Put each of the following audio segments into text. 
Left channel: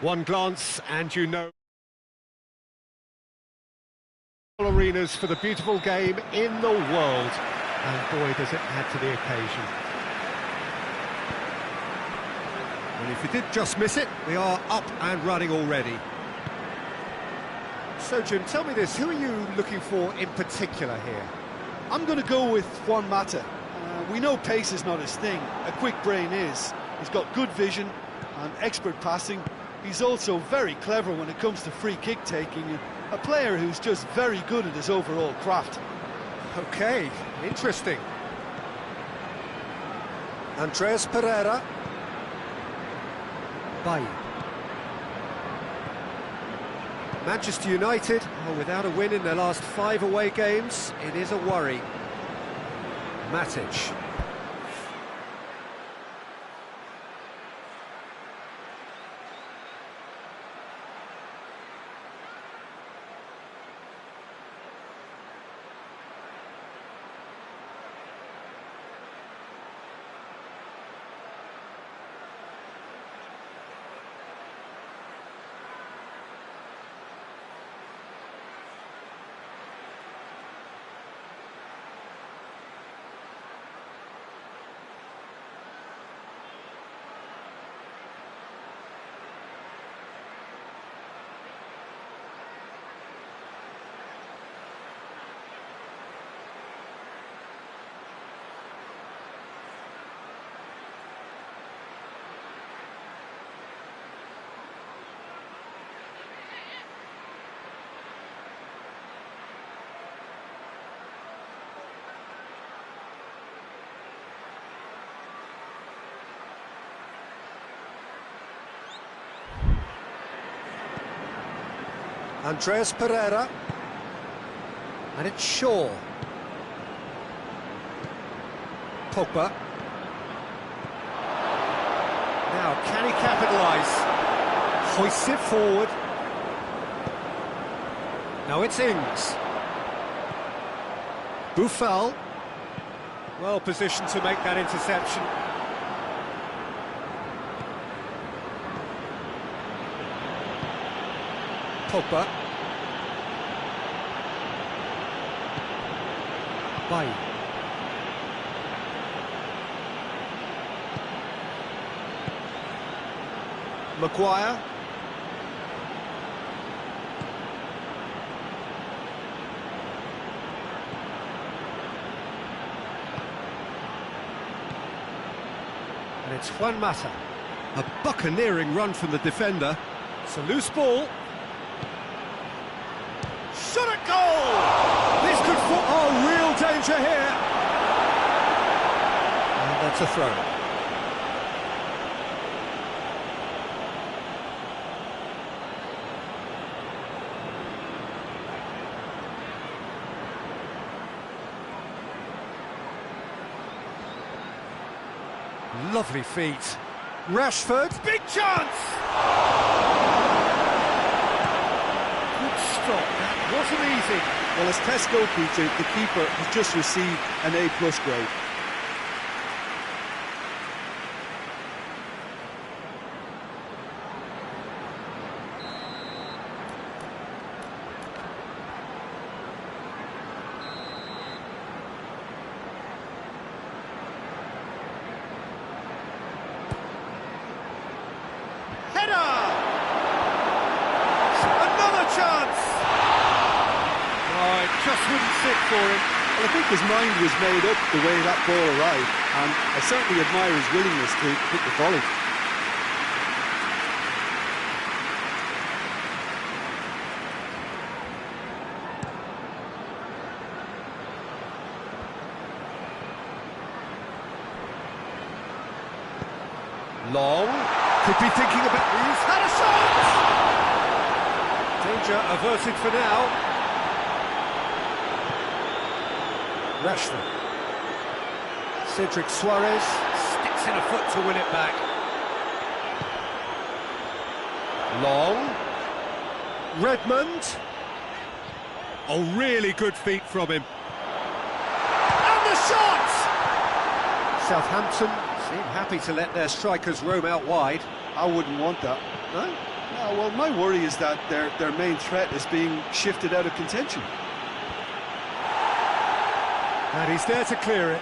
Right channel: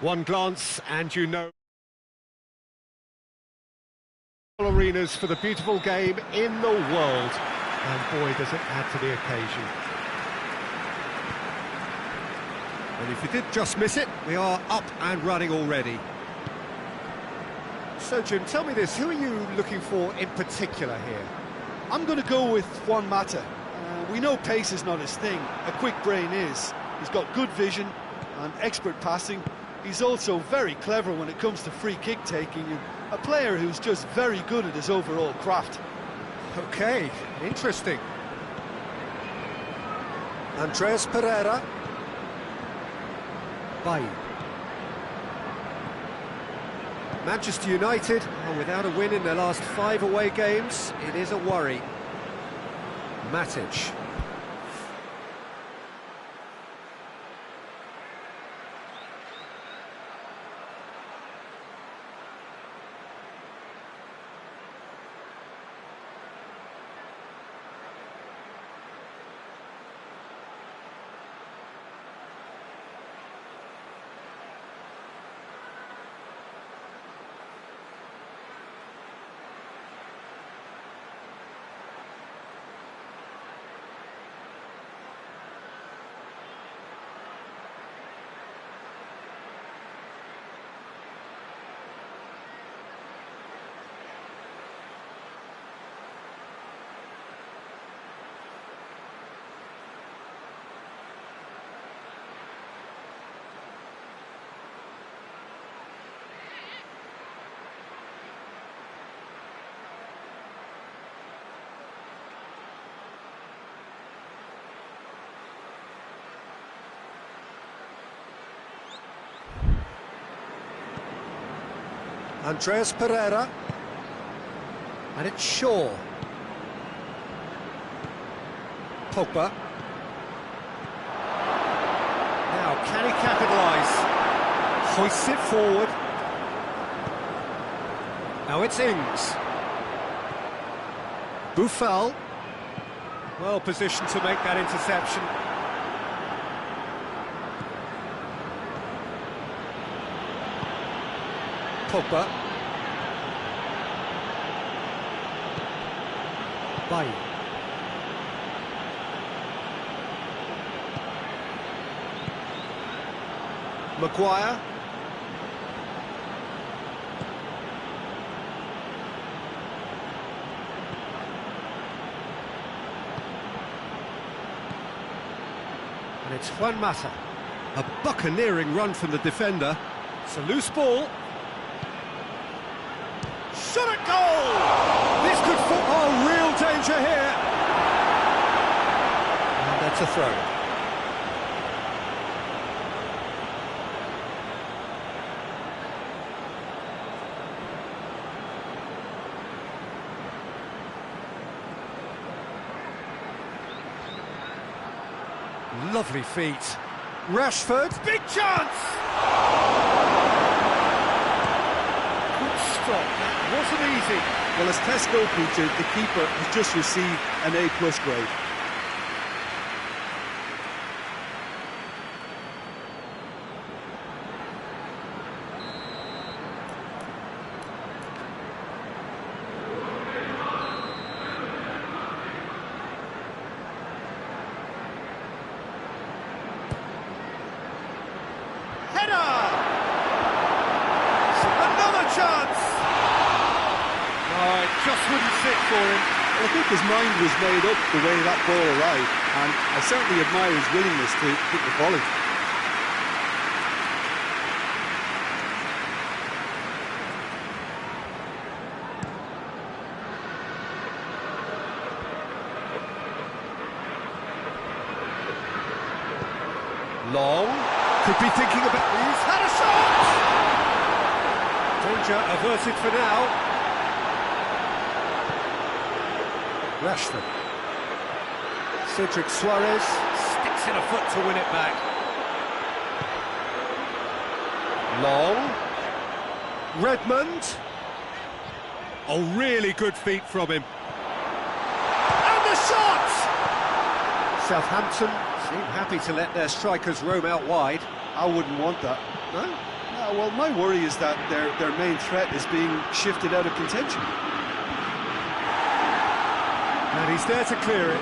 One glance and you know arenas for the beautiful game in the world, and boy does it add to the occasion. And if you did just miss it, we are up and running already. So Jim, tell me this, who are you looking for in particular here? I'm going to go with Juan Mata. We know pace is not his thing, a quick brain is. He's got good vision and expert passing. He's also very clever when it comes to free kick taking, and a player who's just very good at his overall craft. Okay, interesting. Andreas Pereira. Bailly. Manchester United are without a win in their last 5 away games. It is a worry. Matic. Andreas Pereira. And it's Shaw. Pogba. Now, can he capitalise? Hoists it forward. Now it's Ings. Buffal. Well positioned to make that interception. Pogba. Bailly. Maguire. And it's Juan Mata. A buccaneering run from the defender. It's a loose ball. Shot at goal! This could fall... Oh, real danger here! And that's a throw. Lovely feet. Rashford, big chance! Good stop, that wasn't easy. Well, as Tesco, Peter, the keeper has just received an A+ grade. Header! Another chance! Oh, it just wouldn't sit for him. Well, I think his mind was made up the way that ball arrived, and I certainly admire his willingness to hit the volley. Long. Could be thinking about... He's had a shot! Danger averted for now. Rashford. Cedric Suarez sticks in a foot to win it back. Long. Redmond. Oh, really good feet from him. And the shot! Southampton seem happy to let their strikers roam out wide. I wouldn't want that. No? No, well, my worry is that their main threat is being shifted out of contention. And he's there to clear it.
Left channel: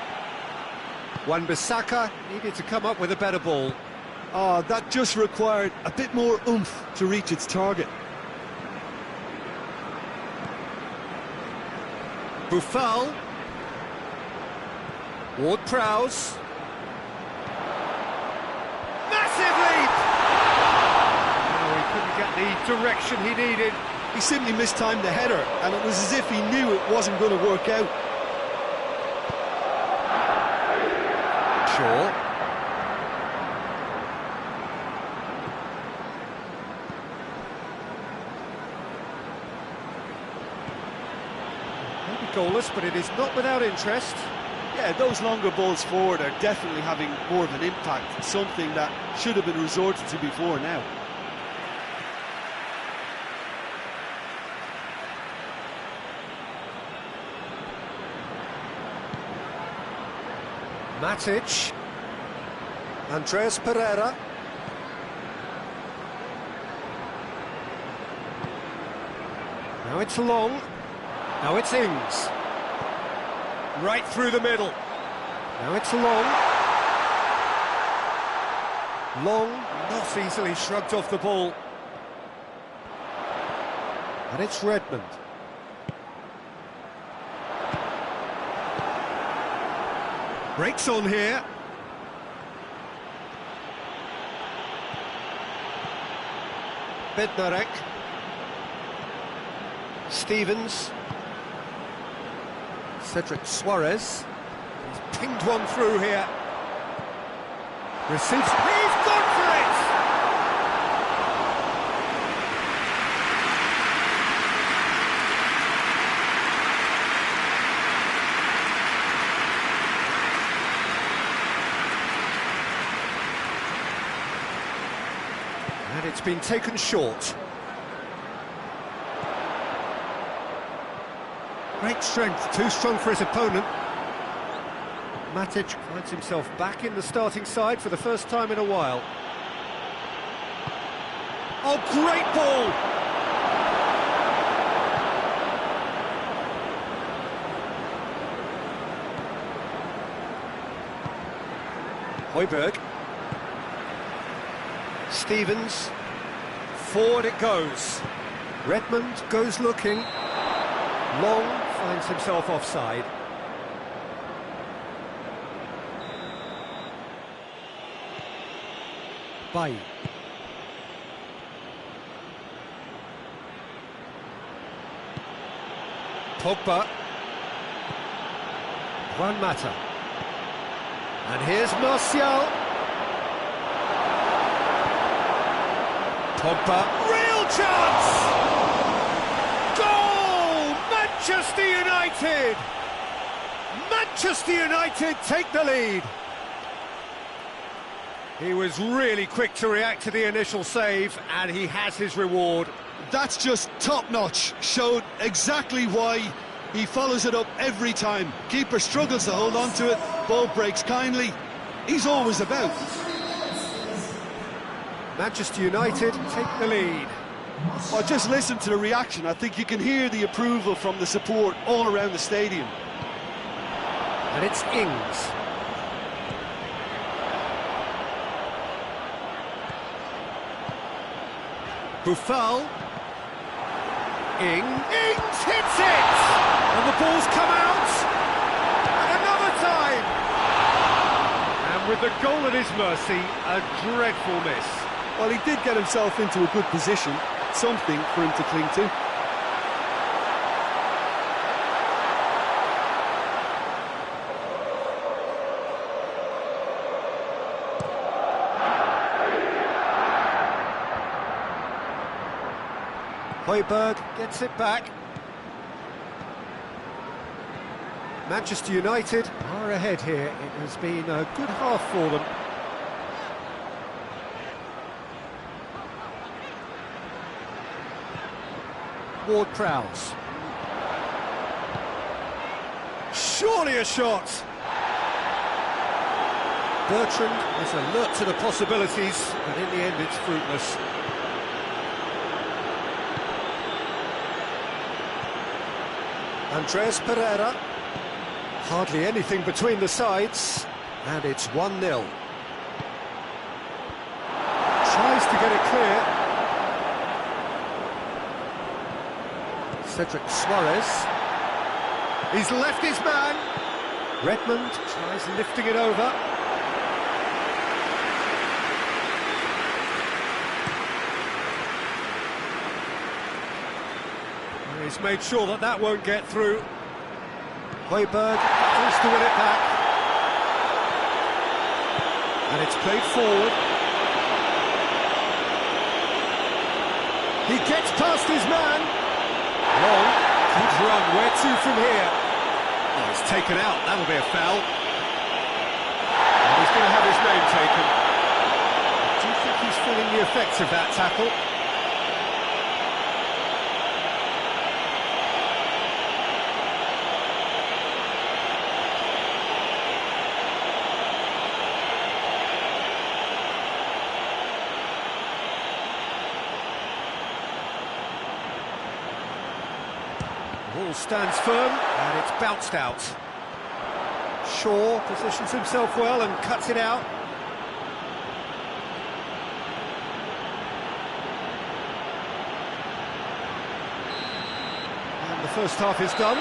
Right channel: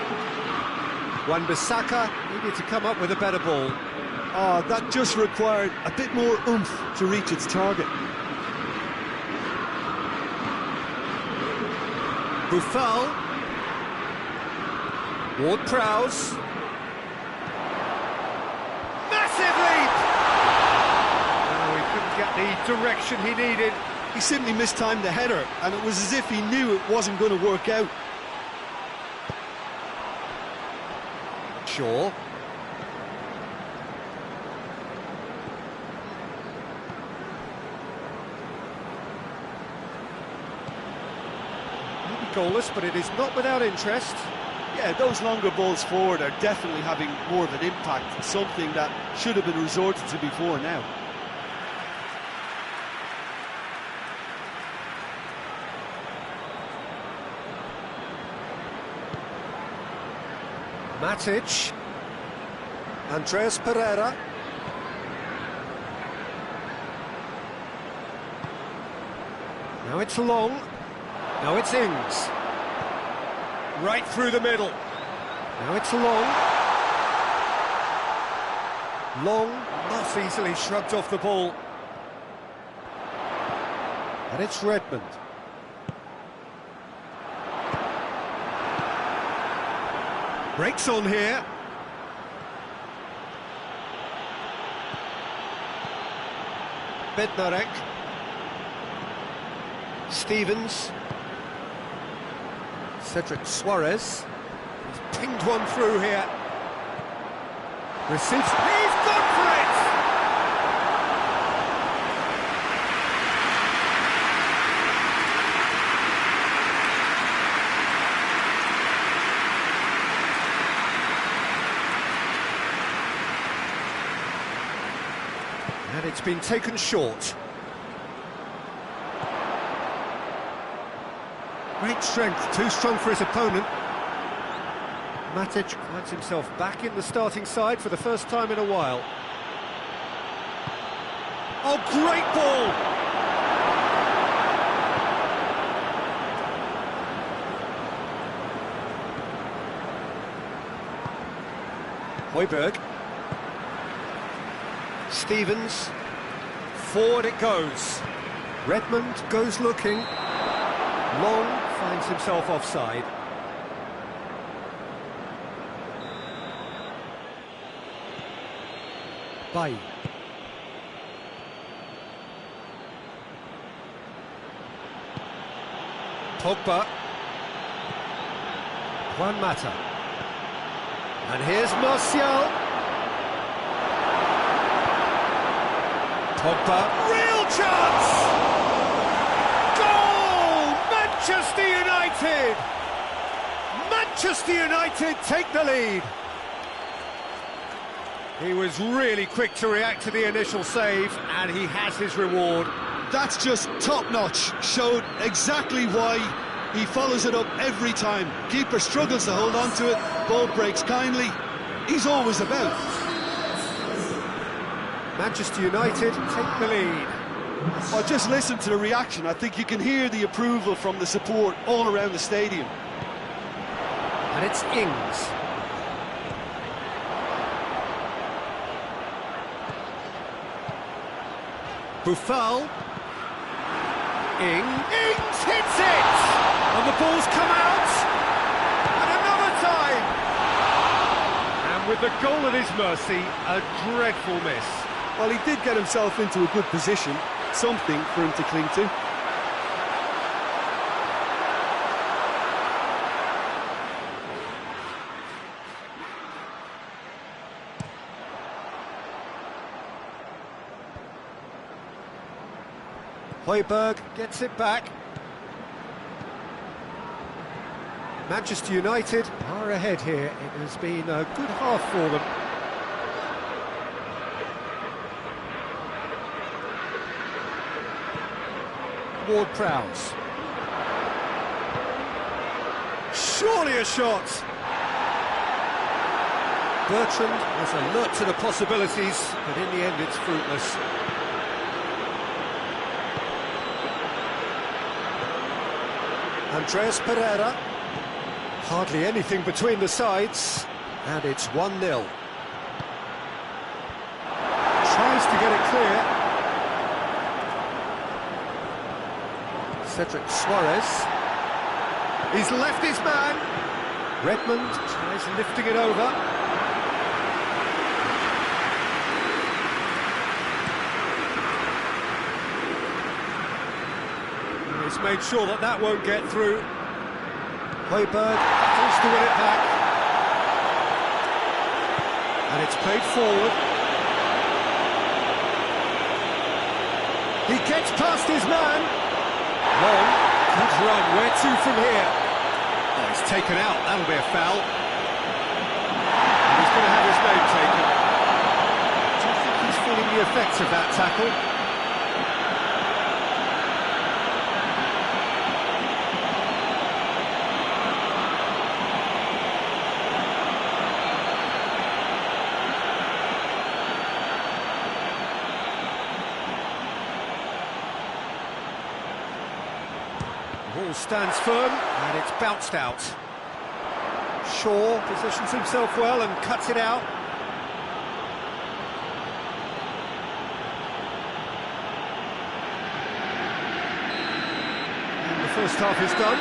Wan-Bissaka needed to come up with a better ball. Oh, that just required a bit more oomph to reach its target. Boufal. Ward-Prowse. Massive leap! No, he couldn't get the direction he needed. He simply mistimed the header, and it was as if he knew it wasn't going to work out. Shaw. Maybe goalless, but it is not without interest. Yeah, those longer balls forward are definitely having more of an impact, something that should have been resorted to before now. Matic. Andreas Pereira. Now it's Long. Now it's Ings. Right through the middle. Now it's Long. Long not easily shrugged off the ball. And it's Redmond. Breaks on here. Bednarek. Stevens. Cedric Suarez. He's pinged one through here. Receives. He's gone for it! And it's been taken short. Great strength, too strong for his opponent. Matic finds himself back in the starting side for the first time in a while. Oh, great ball! Højbjerg. Stevens. Forward it goes. Redmond goes looking. Long finds himself offside. Bailly. Pogba. Juan Mata. And here's Martial. Pogba. Real chance! Goal! Manchester United! Manchester United take the lead. He was really quick to react to the initial save, and he has his reward. That's just top-notch. Showed exactly why he follows it up every time. Keeper struggles to hold on to it, ball breaks kindly. He's always about. Manchester United take the lead. Oh, just listen to the reaction. I think you can hear the approval from the support all around the stadium. And it's Ings. Boufal. Ings hits it! And the ball's come out! And another time! And with the goal at his mercy, a dreadful miss. Well, he did get himself into a good position, something for him to cling to. Højbjerg gets it back. Manchester United are ahead here. It has been a good half for them. Ward-Prowse. Surely a shot! Bertrand was alert to the possibilities, but in the end it's fruitless. Andreas Pereira. Hardly anything between the sides, and it's 1-0. Tries to get it clear. Cedric Suarez. He's left his man. Redmond tries lifting it over. He's made sure that that won't get through. Højbjerg battles to win it back. And it's played forward. He gets past his man. Long, good run, where to from here? Oh, he's taken out, that'll be a foul. And he's going to have his name taken. Do you think he's feeling the effects of that tackle? The ball stands firm, and it's bounced out. Shaw positions himself well and cuts it out. And the first half is done.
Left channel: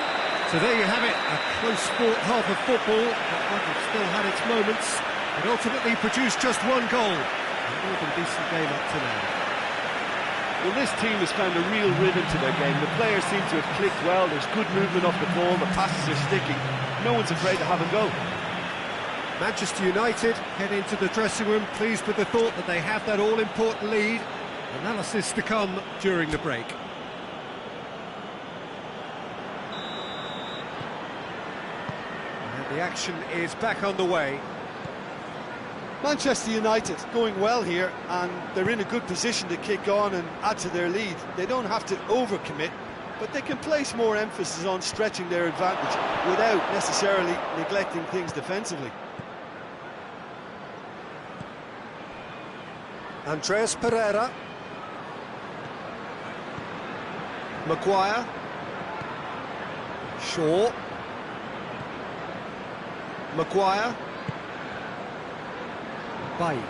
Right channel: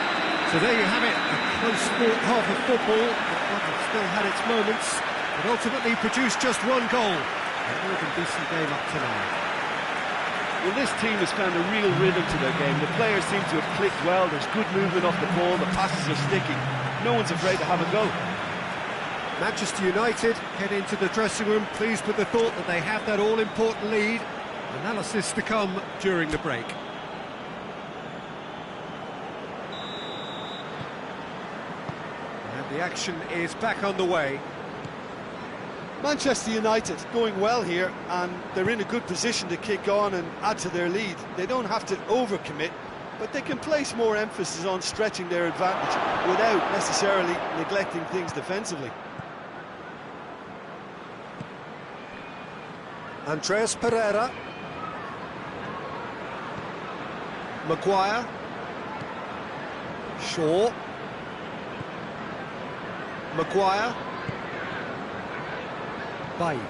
So there you have it, a close-fought half of football that might have still had its moments, but ultimately produced just one goal. A more than decent game up to now. Well, this team has found a real rhythm to their game. The players seem to have clicked well. There's good movement off the ball. The passes are sticking. No one's afraid to have a go. Manchester United head into the dressing room pleased with the thought that they have that all-important lead. Analysis to come during the break. And the action is back on the way. Manchester United going well here, and they're in a good position to kick on and add to their lead. They don't have to overcommit, but they can place more emphasis on stretching their advantage without necessarily neglecting things defensively. Andreas Pereira. Maguire. Shaw. Maguire. Bailly.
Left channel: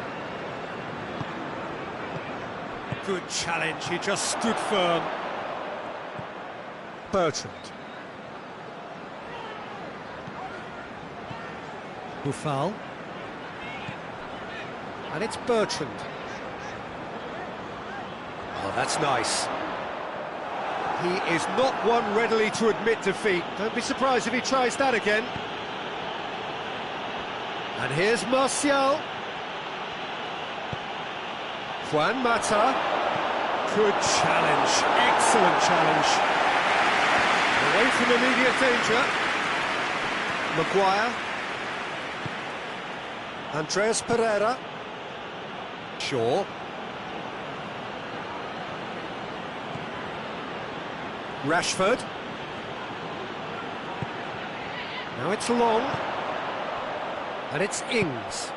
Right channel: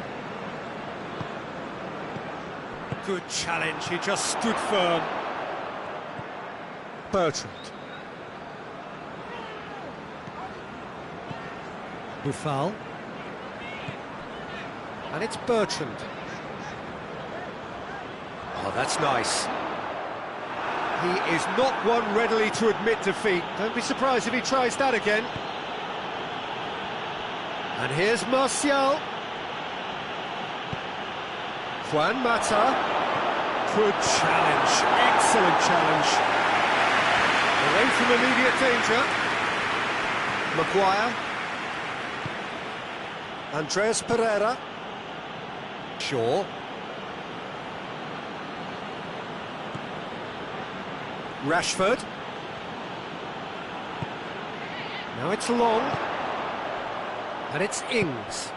Good challenge, he just stood firm. Bertrand. Boufal. And it's Bertrand. Oh, that's nice. He is not one readily to admit defeat. Don't be surprised if he tries that again. And here's Martial. Juan Mata. Good challenge, excellent challenge. Away from immediate danger. Maguire. Andreas Pereira. Shaw. Rashford. Now it's Long. And it's Ings.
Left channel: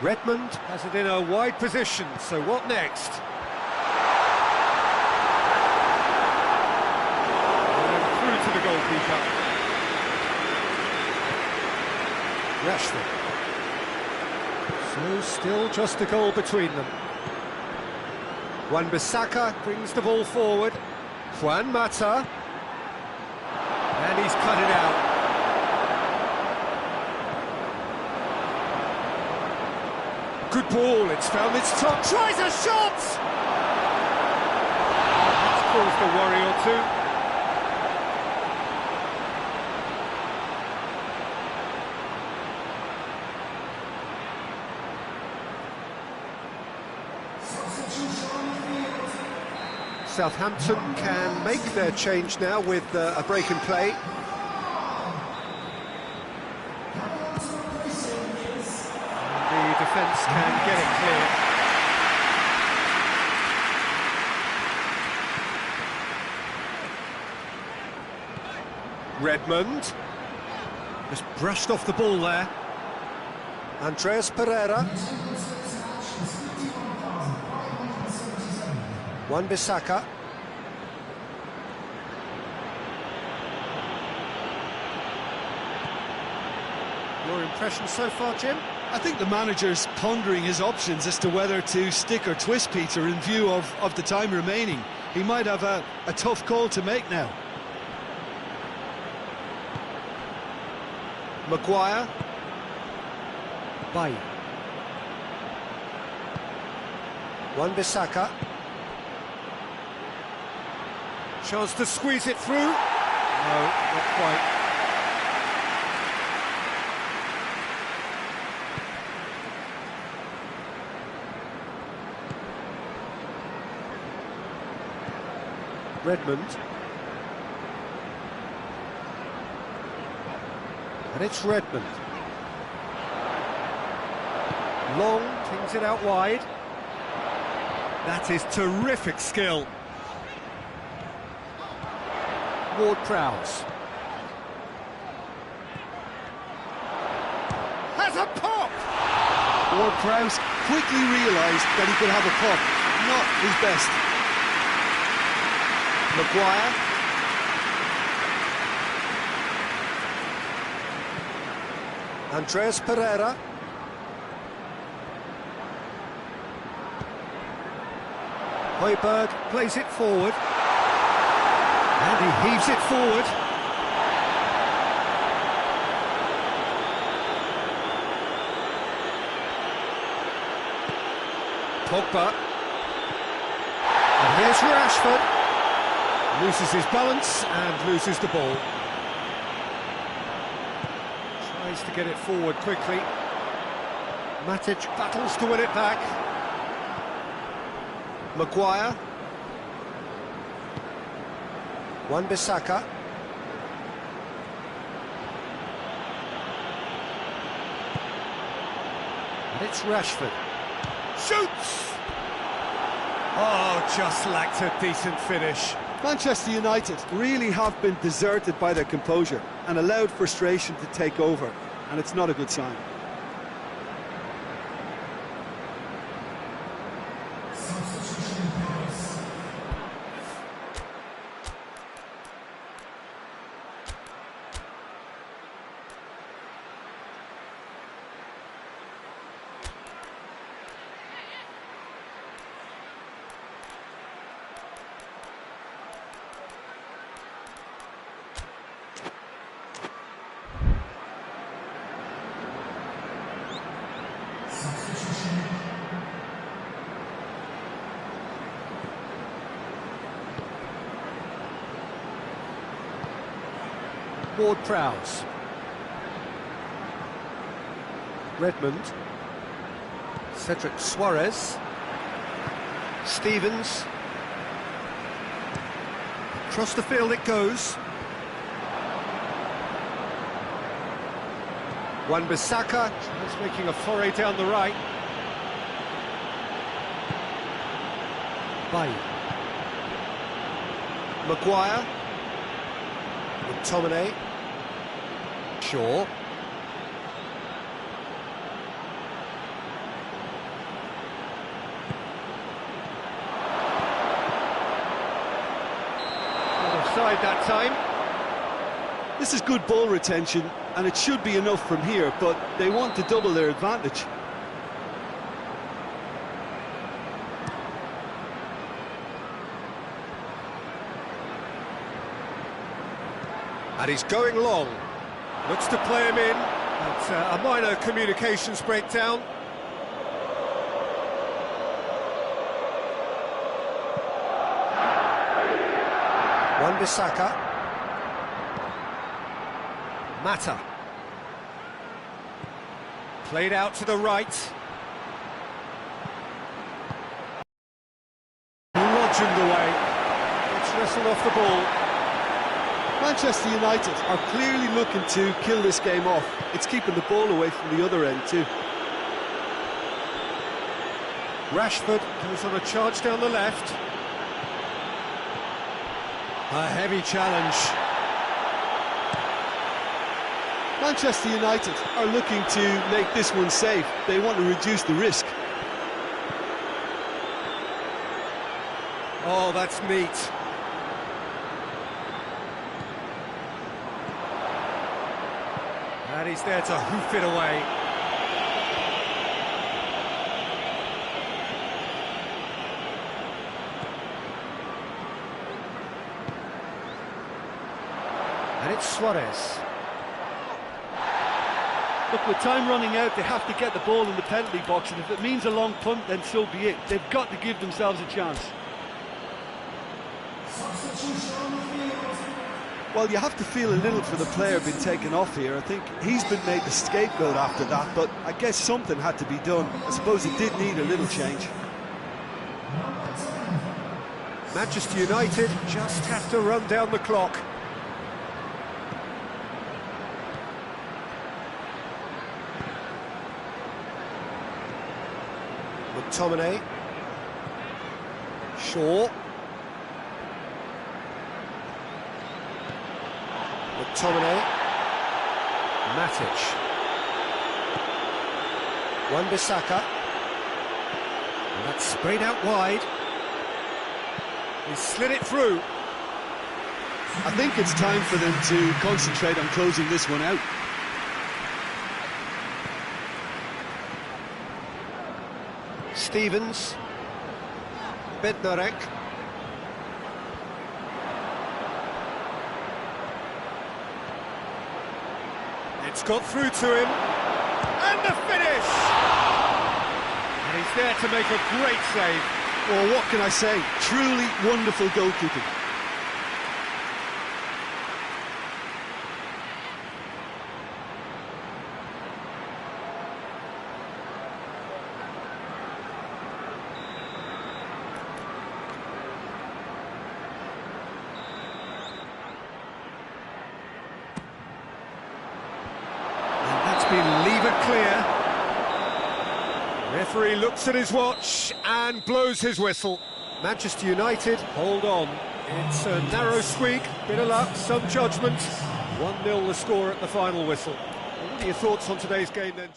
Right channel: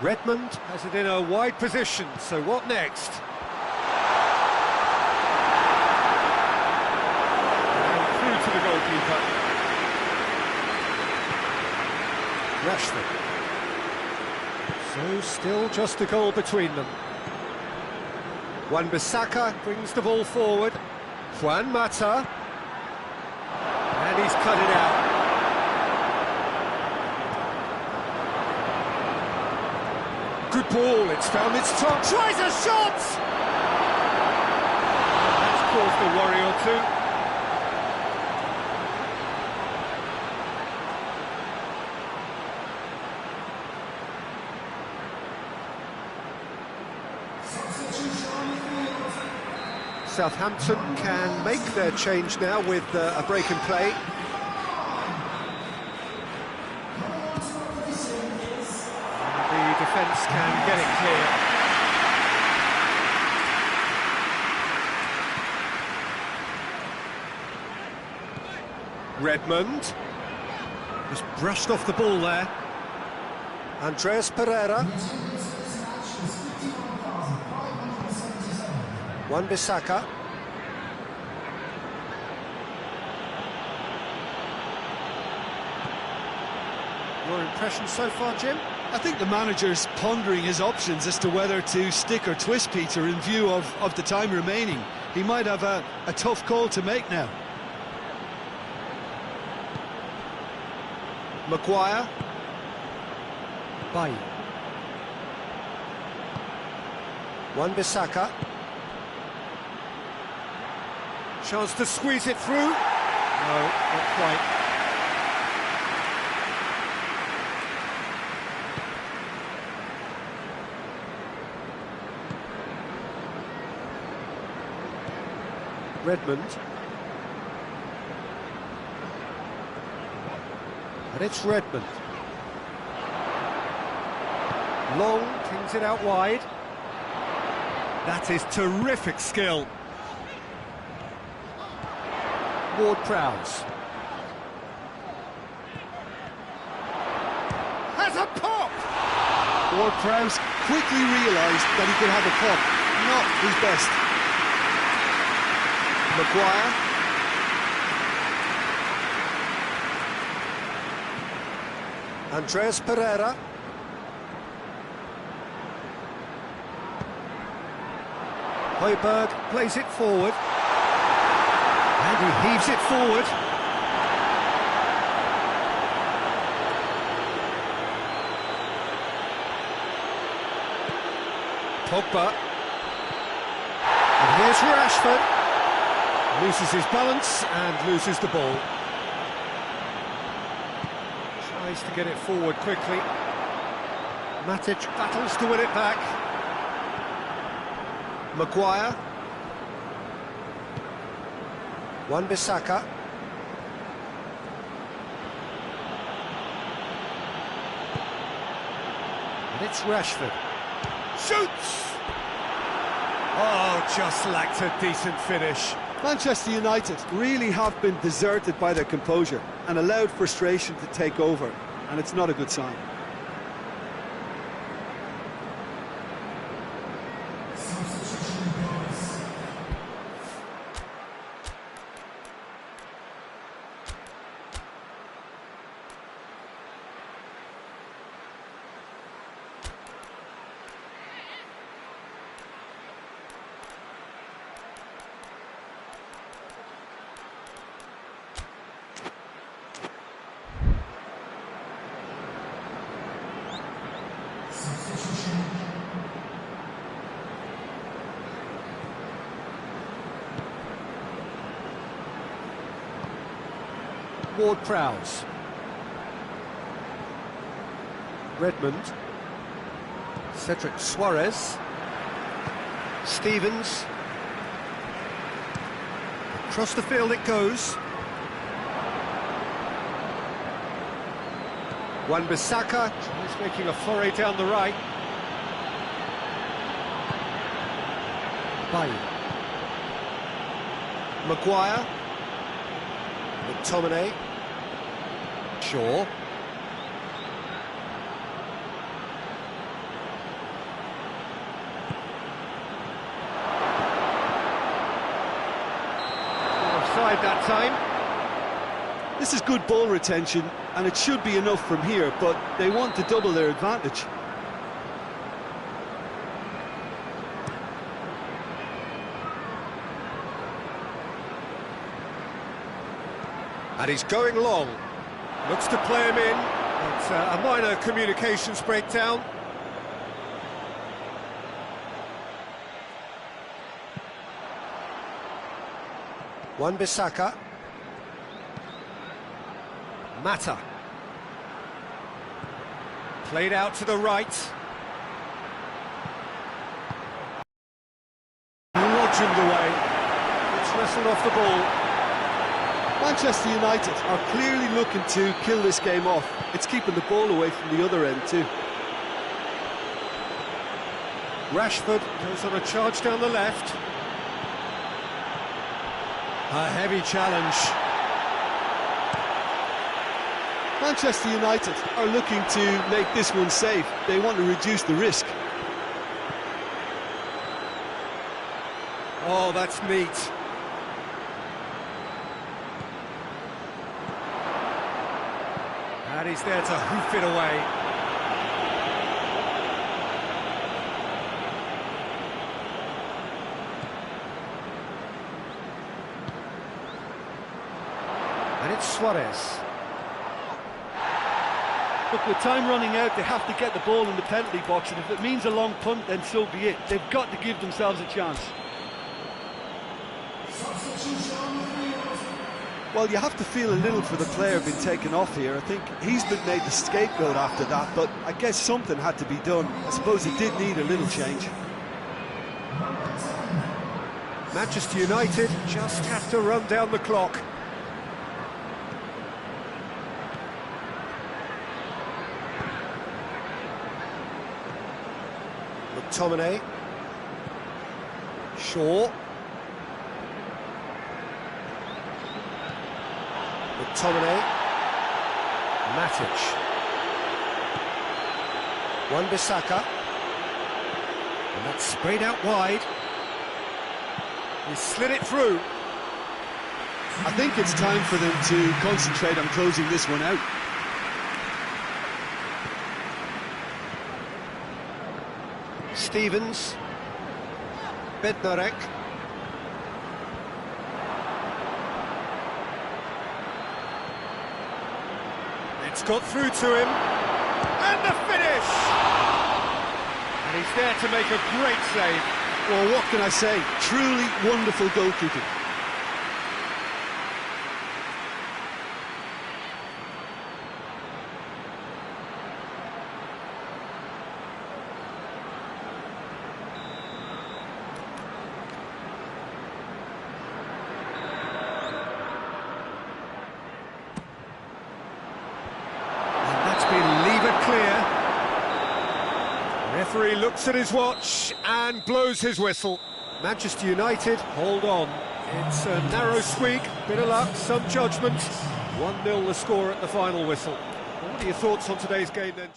Redmond has it in a wide position, so what next? And through to the goalkeeper. Rashford. So still just a goal between them. Wan-Bissaka brings the ball forward. Juan Mata. And he's cut it out. Good ball, it's found its top. Tries a shot! And that's caused a worry or two. Southampton can make their change now with a break in play. The defence can get it clear. Redmond. Just brushed off the ball there. Andreas Pereira. Wan-Bissaka. Your impression so far, Jim? I think the manager's pondering his options as to whether to stick or twist Peter in view of the time remaining. He might have a tough call to make now. Maguire. Bailly. Wan-Bissaka. Chance to squeeze it through. No, not quite. Redmond. And it's Redmond. Long, tings it out wide. That is terrific skill. Ward-Prowse. Has a pop! Ward-Prowse quickly realised that he could have a pop. Not his best. Maguire. Andreas Pereira. Højbjerg plays it forward. And he heaves it forward. Pogba. And here's Rashford. Loses his balance and loses the ball. Tries to get it forward quickly. Matic battles to win it back. Maguire. Wan-Bissaka. And it's Rashford. Shoots! Oh, just lacked a decent finish. Manchester United really have been deserted by their composure and allowed frustration to take over, and it's not a good sign. Ward-Prowse. Redmond. Cedric Suarez. Stevens. Across the field it goes. Wan-Bissaka is making a foray down the right. Bailly. Maguire. McTominay. Shaw. Not offside that time. This is good ball retention, and it should be enough from here, but they want to double their advantage. And he's going long. Looks to play him in. That's a minor communications breakdown. Wan-Bissaka. Mata. Played out to the right. Bludgeoned away. It's wrestled off the ball. Manchester United are clearly looking to kill this game off. It's keeping the ball away from the other end too. Rashford goes on a charge down the left. A heavy challenge. Manchester United are looking to make this one safe. They want to reduce the risk. Oh, that's neat. And he's there to hoof it away. And it's Suarez. Look, with time running out, they have to get the ball in the penalty box, and if it means a long punt, then so be it. They've got to give themselves a chance. Well, you have to feel a little for the player being taken off here. I think he's been made the scapegoat after that, but I guess something had to be done. I suppose it did need a little change. Manchester United just have to run down the clock. McTominay. Shaw. McTominay. Matic. Wan-Bissaka. And that's sprayed out wide. He slid it through. I think it's time for them to concentrate on closing this one out. Stevens. Bednarek. It's got through to him. And the finish! And he's there to make a great save. Well, what can I say? Truly wonderful goalkeeping. That's been levered clear. The referee looks at his watch and blows his whistle. Manchester United hold on. It's a narrow squeak, bit of luck, some judgment. 1-0 the score at the final whistle. Well, what are your thoughts on today's game then?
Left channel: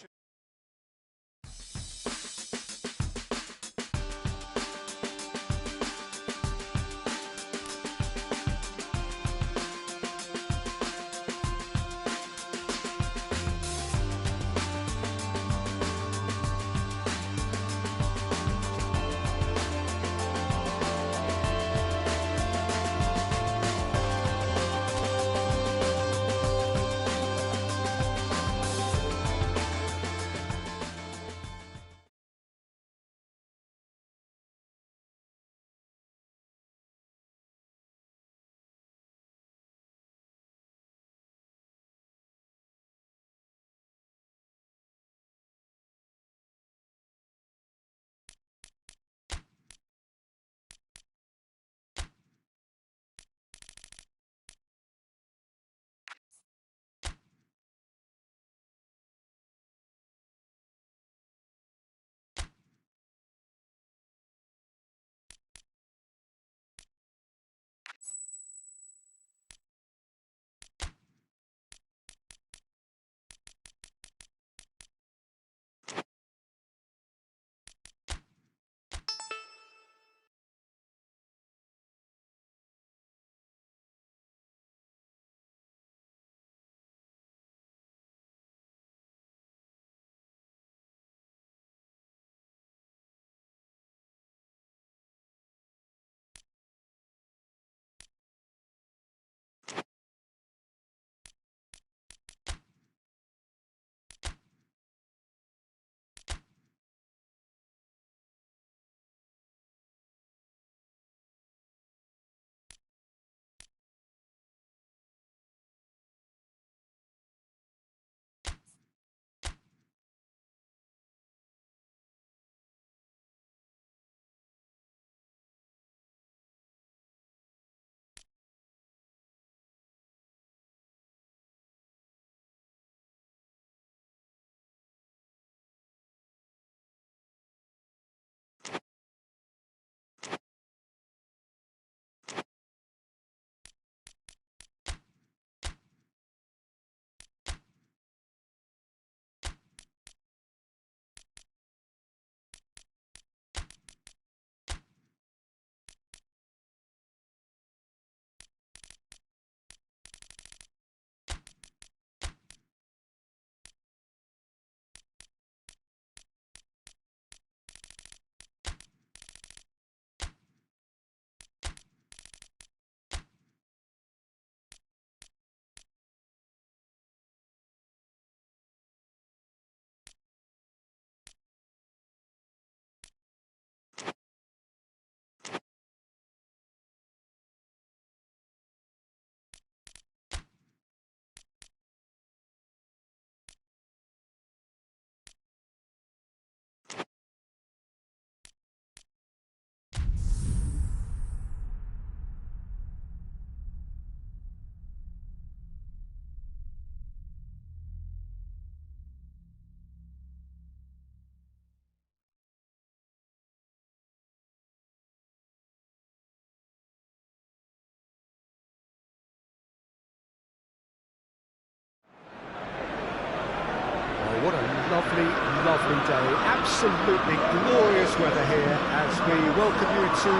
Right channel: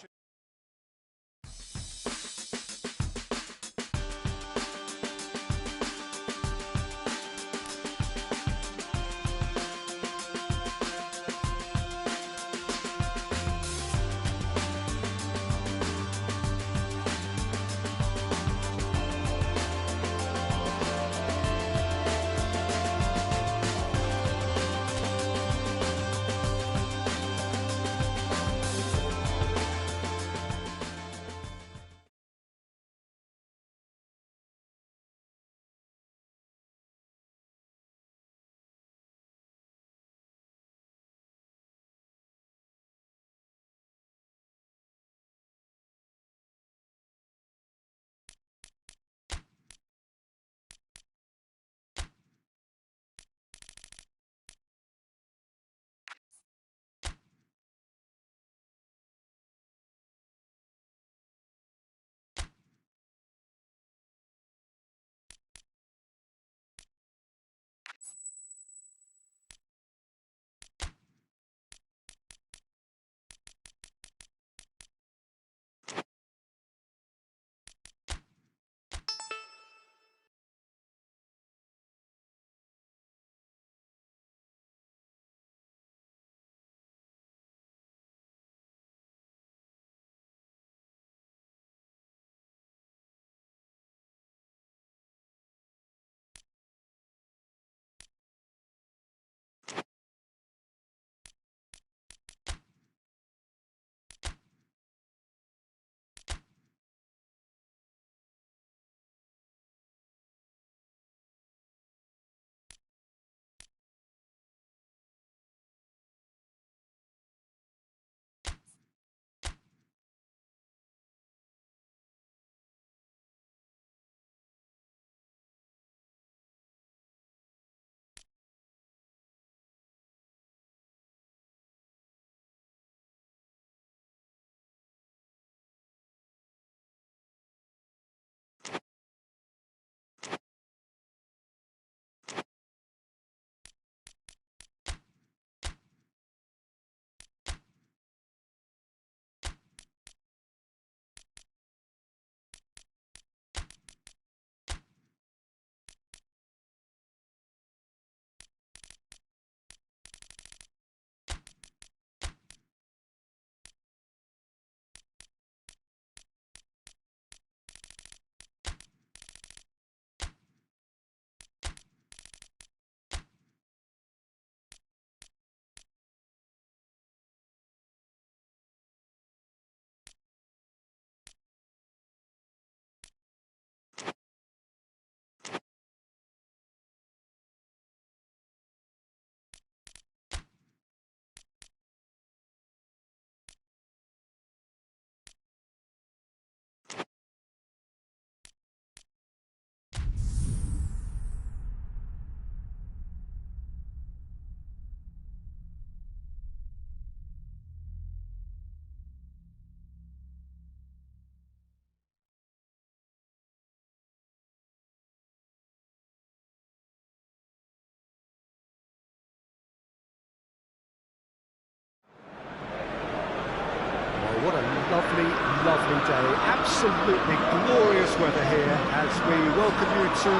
lovely day. Absolutely glorious weather here as we welcome you to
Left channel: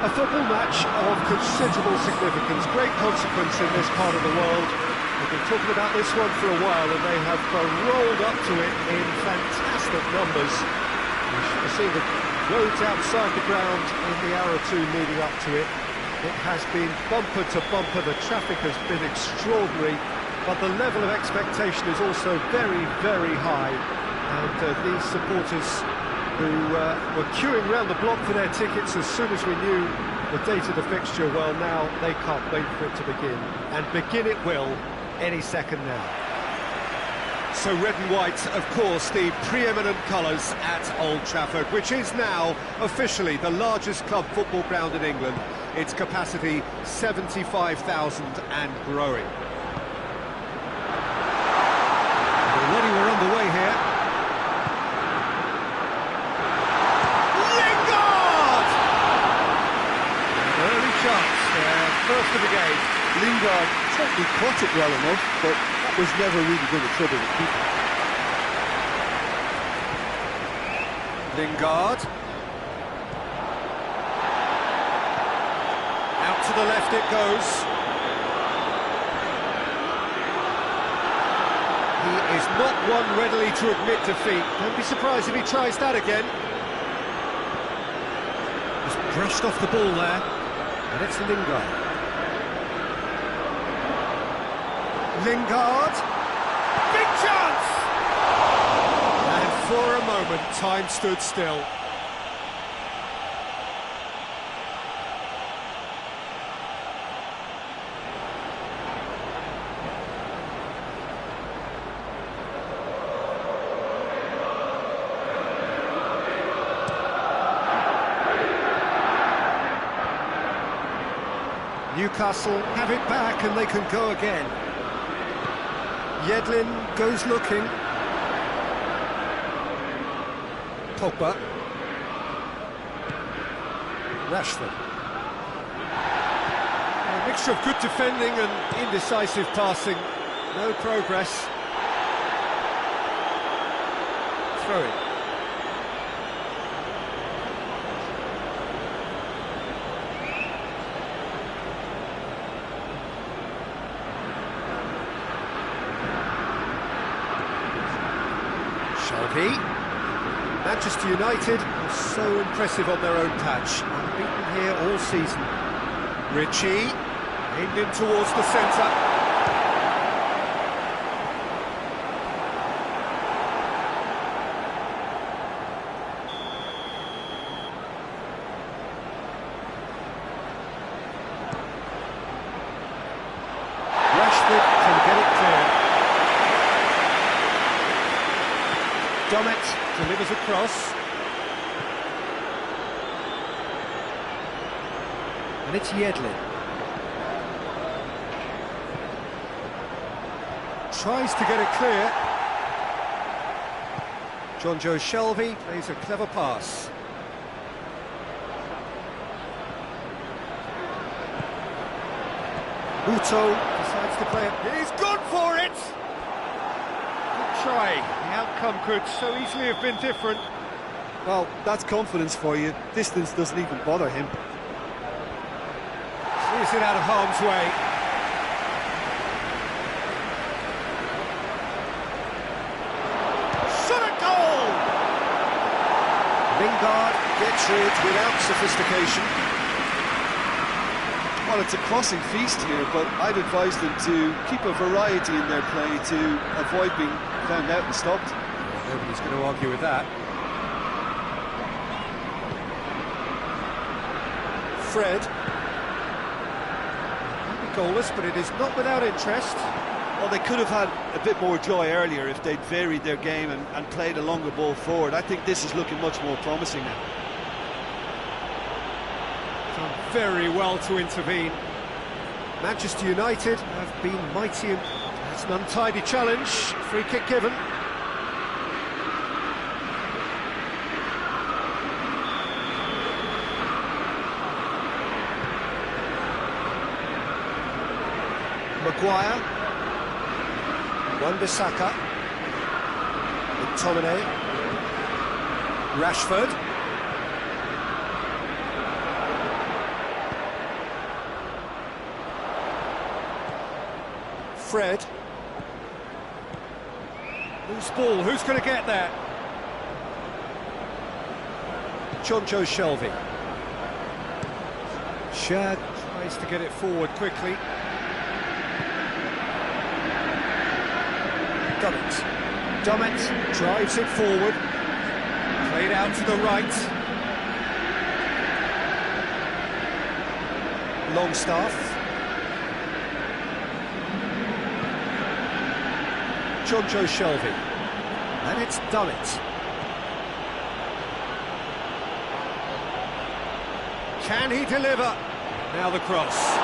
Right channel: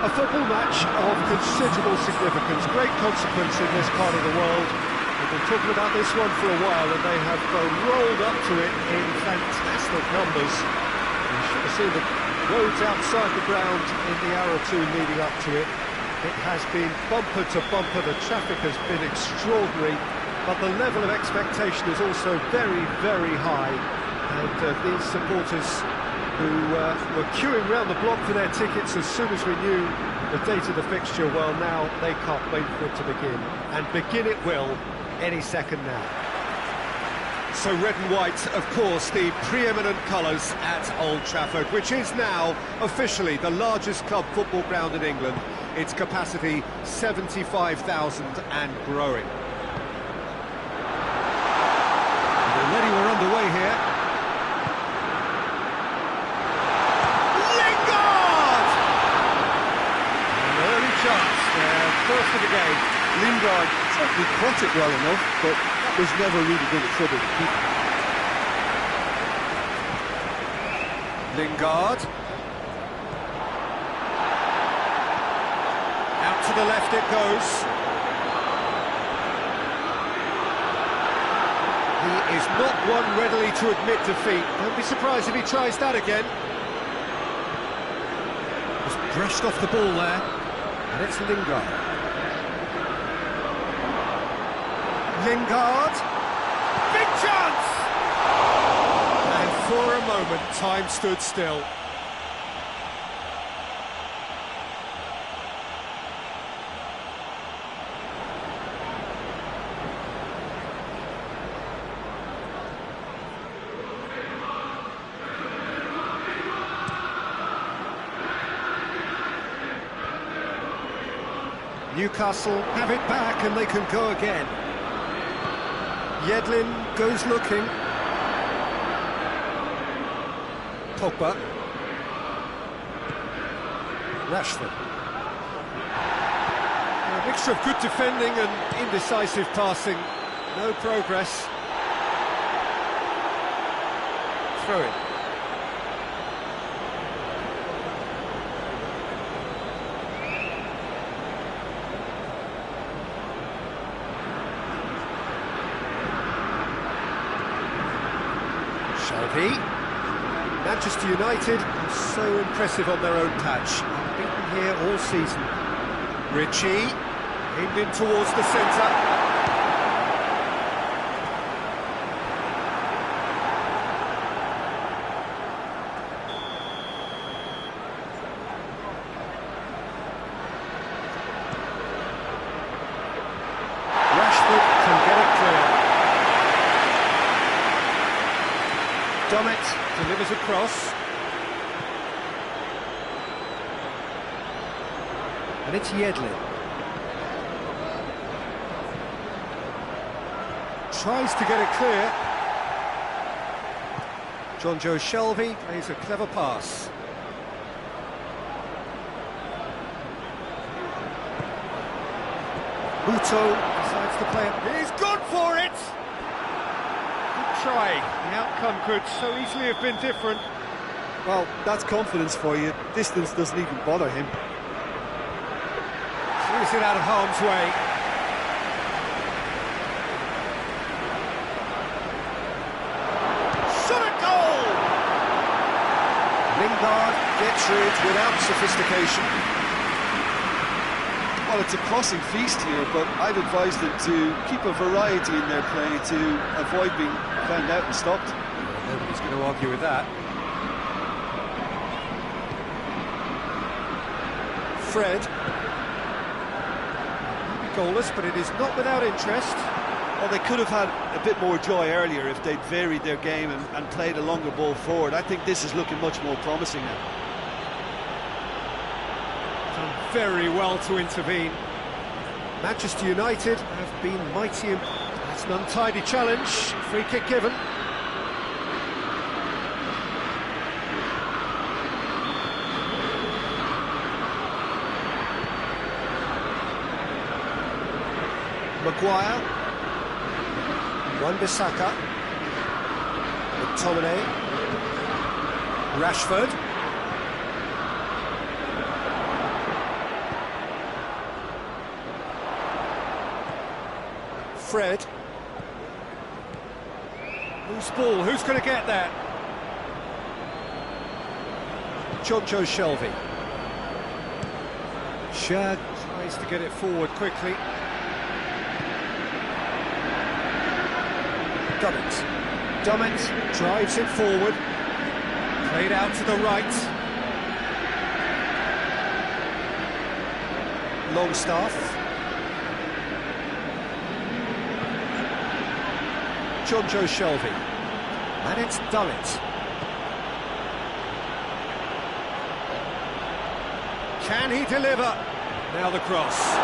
a football match of considerable significance, great consequence in this part of the world. We've been talking about this one for a while and they have rolled up to it in fantastic numbers. You should have seen the roads outside the ground in the hour or two leading up to it. It has been bumper to bumper, the traffic has been extraordinary, but the level of expectation is also very, very high. And these supporters who were queuing round the block for their tickets as soon as we knew the date of the fixture, well, now they can't wait for it to begin. And begin it will any second now. So red and white, of course, the preeminent colours at Old Trafford, which is now officially the largest club football ground in England. Its capacity 75,000 and growing. Already we're underway here. Lingard! An early chance there, first of the game. Lingard certainly caught it well enough, but that was never really going to trouble the keeper. Lingard. Out to the left it goes. He is not one readily to admit defeat. Don't be surprised if he tries that again. Just brushed off the ball there. And it's Lingard. Lingard. Big chance! And for a moment, time stood still. Newcastle have it back and they can go again. Yedlin goes looking. Pogba. Rashford. A mixture of good defending and indecisive passing. No progress. Throw it. Shelby. Manchester United are so impressive on their own patch. Unbeaten here all season. Ritchie, aimed in towards the centre. Rashford can get it clear. Domet delivers across. And it's Yedlin. Tries to get it clear. Jonjo Shelvey plays a clever pass. Muto decides to play it. He's gone for it! Good try. The outcome could so easily have been different. Well, that's confidence for you. Distance doesn't even bother him. Clears it out of harm's way. Shot at goal! Lingard gets rid without sophistication. Well, it's a crossing feast here, but I'd advise them to keep a variety in their play to avoid being found out and stopped. Well, nobody's going to argue with that. Fred. Maybe goalless, but it is not without interest. Well, they could have had a bit more joy earlier if they'd varied their game and played a longer ball forward. I think this is looking much more promising now. Done very well to intervene. Manchester United have been mighty. That's an untidy challenge. Free kick given. Maguire. Wan-Bissaka. McTominay. Rashford. Fred. Loose ball, who's going to get that? Jonjo Shelvey. Shad tries to get it forward quickly. Dummett drives it forward. Played out to the right. Longstaff. Jonjo Shelvey. And it's Dummett. Can he deliver? Now the cross.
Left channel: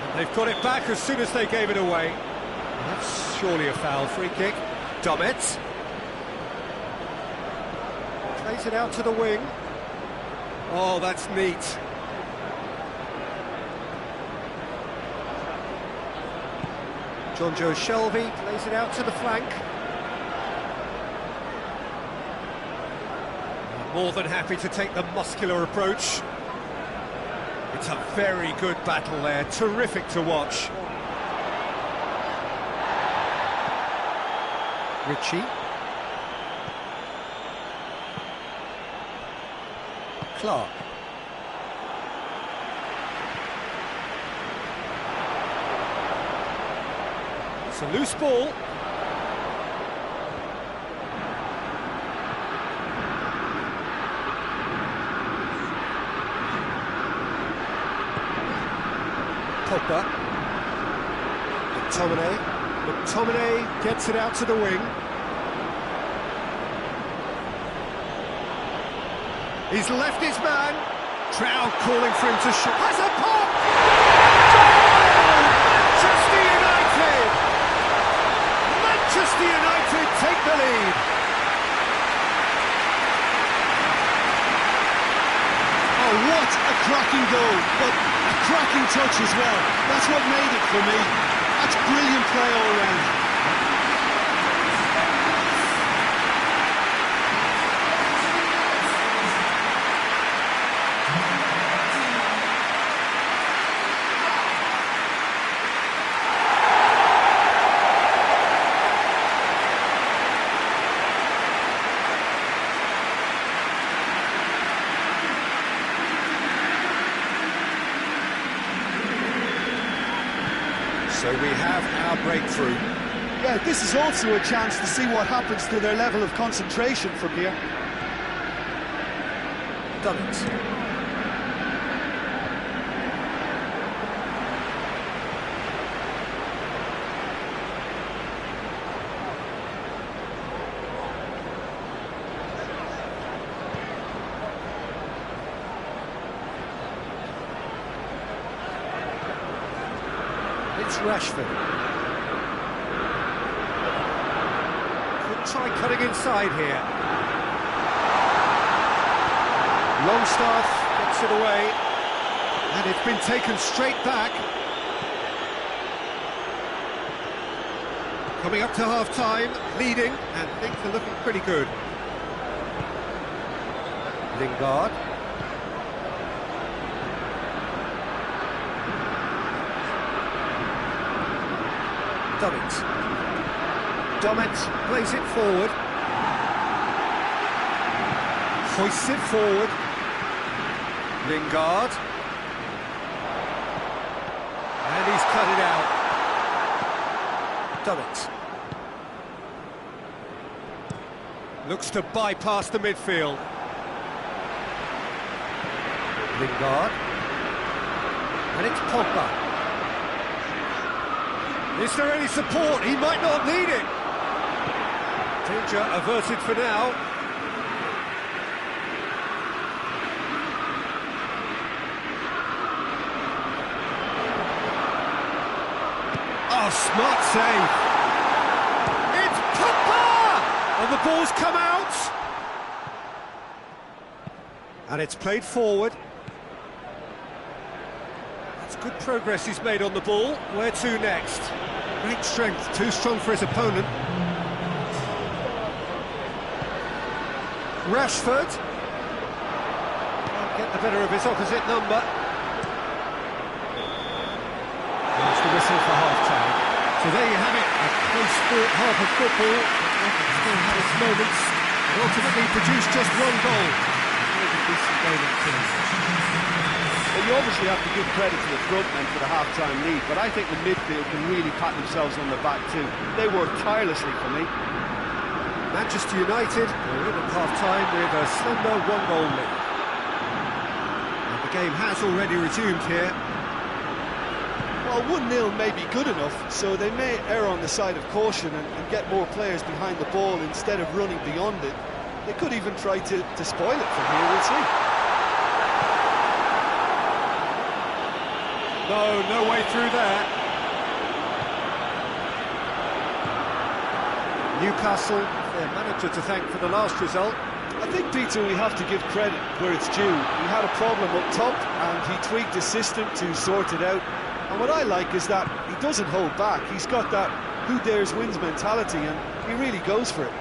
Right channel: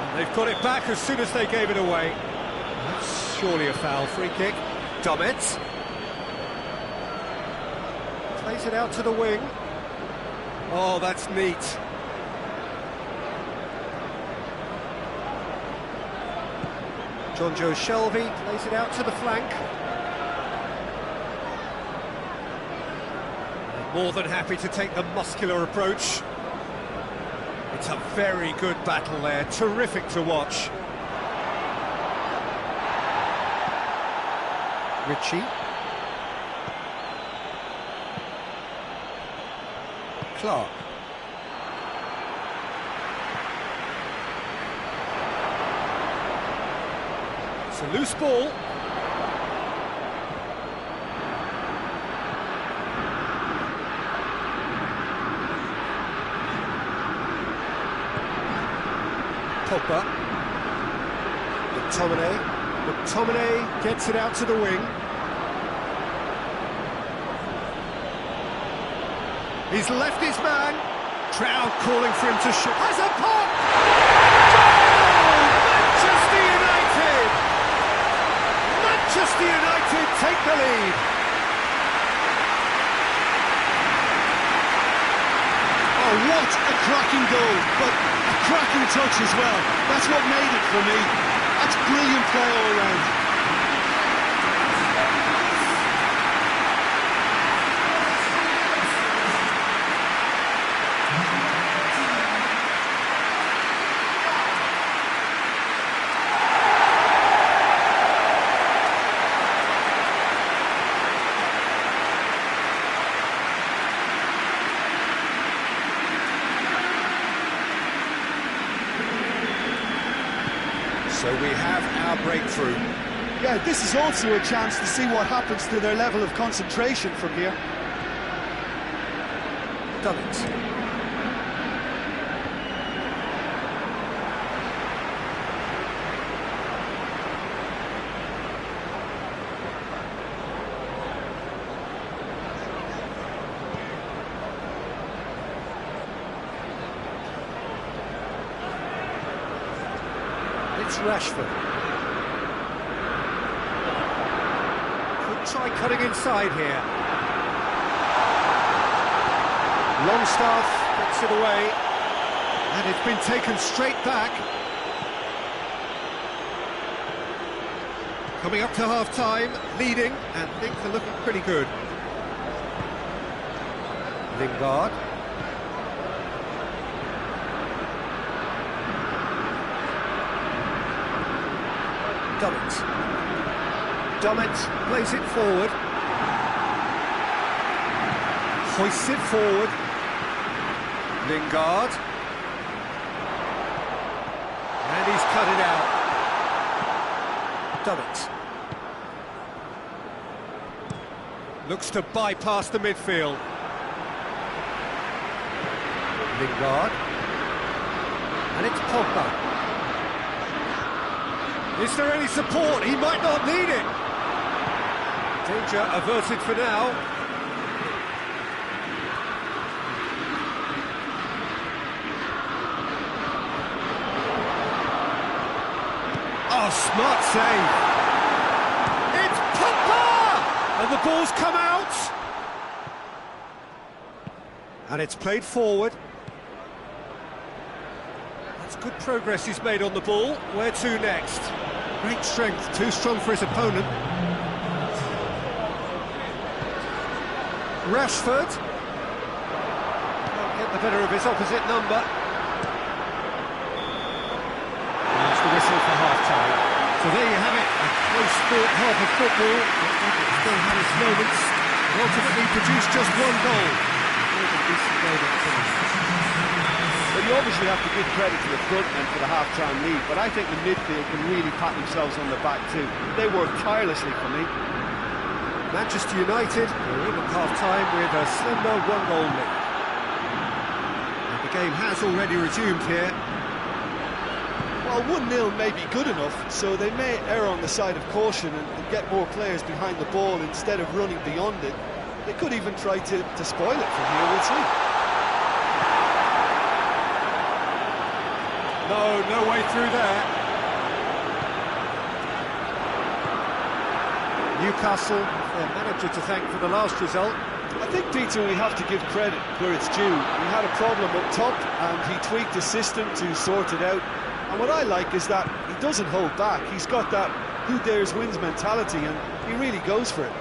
And they've got it back as soon as they gave it away. That's surely a foul. Free kick. Dummett. Plays it out to the wing. Oh, that's neat. Jonjo Shelvey plays it out to the flank. More than happy to take the muscular approach. It's a very good battle there, terrific to watch. Ritchie. Clark. It's a loose ball. Pogba. McTominay gets it out to the wing. He's left his man. Trout calling for him to shoot. Has a pop! Goal! Manchester United! Manchester United take the lead. Oh, what a cracking goal, but a cracking touch as well. That's what made it for me. That's brilliant play all round. So we have our breakthrough. Yeah, this is also a chance to see what happens to their level of concentration from here. Dummett. It's Rashford. Could try cutting inside here. Longstaff gets it away. And it's been taken straight back. Coming up to half-time, leading, and things are looking pretty good. Lingard. Dummett plays it forward. Hoists it forward. Lingard. And he's cut it out. Dummett. Looks to bypass the midfield. Lingard. And it's Pogba. Is there any support? He might not need it. Danger averted for now. Oh, smart save. It's Pogba! And the ball's come out. And it's played forward. That's good progress he's made on the ball. Where to next? Great strength, too strong for his opponent. Rashford. Can't get the better of his opposite number. There's the whistle for half-time. So there you have it, a close sport half of football, but still had its moments, but ultimately produced just one goal. It was a decent game at two. Well, you obviously have to give credit to the front men for the half-time lead, but I think the midfield can really pat themselves on the back too. They worked tirelessly for me. Manchester United are in at half-time with a slender one-goal lead. And the game has already resumed here. Well, 1-0 may be good enough, so they may err on the side of caution and get more players behind the ball instead of running beyond it. They could even try to spoil it from here, we'll see. No way through there. Newcastle, their manager to thank for the last result. I think, Peter, we have to give credit where it's due. He had a problem up top and he tweaked his system to sort it out. And what I like is that he doesn't hold back. He's got that who dares wins mentality and he really goes for it.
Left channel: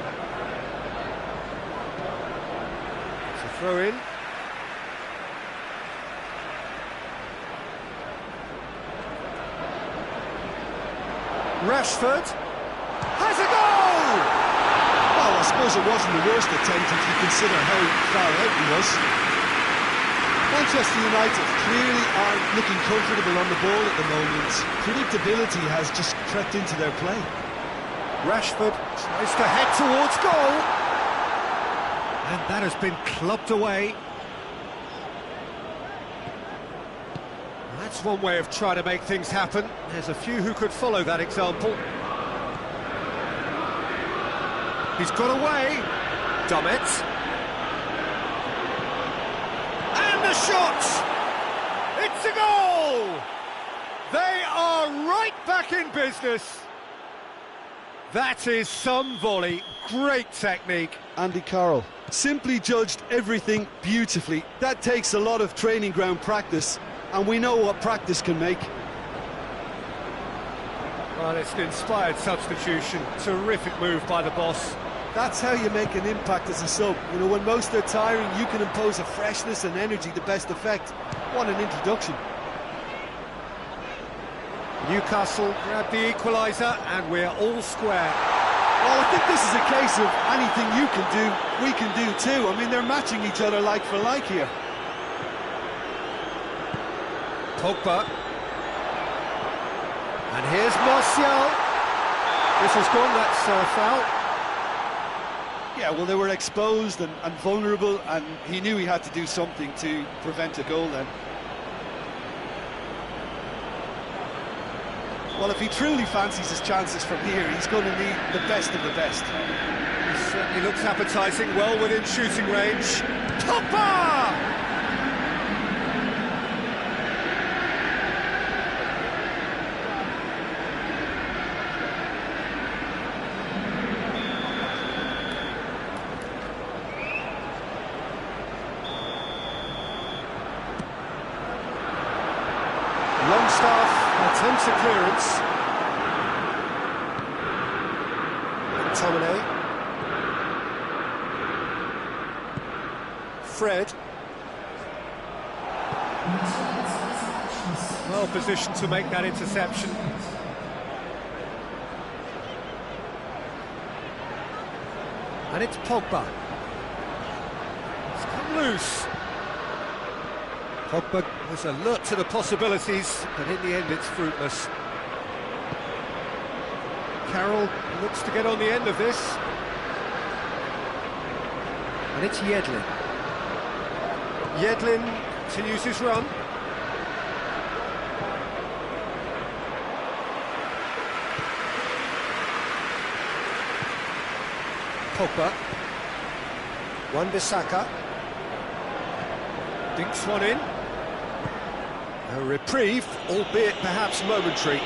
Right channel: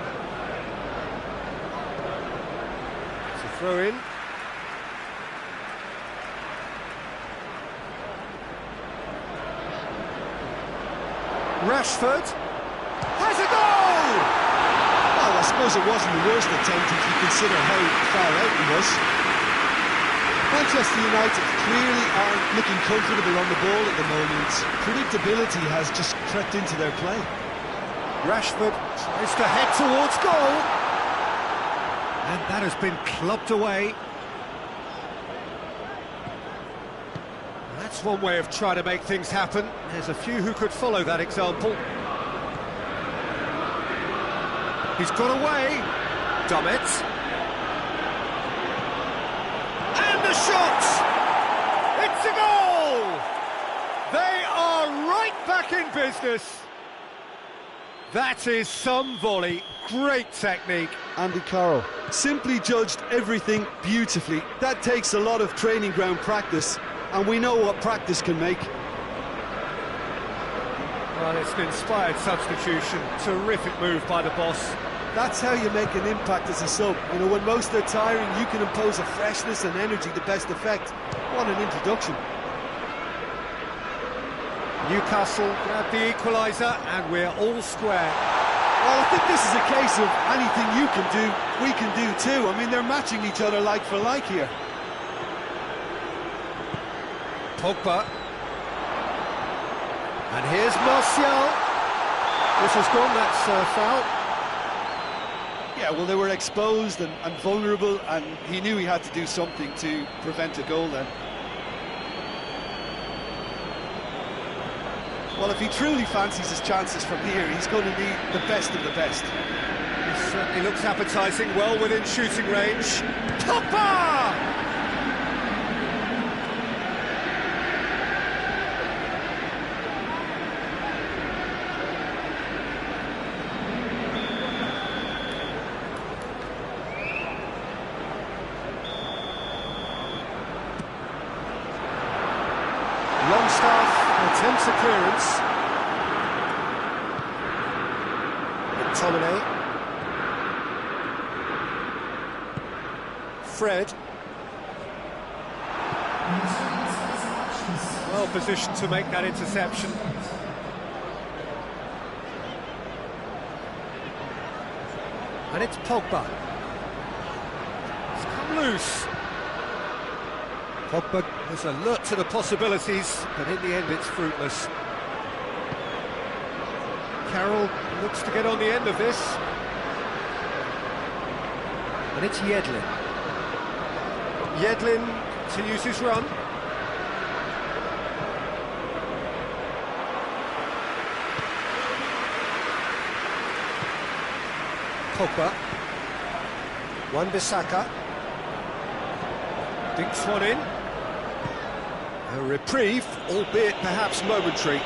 It's a throw in. Rashford has a goal! Well, I suppose it wasn't the worst attempt if you consider how far out he was. Manchester United clearly aren't looking comfortable on the ball at the moment. Predictability has just crept into their play. Rashford tries to head towards goal. And that has been clubbed away. That's one way of trying to make things happen. There's a few who could follow that example. He's got away. Dummett. And the shot! It's a goal! They are right back in business. That is some volley. Great technique. Andy Carroll simply judged everything beautifully. That takes a lot of training ground practice, and we know what practice can make. Well, it's an inspired substitution. Terrific move by the boss. That's how you make an impact as a sub. You know, when most are tiring, you can impose a freshness and energy to best effect. What an introduction. Newcastle grab the equaliser, and we're all square. Well, I think this is a case of anything you can do, we can do too. I mean, they're matching each other like for like here. Pogba. And here's Martial. This has gone, that's foul. Yeah, well, they were exposed and vulnerable, and he knew he had to do something to prevent a goal then. Well, if he truly fancies his chances from here, he's going to need the best of the best. He certainly looks appetising, well within shooting range. Pogba! Longstaff attempts a clearance. McTominay. Fred. Well positioned to make that interception. And it's Pogba. It's come loose. Pogba was alert to the possibilities, but in the end it's fruitless. Carroll looks to get on the end of this. And it's Yedlin. Yedlin continues his run. Pogba. Wan-Bissaka. Dinks one in. A reprieve, albeit perhaps momentary.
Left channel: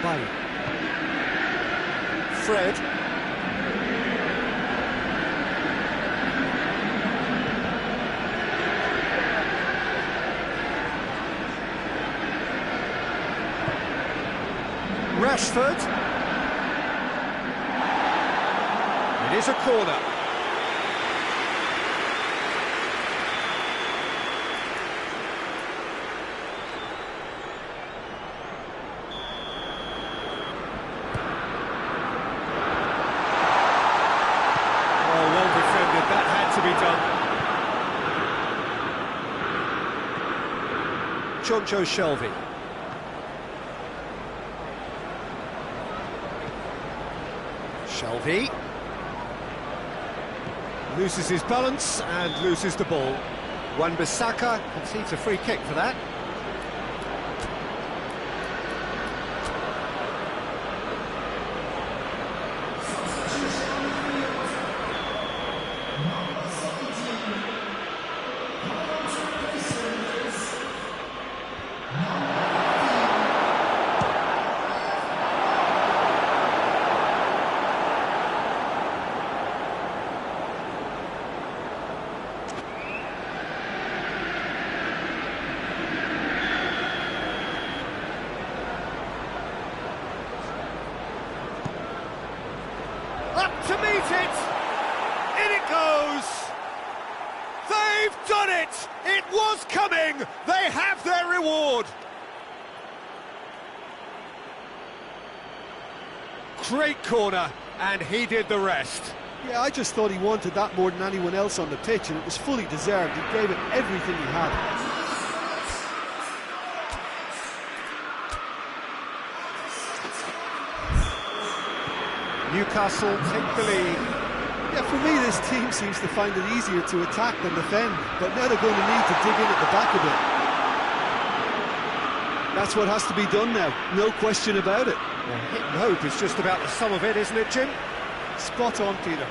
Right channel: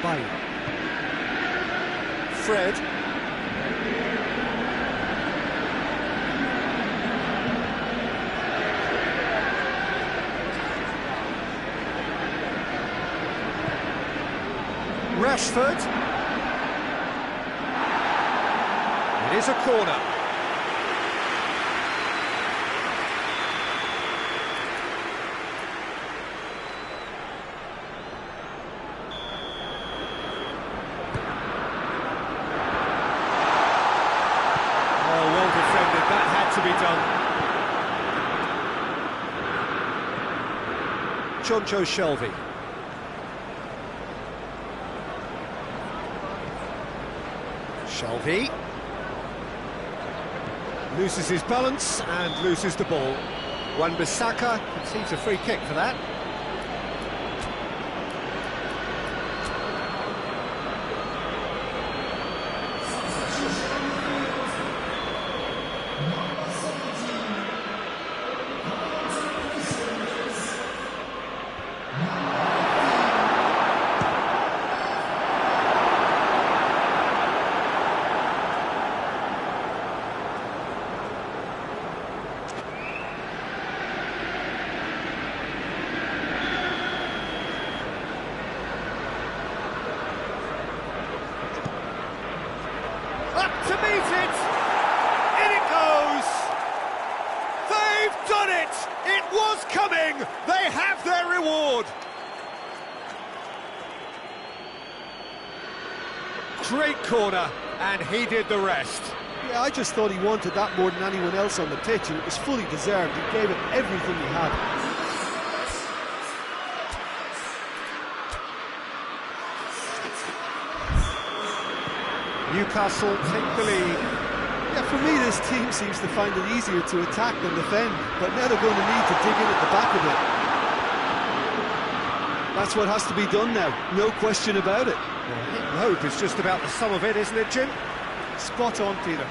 Bailly. Fred. Rashford. It is a corner. Oh, well defended, that had to be done. Jonjo Shelvey. Shelvey loses his balance and loses the ball. Wan-Bissaka concedes a free kick for that. To meet it! In it goes! They've done it! It was coming! They have their reward! Great corner, and he did the rest. Yeah, I just thought he wanted that more than anyone else on the pitch, and it was fully deserved. He gave it everything he had. Newcastle take the lead. Yeah, for me, this team seems to find it easier to attack than defend, but now they're going to need to dig in at the back a bit. That's what has to be done now, no question about it. Well, hit and hope is just about the sum of it, isn't it, Jim? Spot on, Peter.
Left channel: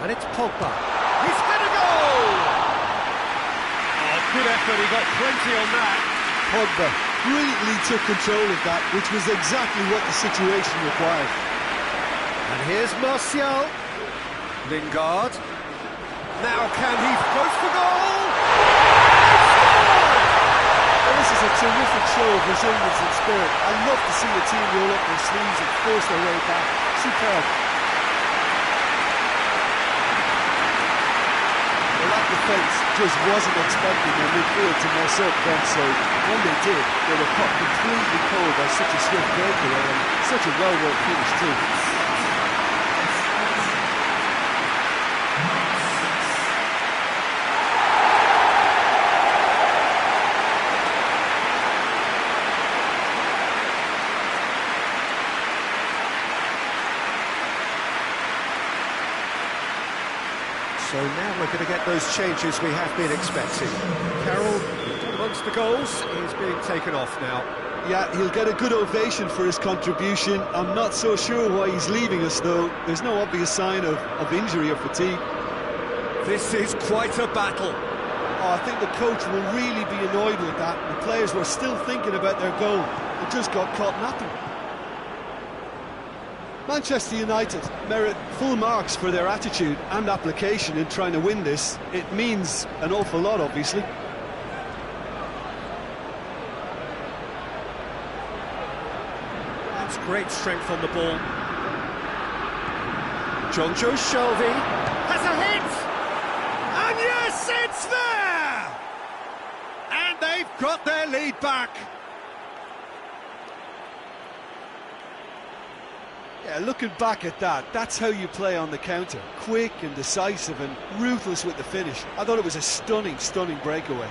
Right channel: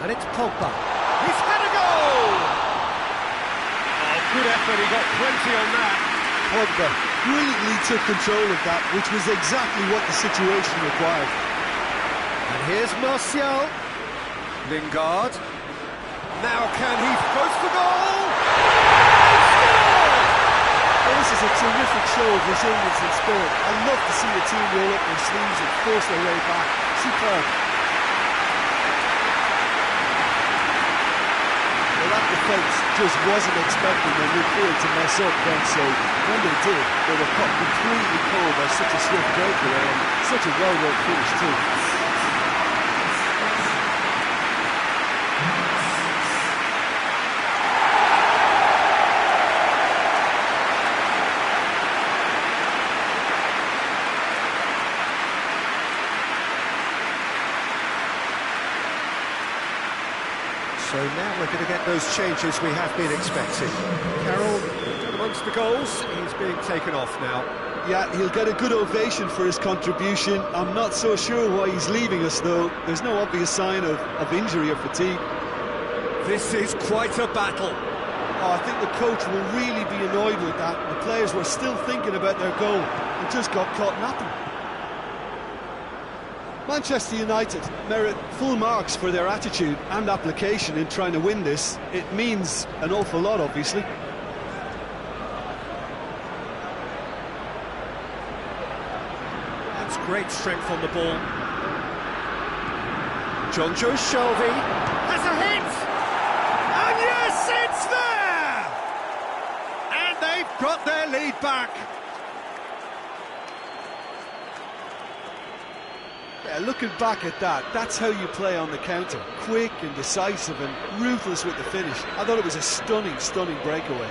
And it's Pogba. He's had a goal! Oh, good effort, he got plenty on that. Pogba brilliantly took control of that, which was exactly what the situation required. And here's Martial. Lingard. Now can he goes for goal? He scored! Well, this is a terrific show of resilience and spirit. I love to see a team roll up their sleeves and force their way back. Superb. Well, that defence just wasn't expecting their midfield to mess up then, so when they did, they were caught completely cold by such a swift breakaway and such a well-worked finish too. So now we're going to get those changes we have been expecting. Carroll, amongst the goals, is being taken off now. Yeah, he'll get a good ovation for his contribution. I'm not so sure why he's leaving us, though. There's no obvious sign of injury or fatigue. This is quite a battle. Oh, I think the coach will really be annoyed with that. The players were still thinking about their goal and just got caught napping. Manchester United merit full marks for their attitude and application in trying to win this. It means an awful lot, obviously. That's great strength on the ball. Jonjo Shelvey Has a hit! And yes, it's there! And they've got their lead back. Yeah, looking back at that, that's how you play on the counter. Quick and decisive and ruthless with the finish. I thought it was a stunning, stunning breakaway.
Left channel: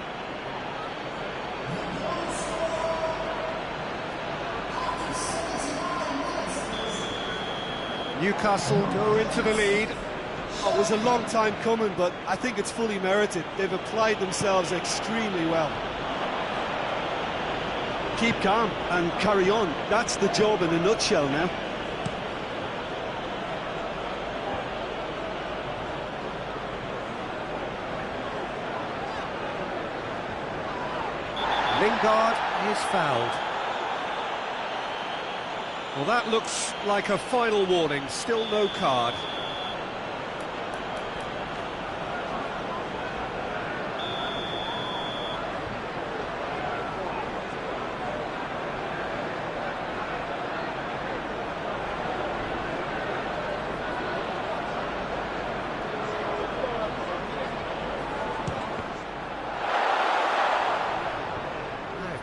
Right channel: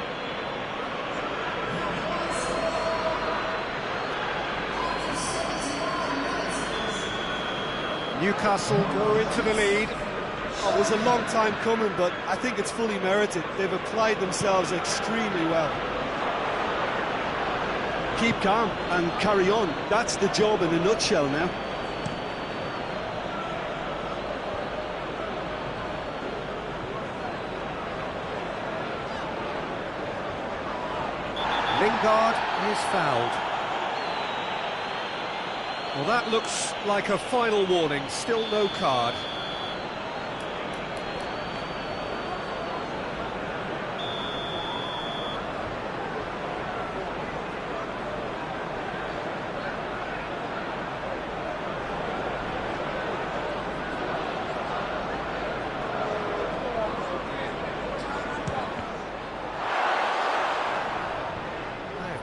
Newcastle go into the lead. Oh, it was a long time coming, but I think it's fully merited. They've applied themselves extremely well. Keep calm and carry on. That's the job in a nutshell now. Lingard is fouled. Well, that looks like a final warning. Still no card.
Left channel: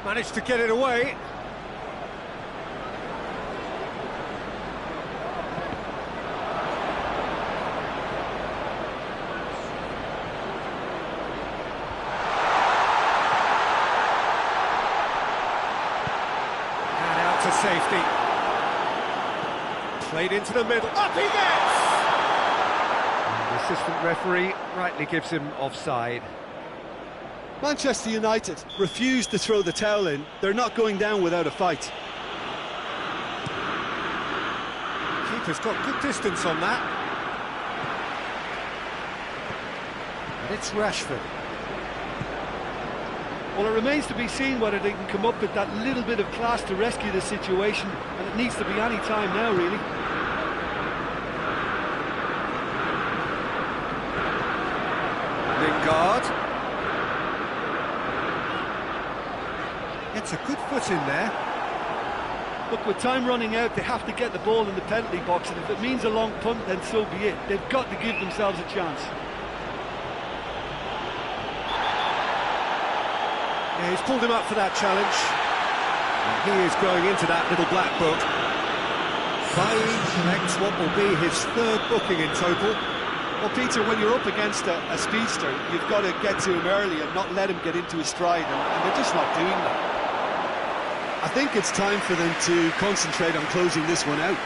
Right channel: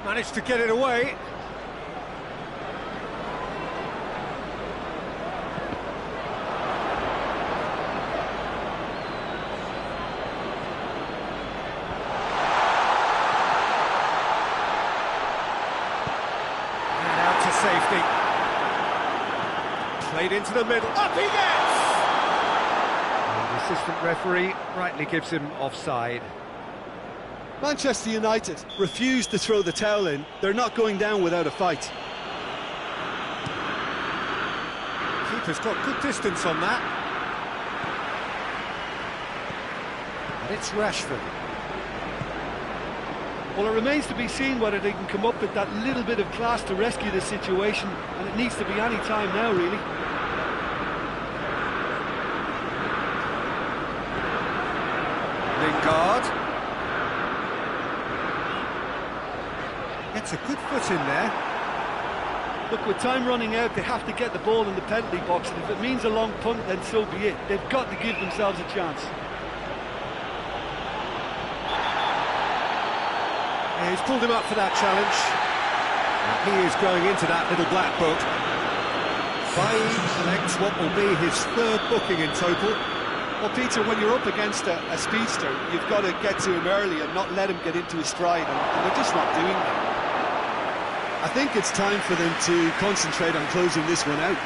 Managed to get it away. And out to safety. Played into the middle. Up he gets! And the assistant referee rightly gives him offside. Manchester United refused to throw the towel in. They're not going down without a fight. Keeper's got good distance on that. And it's Rashford. Well, it remains to be seen whether they can come up with that little bit of class to rescue the situation, and it needs to be any time now, really. Lingard. Gets a good foot in there. Look, with time running out, they have to get the ball in the penalty box, and if it means a long punt, then so be it. They've got to give themselves a chance. Yeah, he's pulled him up for that challenge. And he is going into that little black book. Bailly collects what will be his third booking in total. Well, Peter, when you're up against a speedster, you've got to get to him early and not let him get into his stride, and they're just not doing that. I think it's time for them to concentrate on closing this one out.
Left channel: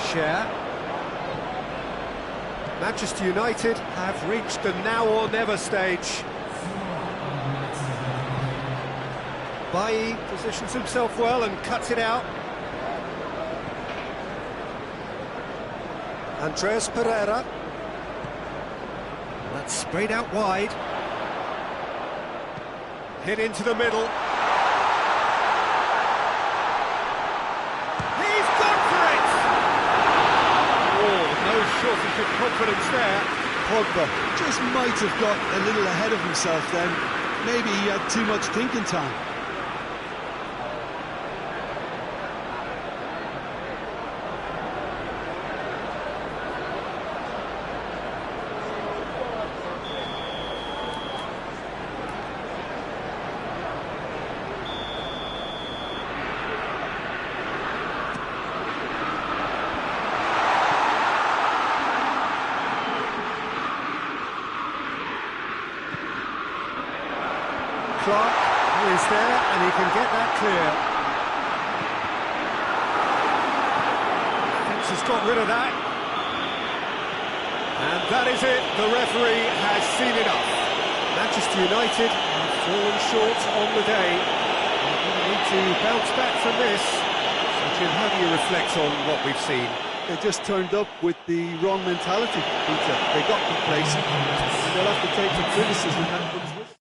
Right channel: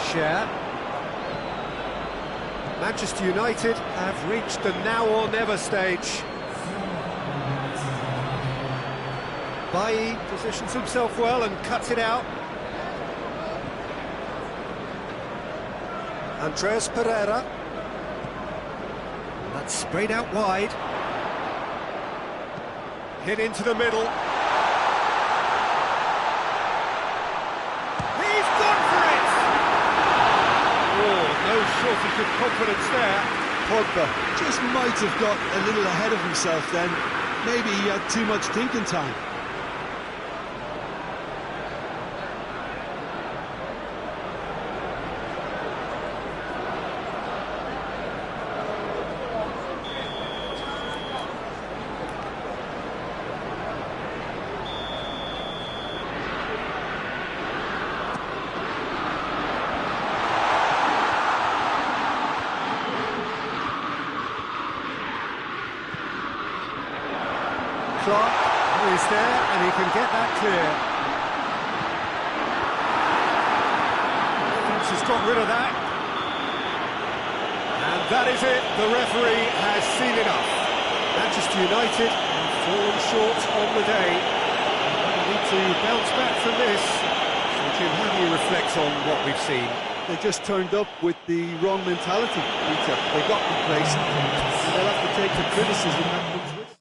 Share. Manchester United have reached the now or never stage. Bailly positions himself well and cuts it out. Andreas Pereira. And that's sprayed out wide. Hit into the middle. He's gone for it! Oh, no shortage of confidence there. Pogba just might have got a little ahead of himself then. Maybe he had too much thinking time. Clark is there and he can get that clear. Defence has got rid of that. And that is it, the referee has seen enough. Manchester United have fallen short on the day. They're going to need to bounce back from this. So Jim, how do you reflect on what we've seen? They just turned up with the wrong mentality, Peter. They got complacent, and they'll have to take the criticism that comes with it.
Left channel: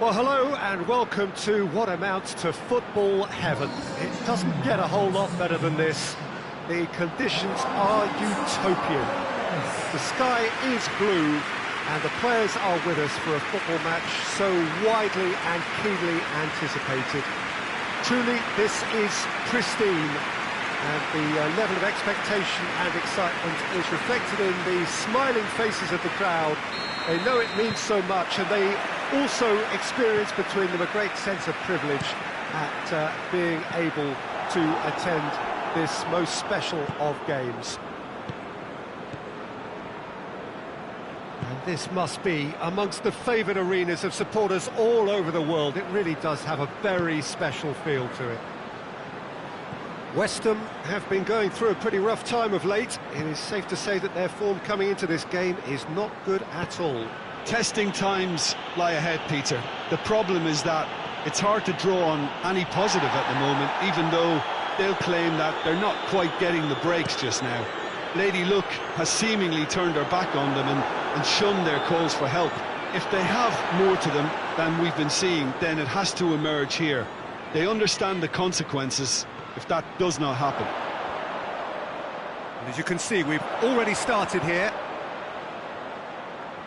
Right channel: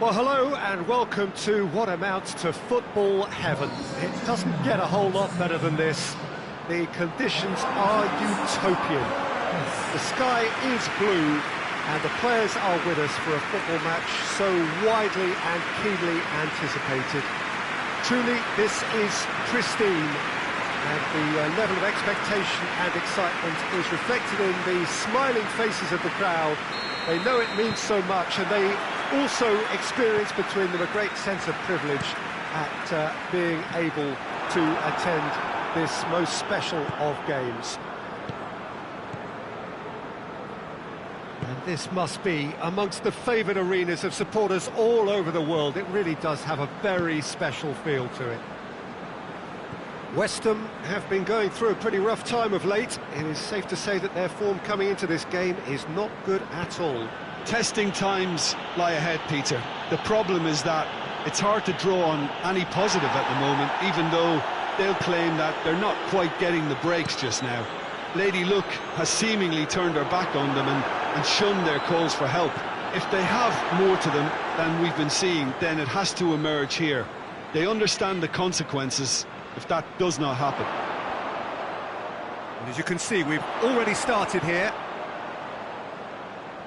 Well, hello and welcome to what amounts to football heaven. It doesn't get a whole lot better than this. The conditions are utopian. The sky is blue and the players are with us for a football match so widely and keenly anticipated. Truly, this is pristine, and the level of expectation and excitement is reflected in the smiling faces of the crowd. They know it means so much, and they also experience between them a great sense of privilege at being able to attend this most special of games. And this must be amongst the favoured arenas of supporters all over the world. It really does have a very special feel to it. West Ham have been going through a pretty rough time of late. It is safe to say that their form coming into this game is not good at all. Testing times lie ahead, Peter. The problem is that it's hard to draw on any positive at the moment, even though they'll claim that they're not quite getting the breaks just now. Lady Luck has seemingly turned her back on them and shunned their calls for help. If they have more to them than we've been seeing, then it has to emerge here. They understand the consequences if that does not happen. And as you can see, we've already started here.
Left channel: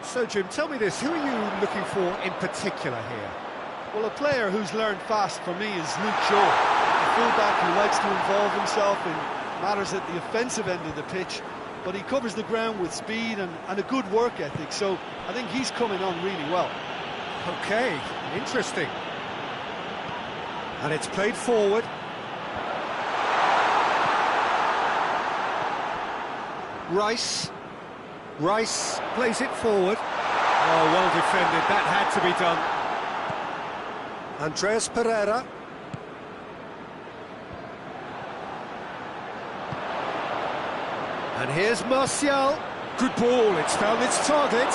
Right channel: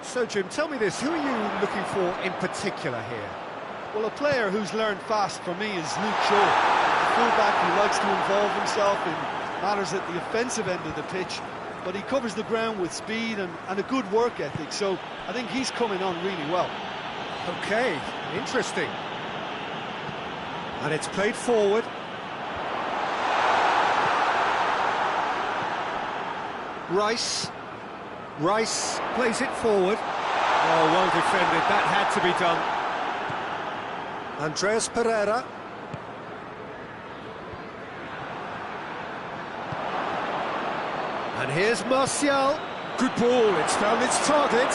So, Jim, tell me this, who are you looking for in particular here? Well, a player who's learned fast for me is Luke Shaw, a fullback who likes to involve himself in matters at the offensive end of the pitch, but he covers the ground with speed and a good work ethic, so I think he's coming on really well. Okay, interesting. And it's played forward. Rice plays it forward. Oh, well defended, that had to be done. Andreas Pereira. And here's Martial. Good ball, it's found its target.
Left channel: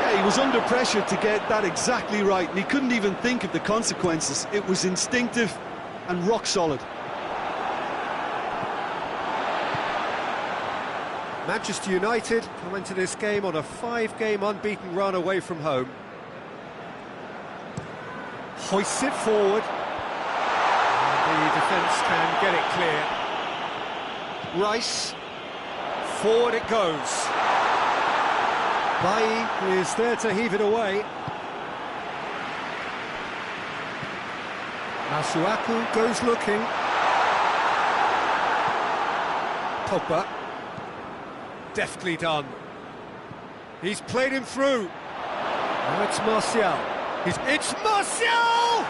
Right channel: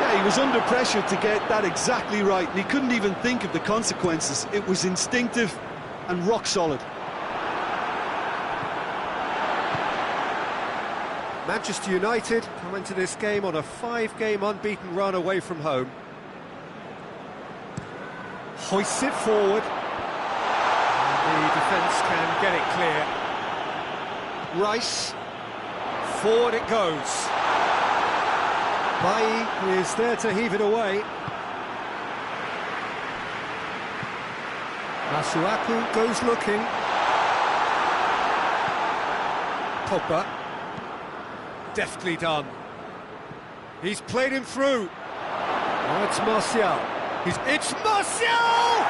Yeah, he was under pressure to get that exactly right, and he couldn't even think of the consequences. It was instinctive and rock solid. Manchester United come into this game on a 5-game unbeaten run away from home. Hoists it forward. And the defence can get it clear. Rice. Forward it goes. Bailly is there to heave it away. Masuaku goes looking. Pogba. Deftly done. He's played him through. Now it's Martial. It's Martial!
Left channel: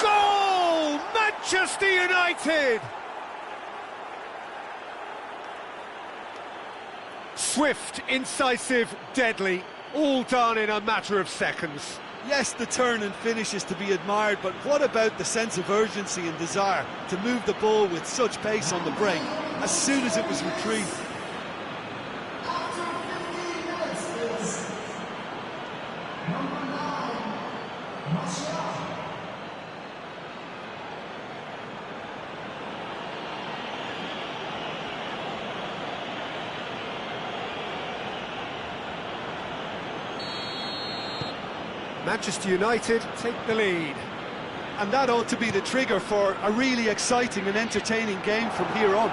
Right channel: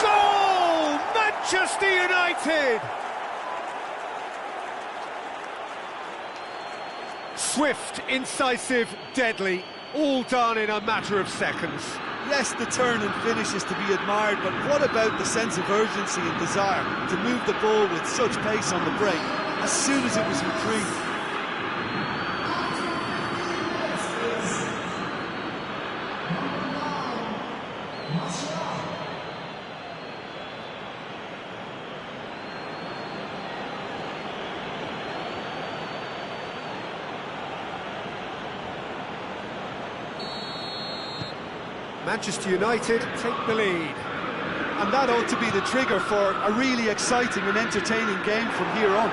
Goal! Manchester United! Swift, incisive, deadly, all done in a matter of seconds. Yes, the turn and finish is to be admired, but what about the sense of urgency and desire to move the ball with such pace on the break as soon as it was retrieved? Manchester United take the lead. And that ought to be the trigger for a really exciting and entertaining game from here on.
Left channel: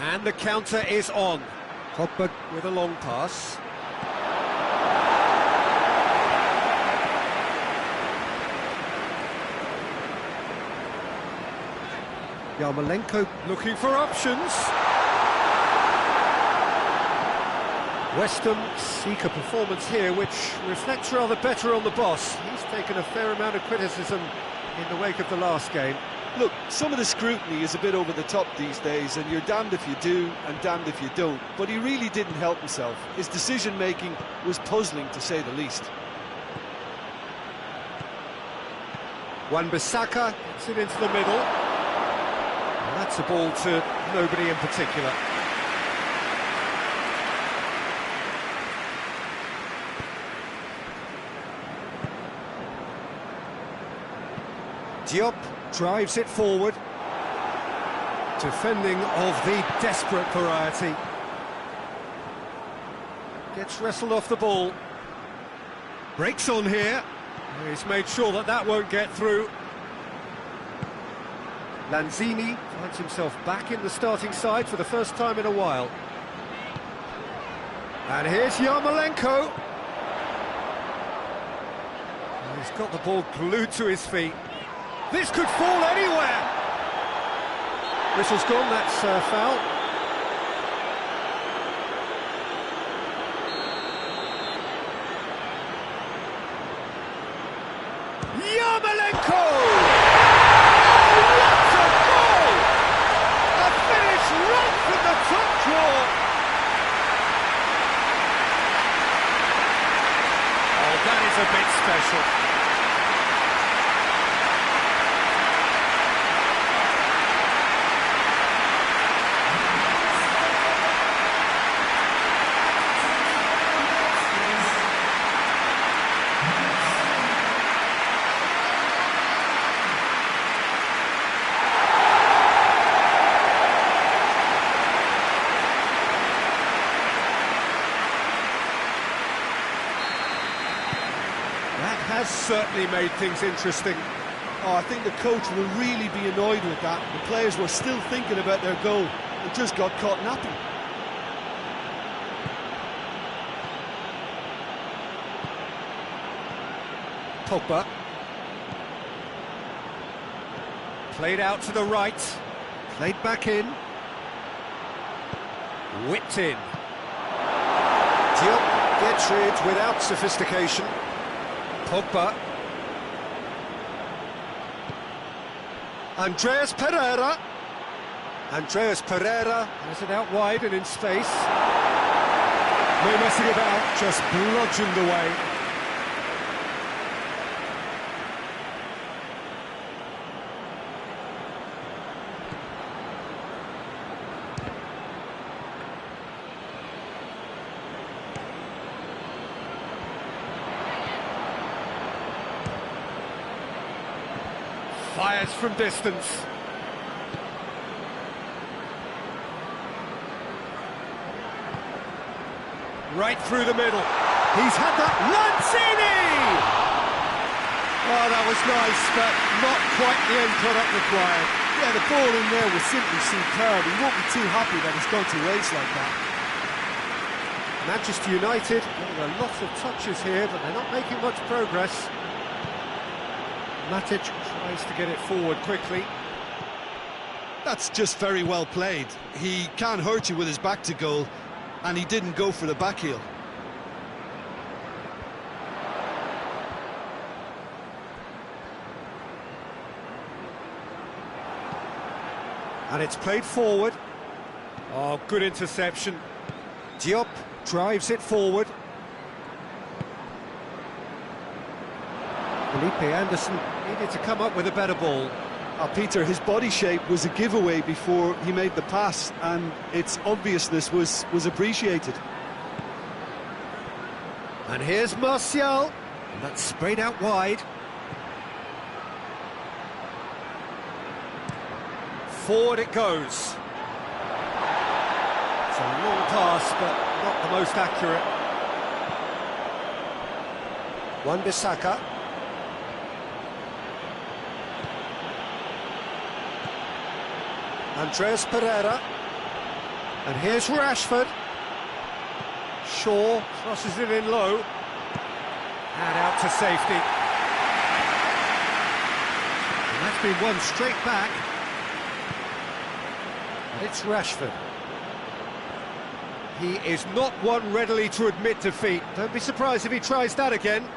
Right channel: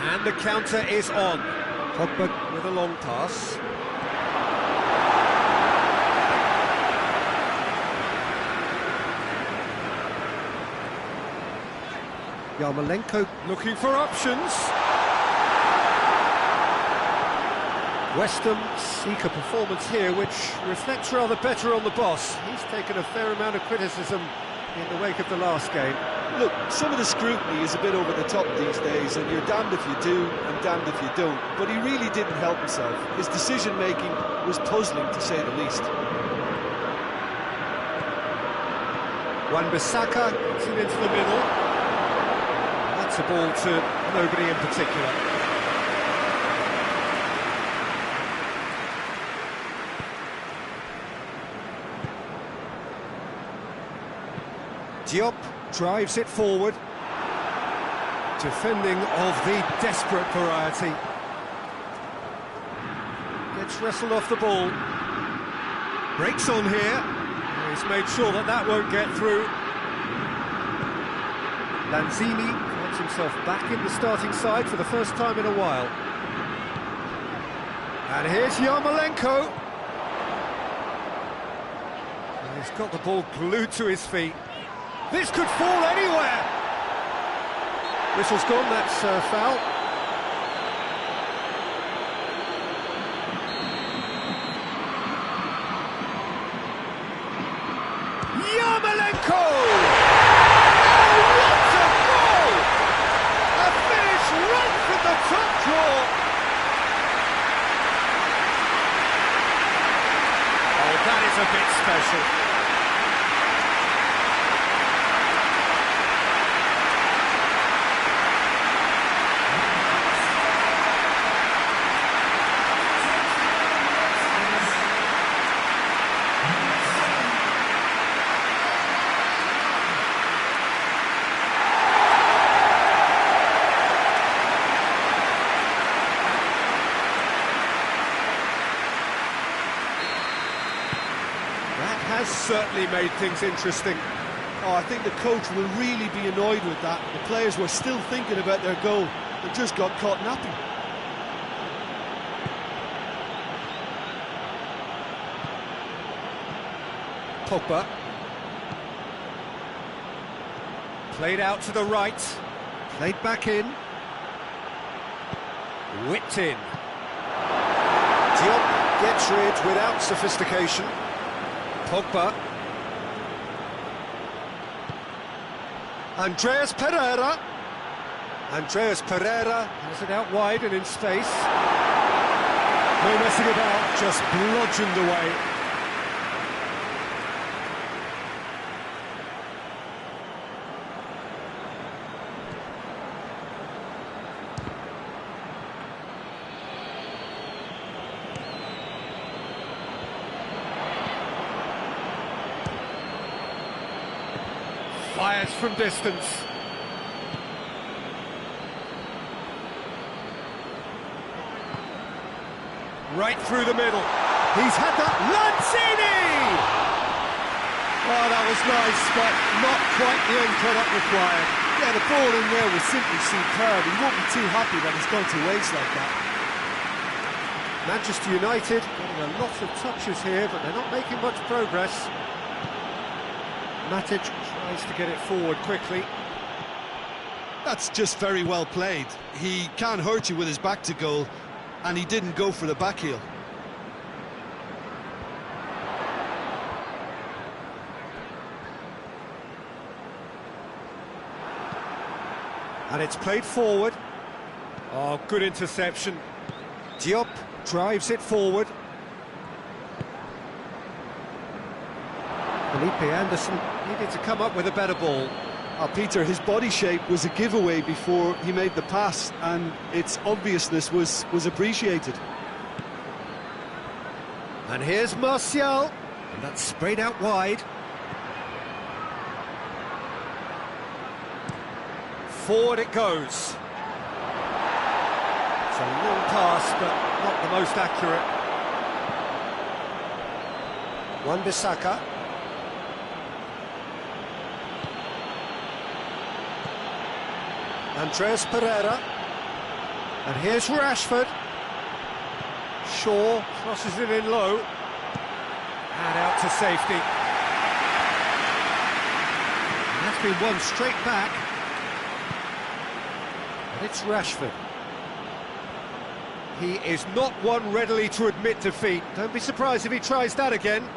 And the counter is on. Pogba with a long pass. Yarmolenko looking for options. West Ham seek a performance here which reflects rather better on the boss. He's taken a fair amount of criticism in the wake of the last game. Look, some of the scrutiny is a bit over the top these days, and you're damned if you do and damned if you don't. But he really didn't help himself. His decision-making was puzzling, to say the least. Wan-Bissaka gets it into the middle. And that's a ball to nobody in particular. Diop drives it forward. Defending of the desperate variety. Gets wrestled off the ball. Breaks on here. He's made sure that that won't get through. Lanzini finds himself back in the starting side for the first time in a while. And here's Yarmolenko. And he's got the ball glued to his feet. This could fall anywhere. Whistle's gone, that's foul. Yarmolenko! Oh, what a goal! A finish right from the top drawer. Oh, that is a bit special. That has certainly made things interesting. Oh, I think the coach will really be annoyed with that. The players were still thinking about their goal and just got caught napping. Pogba. Played out to the right. Played back in. Whipped in. Diop gets rid without sophistication. Pogba. Andreas Pereira. Andreas Pereira has it out wide and in space. No messing about, just bludgeoned away. Fires from distance. Right through the middle. He's had that. Lanzini! Oh, that was nice, but not quite the end product required. Yeah, the ball in there was simply superb. He won't be too happy that it's gone to waste like that. Manchester United getting a lot of touches here, but they're not making much progress. Matic tries to get it forward quickly. That's just very well played. He can't hurt you with his back to goal, and he didn't go for the back heel. And it's played forward. Oh, good interception. Diop drives it forward. Felipe Anderson needed to come up with a better ball. Peter, his body shape was a giveaway before he made the pass, and its obviousness was appreciated. And here's Martial, and that's sprayed out wide. Forward it goes. It's a long pass, but not the most accurate. Wan-Bissaka. Andreas Pereira. And here's Rashford. Shaw crosses it in low. And out to safety. And that's been won straight back. And it's Rashford. He is not one readily to admit defeat. Don't be surprised if he tries that again.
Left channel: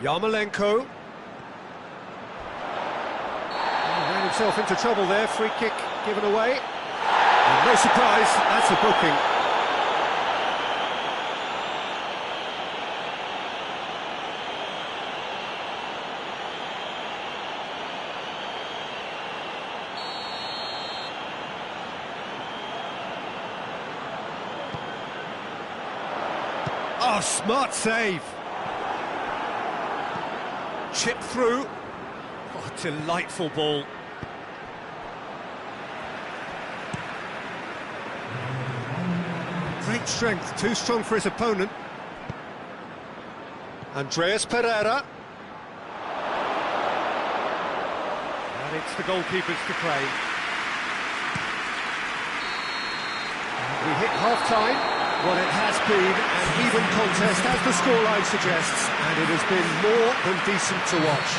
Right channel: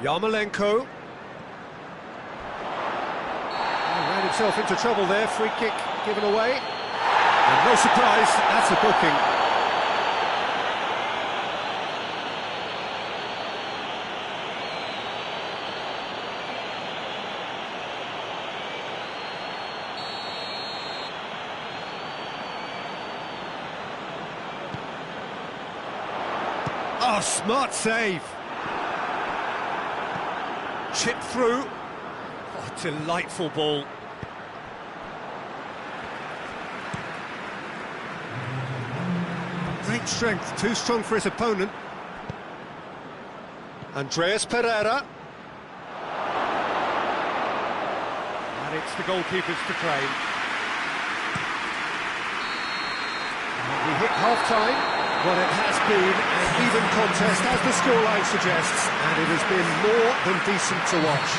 Yarmolenko. Ran himself into trouble there, free kick given away. And no surprise, that's a booking. Oh, smart save. Chip through. Oh, delightful ball. Great strength, too strong for his opponent. Andreas Pereira. And it's the goalkeepers to claim. And we hit half-time. Well, it has been an even contest, as the scoreline suggests, and it has been more than decent to watch.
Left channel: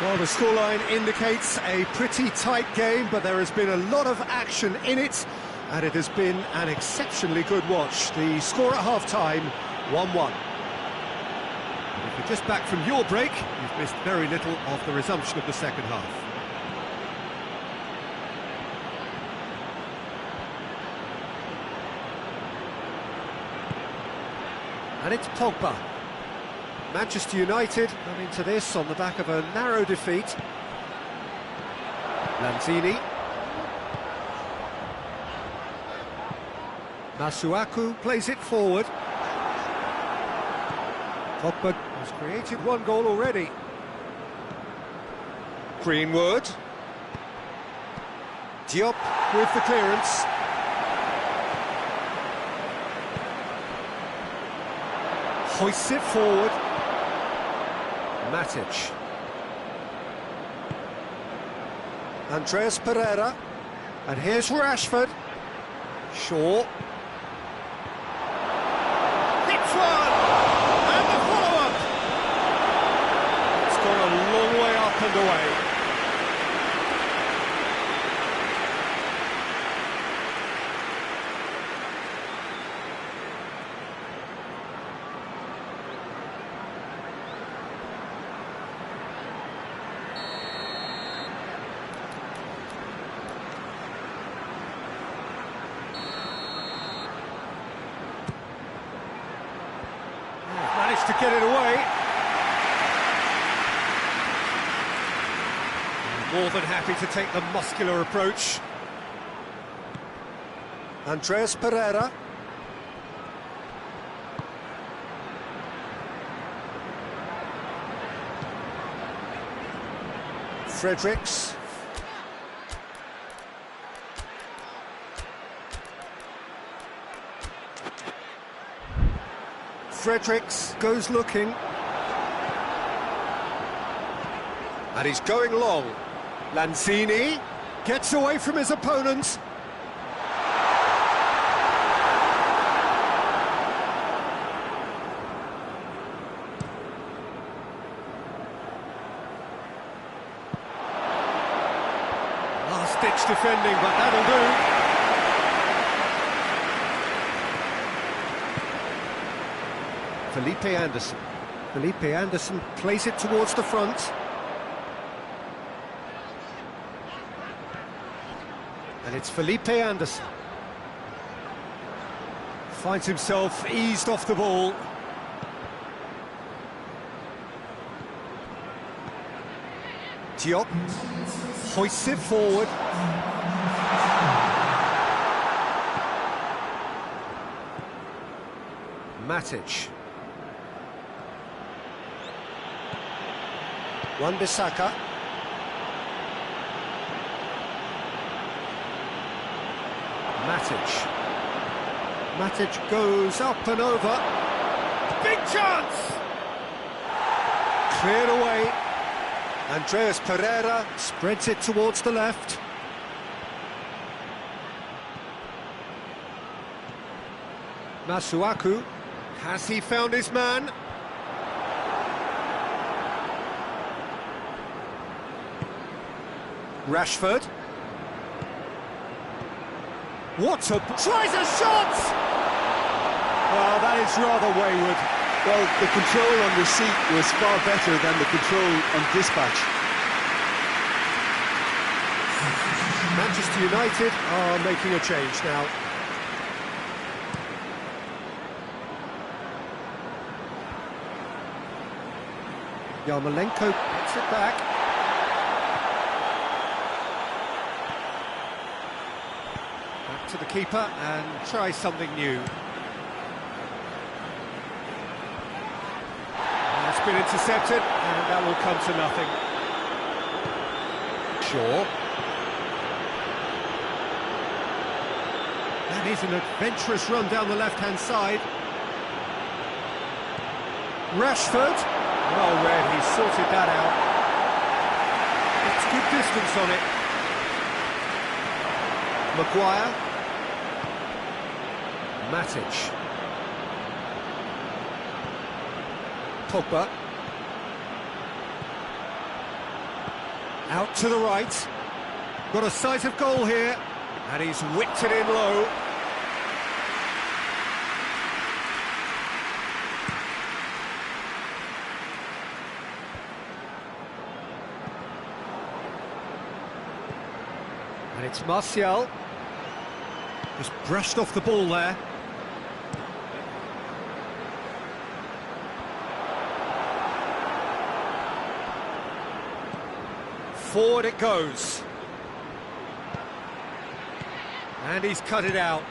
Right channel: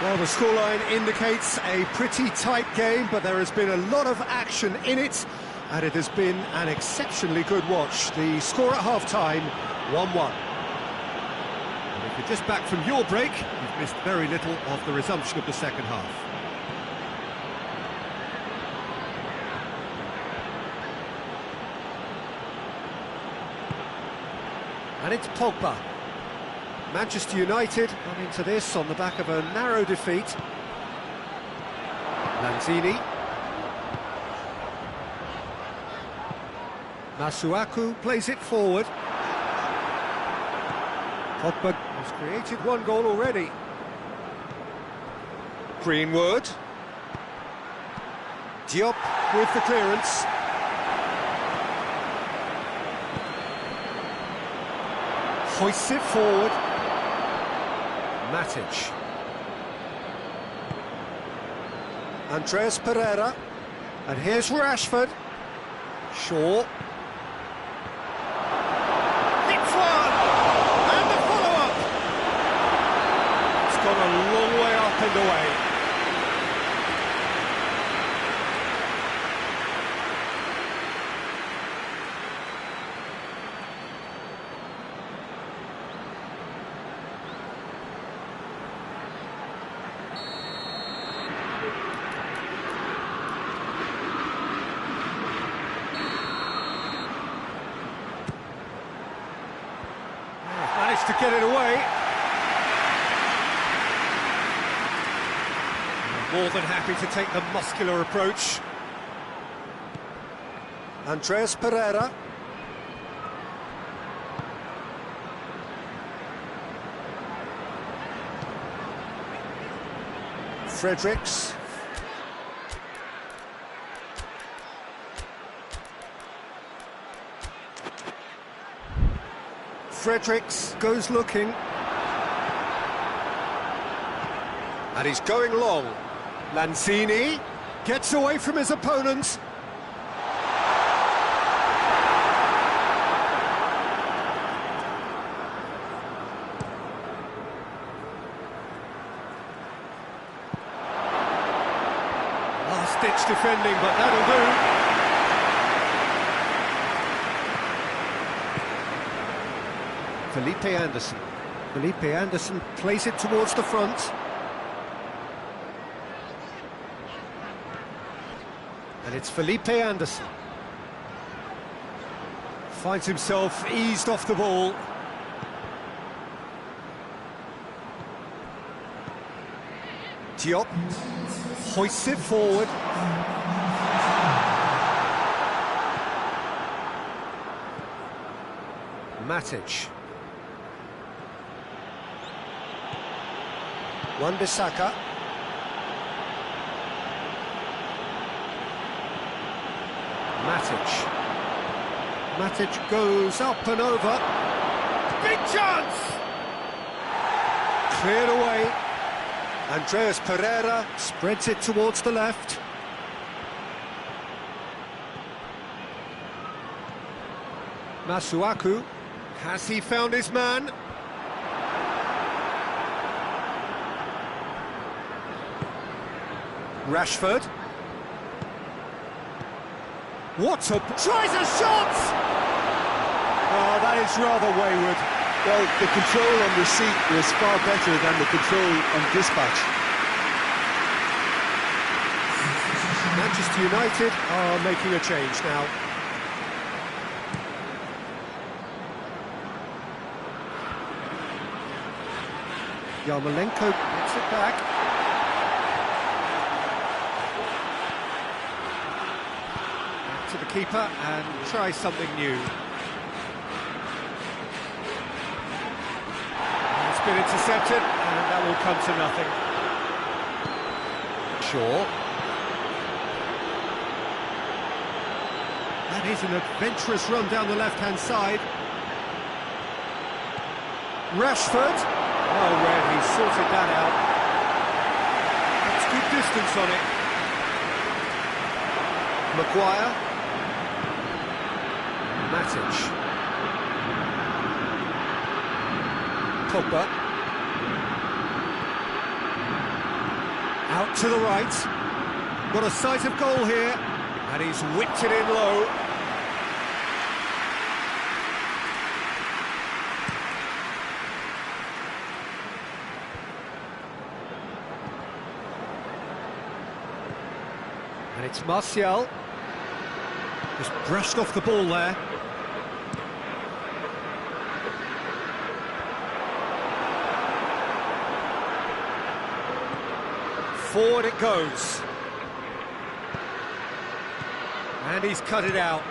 Well, the scoreline indicates a pretty tight game, but there has been a lot of action in it, and it has been an exceptionally good watch. The score at half-time, 1-1. And if you're just back from your break, you've missed very little of the resumption of the second half. And it's Pogba. Manchester United come into this on the back of a narrow defeat. Lanzini. Masuaku plays it forward. Pogba has created one goal already. Greenwood. Diop with the clearance. Hoists it forward. Matic. Andreas Pereira. And here's Rashford. Shaw. Hits one! And the follow-up! It's gone a long way up and away. Managed to get it away. More than happy to take the muscular approach. Andreas Pereira. Fredericks. Fredericks goes looking. And he's going long. Lanzini gets away from his opponent. Last-ditch defending, but that'll do. Felipe Anderson. Felipe Anderson plays it towards the front. And it's Felipe Anderson. Finds himself eased off the ball. Diop hoists it forward. Matic. Wan-Bissaka. Matic. Matic goes up and over. Big chance! Cleared away. Andreas Pereira spreads it towards the left. Masuaku. Has he found his man? Rashford. What a... Tries a shot! Oh, that is rather wayward. Well, the control on receipt was far better than the control on dispatch. Manchester United are making a change now. Yarmolenko gets it back. Back to the keeper and tries something new. And it's been intercepted, and that will come to nothing. Shaw. That is an adventurous run down the left-hand side. Rashford. Well read, he sorted that out. That's good distance on it. Maguire. Matic. Pogba. Out to the right. Got a sight of goal here. And he's whipped it in low. And it's Martial. Just brushed off the ball there. Forward it goes. And he's cut it out.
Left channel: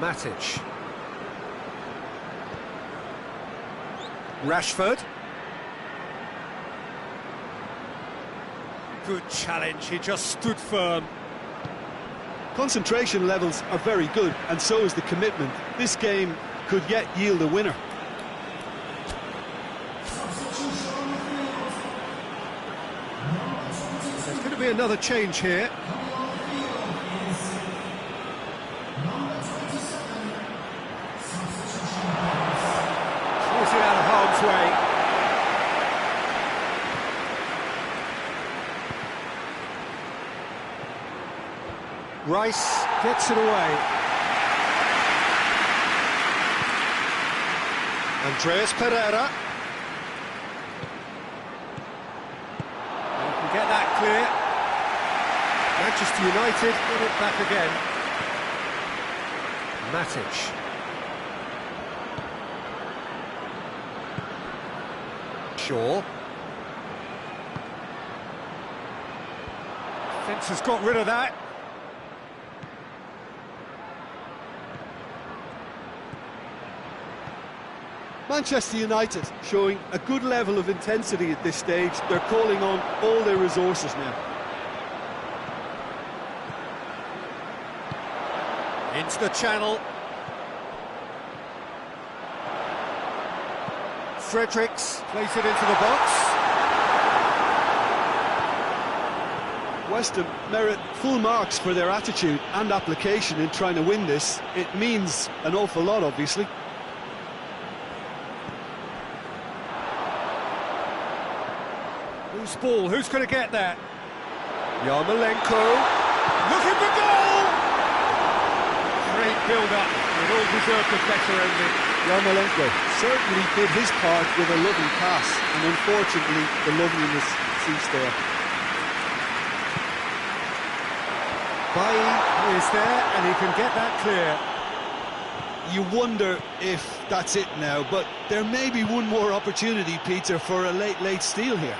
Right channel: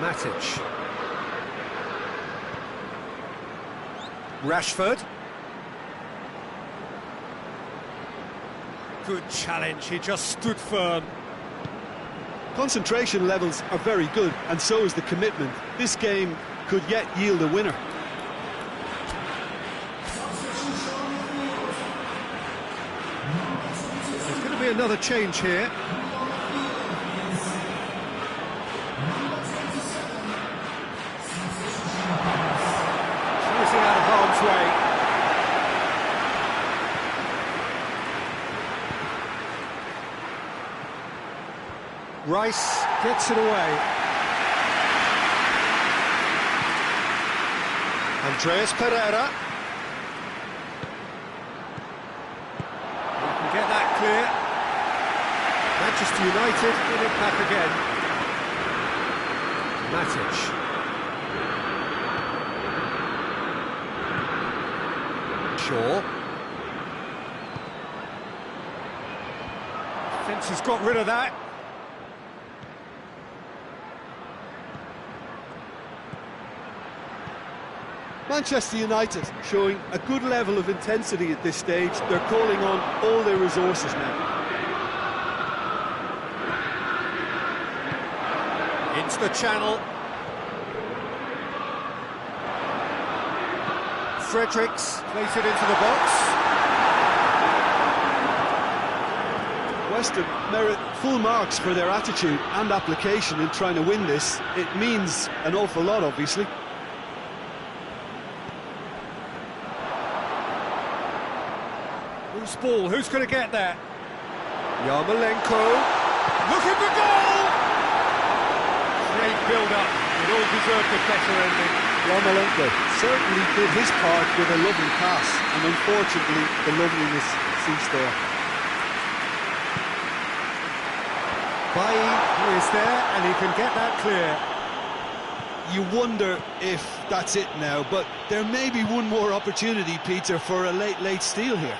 Matic. Rashford. Good challenge, he just stood firm. Concentration levels are very good, and so is the commitment. This game could yet yield a winner. There's going to be another change here. Clears it out of harm's way. Rice gets it away. Andreas Pereira. We can get that clear. Manchester United in it back again. Matic. Shaw. Defence has got rid of that. Manchester United showing a good level of intensity at this stage. They're calling on all their resources now. Into the channel. Fredericks plays it into the box. West Ham merit full marks for their attitude and application in trying to win this. It means an awful lot, obviously. Who's ball? Who's going to get that? Yarmolenko. Looking for goal! Great build-up. It all deserved a better ending. Yarmolenko certainly did his part with a lovely pass, and unfortunately the loveliness ceased there. Bailly is there, and he can get that clear. You wonder if that's it now, but there may be one more opportunity, Peter, for a late steal here.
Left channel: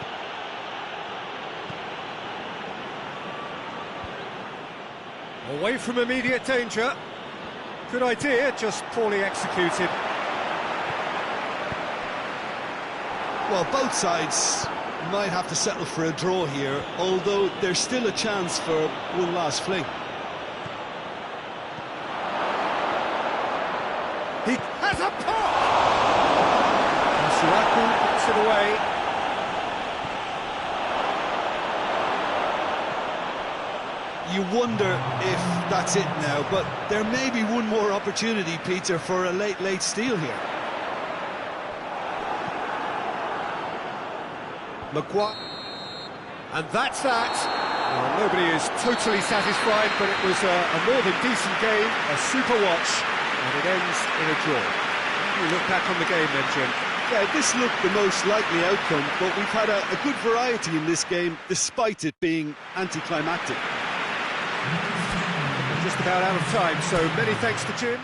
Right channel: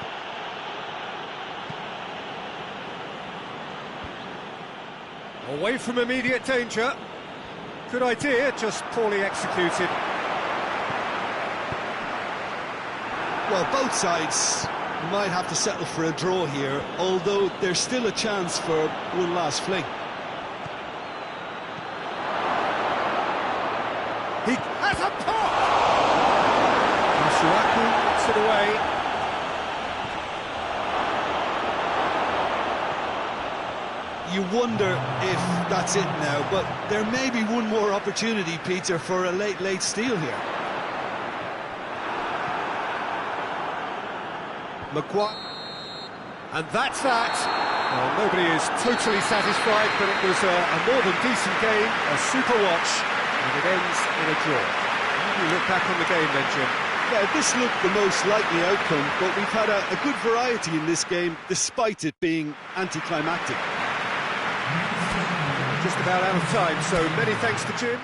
Away from immediate danger. Good idea, just poorly executed. Well, both sides might have to settle for a draw here, although there's still a chance for one last fling. He has a pop! Masuaku gets it away. You wonder if that's it now, but there may be one more opportunity, Peter, for a late steal here. Maguire. And that's that. Well, nobody is totally satisfied, but it was a more than decent game, a super watch, and it ends in a draw. How do you look back on the game then, Jim? Yeah, this looked the most likely outcome, but we've had a good variety in this game, despite it being anticlimactic. We're just about out of time, so many thanks to Jim.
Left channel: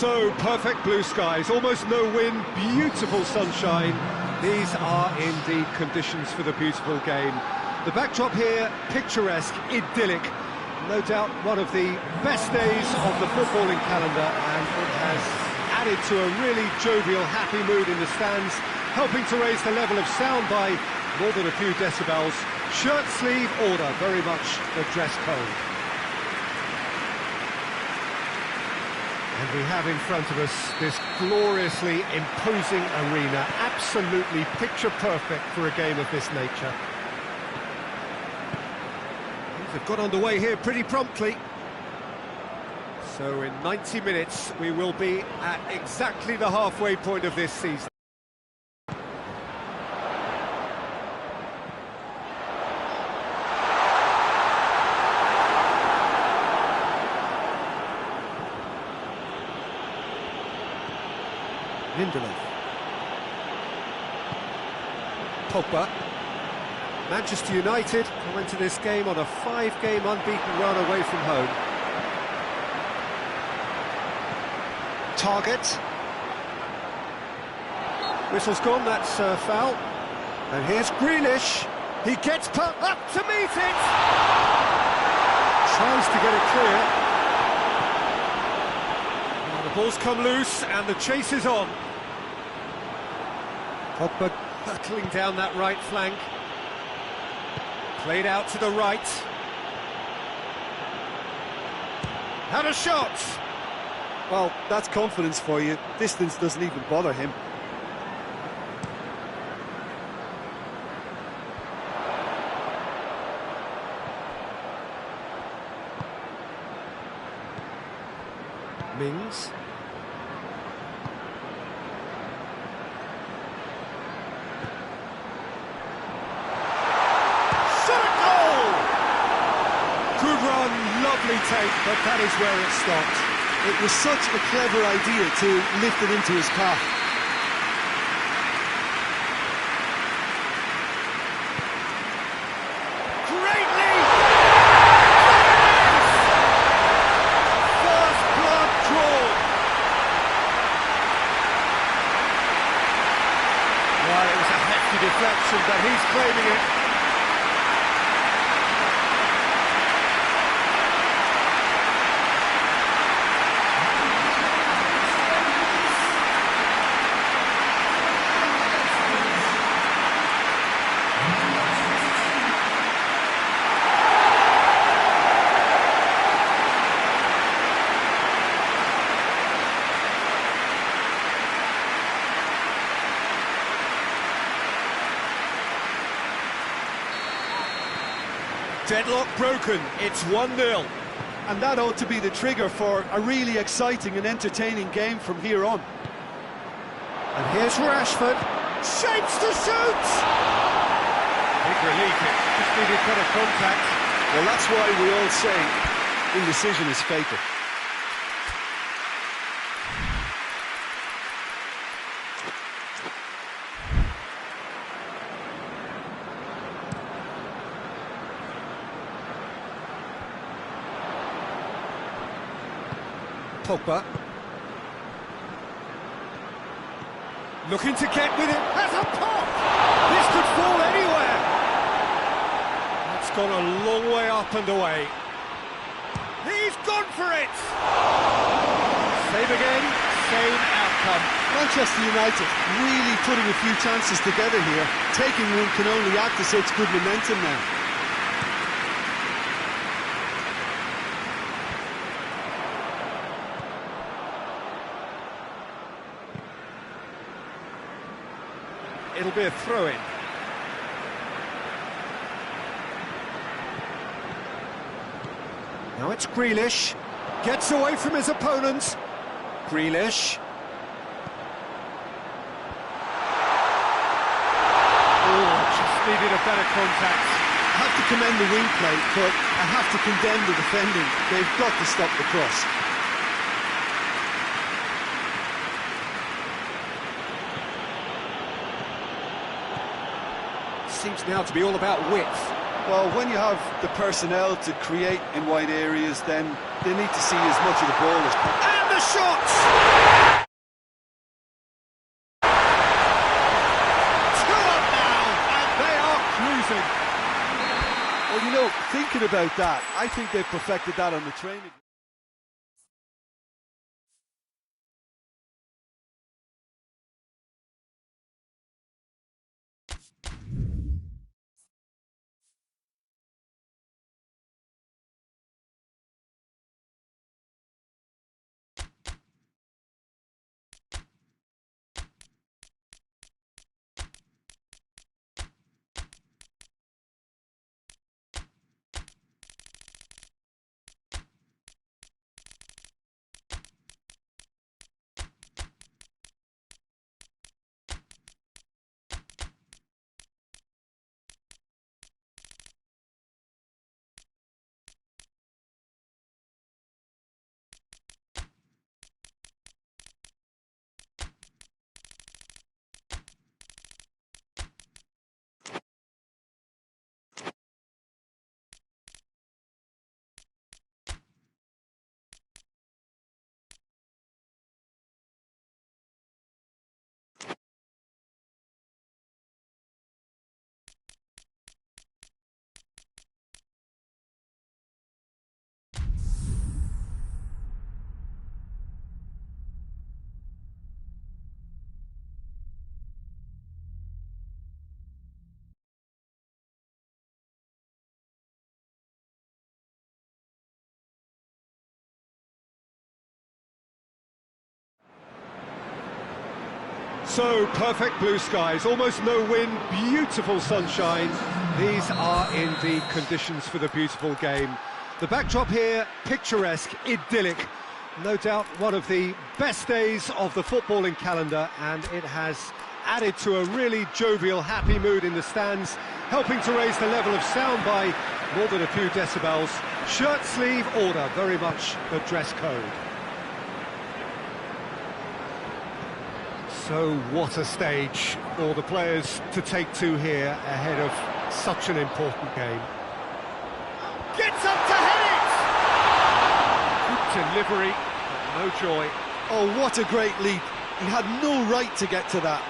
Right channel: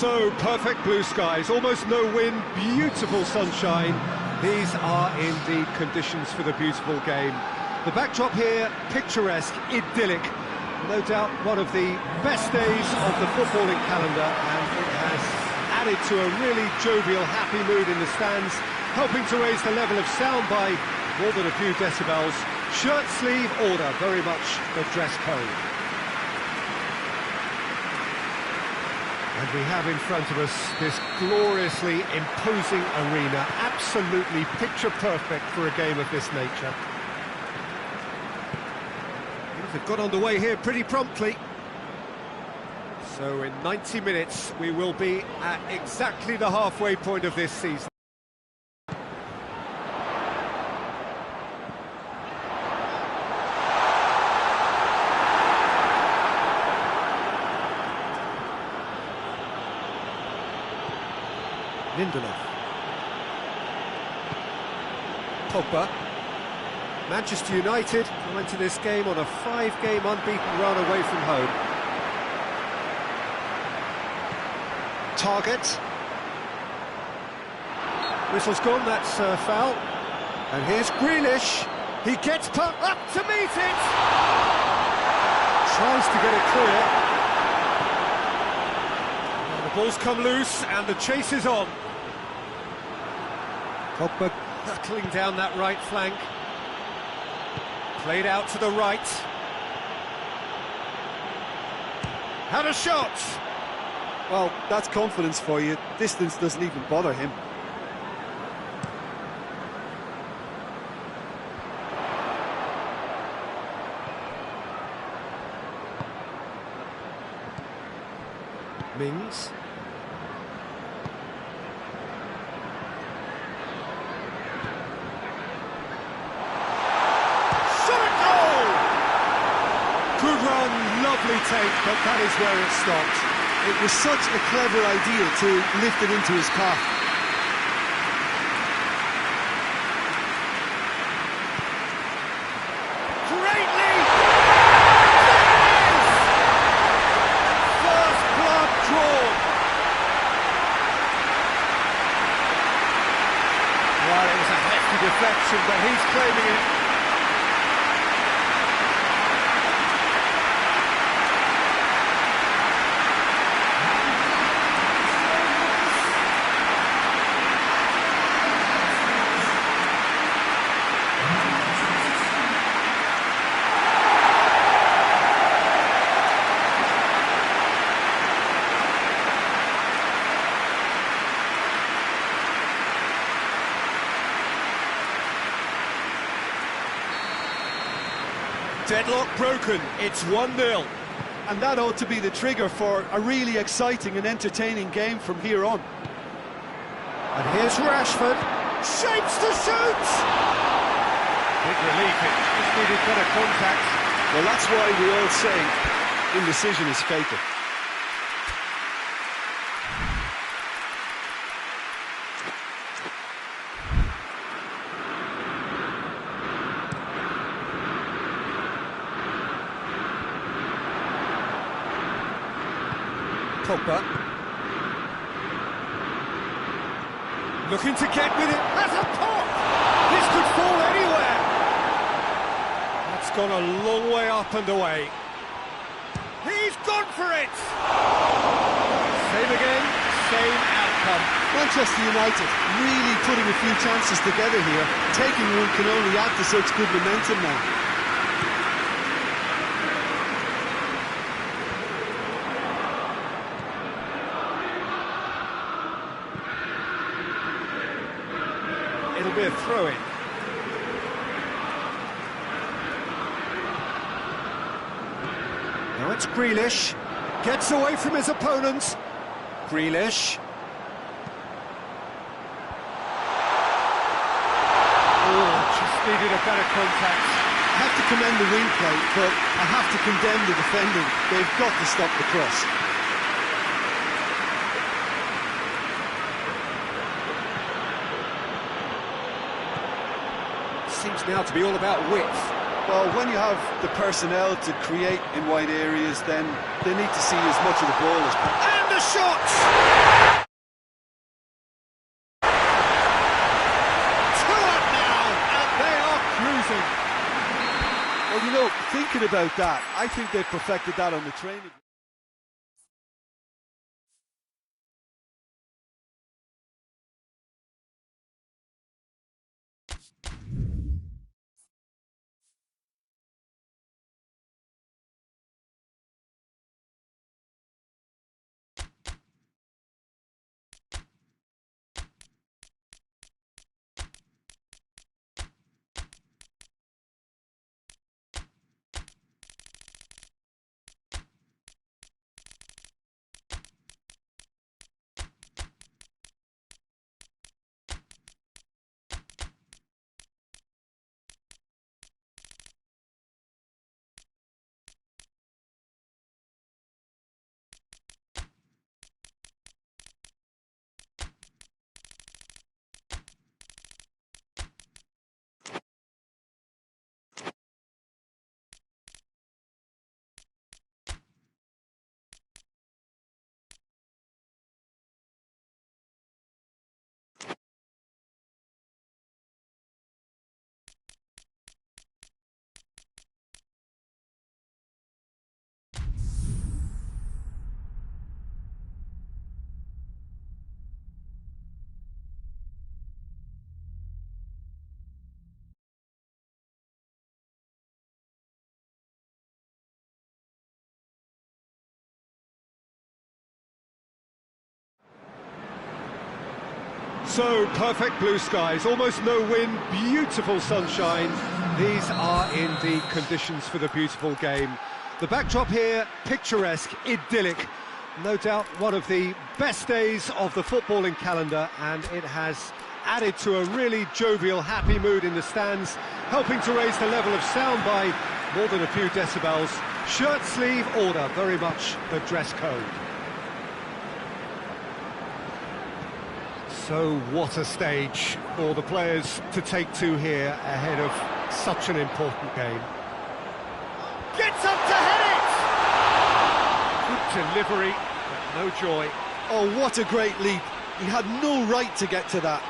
So, perfect blue skies, almost no wind, beautiful sunshine. These are indeed conditions for the beautiful game. The backdrop here, picturesque, idyllic. No doubt one of the best days of the footballing calendar, and it has added to a really jovial, happy mood in the stands, helping to raise the level of sound by more than a few decibels. Shirt sleeve order, very much the dress code. And we have in front of us this gloriously imposing arena, absolutely picture perfect for a game of this nature. Things have got underway here pretty promptly. So in 90 minutes we will be at exactly the halfway point of this season. Lindelof. Pogba. Manchester United come into this game on a 5-game unbeaten run away from home. Target. Whistle's gone, that's a foul. And here's Grealish. He gets up to meet it! Tries to get it clear. Well, the ball's come loose and the chase is on. Pogba hurtling down that right flank. Played out to the right. Had a shot! Well, that's confidence for you. Distance doesn't even bother him. Mings. Good run, lovely take, but that is where it stopped. It was such a clever idea to lift it into his path. Greatly! First blood drawn. Well, it was a hefty deflection, but he's claiming it. Deadlock broken, it's 1-0. And that ought to be the trigger for a really exciting and entertaining game from here on. And here's Rashford. Shapes to shoot! Big relief, it just needed better contact. Well, that's why we all say indecision is fatal. Pogba. Looking to get with it. Has a pop! This could fall anywhere. That's gone a long way up and away. He's gone for it! Same again, same outcome. Manchester United really putting a few chances together here. Taking one can only add to such good momentum now. It'll be a throw-in. Now it's Grealish. Gets away from his opponent. Grealish. Oh, just needed a better contact. I have to commend the wing play, but I have to condemn the defending. They've got to stop the cross. Seems now to be all about width. Well, when you have the personnel to create in wide areas, then they need to see as much of the ball as possible. And the shot! 2-up now, and they are cruising. Well, you know, thinking about that, I think they've perfected that on the training. So, perfect blue skies, almost no wind, beautiful sunshine. These are in the conditions for the beautiful game. The backdrop here, picturesque, idyllic. No doubt one of the best days of the footballing calendar, and it has added to a really jovial, happy mood in the stands, helping to raise the level of sound by more than a few decibels. Shirt sleeve order, very much the dress code. So what a stage for the players to take to here ahead of such an important game. Gets up to head it! Good delivery, but no joy. Oh, what a great leap. He had no right to get to that.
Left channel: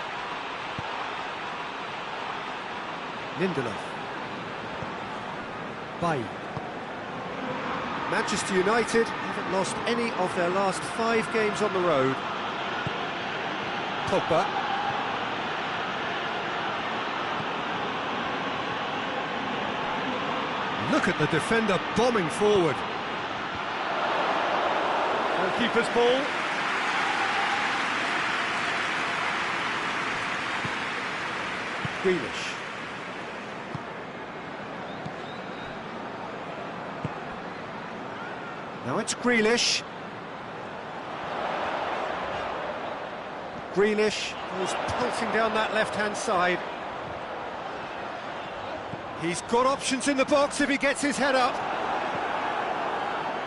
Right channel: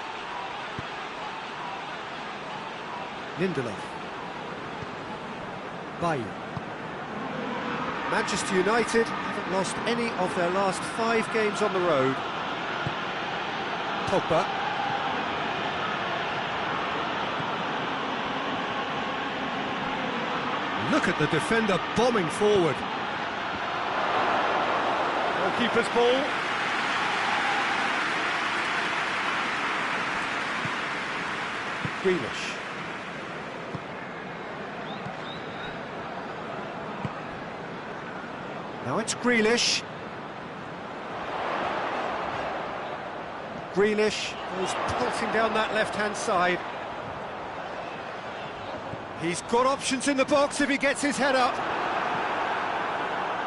Lindelof. Bailly. Manchester United haven't lost any of their last 5 games on the road. Pogba. Look at the defender bombing forward. Goalkeeper's ball. Grealish. Now it's Grealish. Grealish goes pulsing down that left-hand side. He's got options in the box if he gets his head up.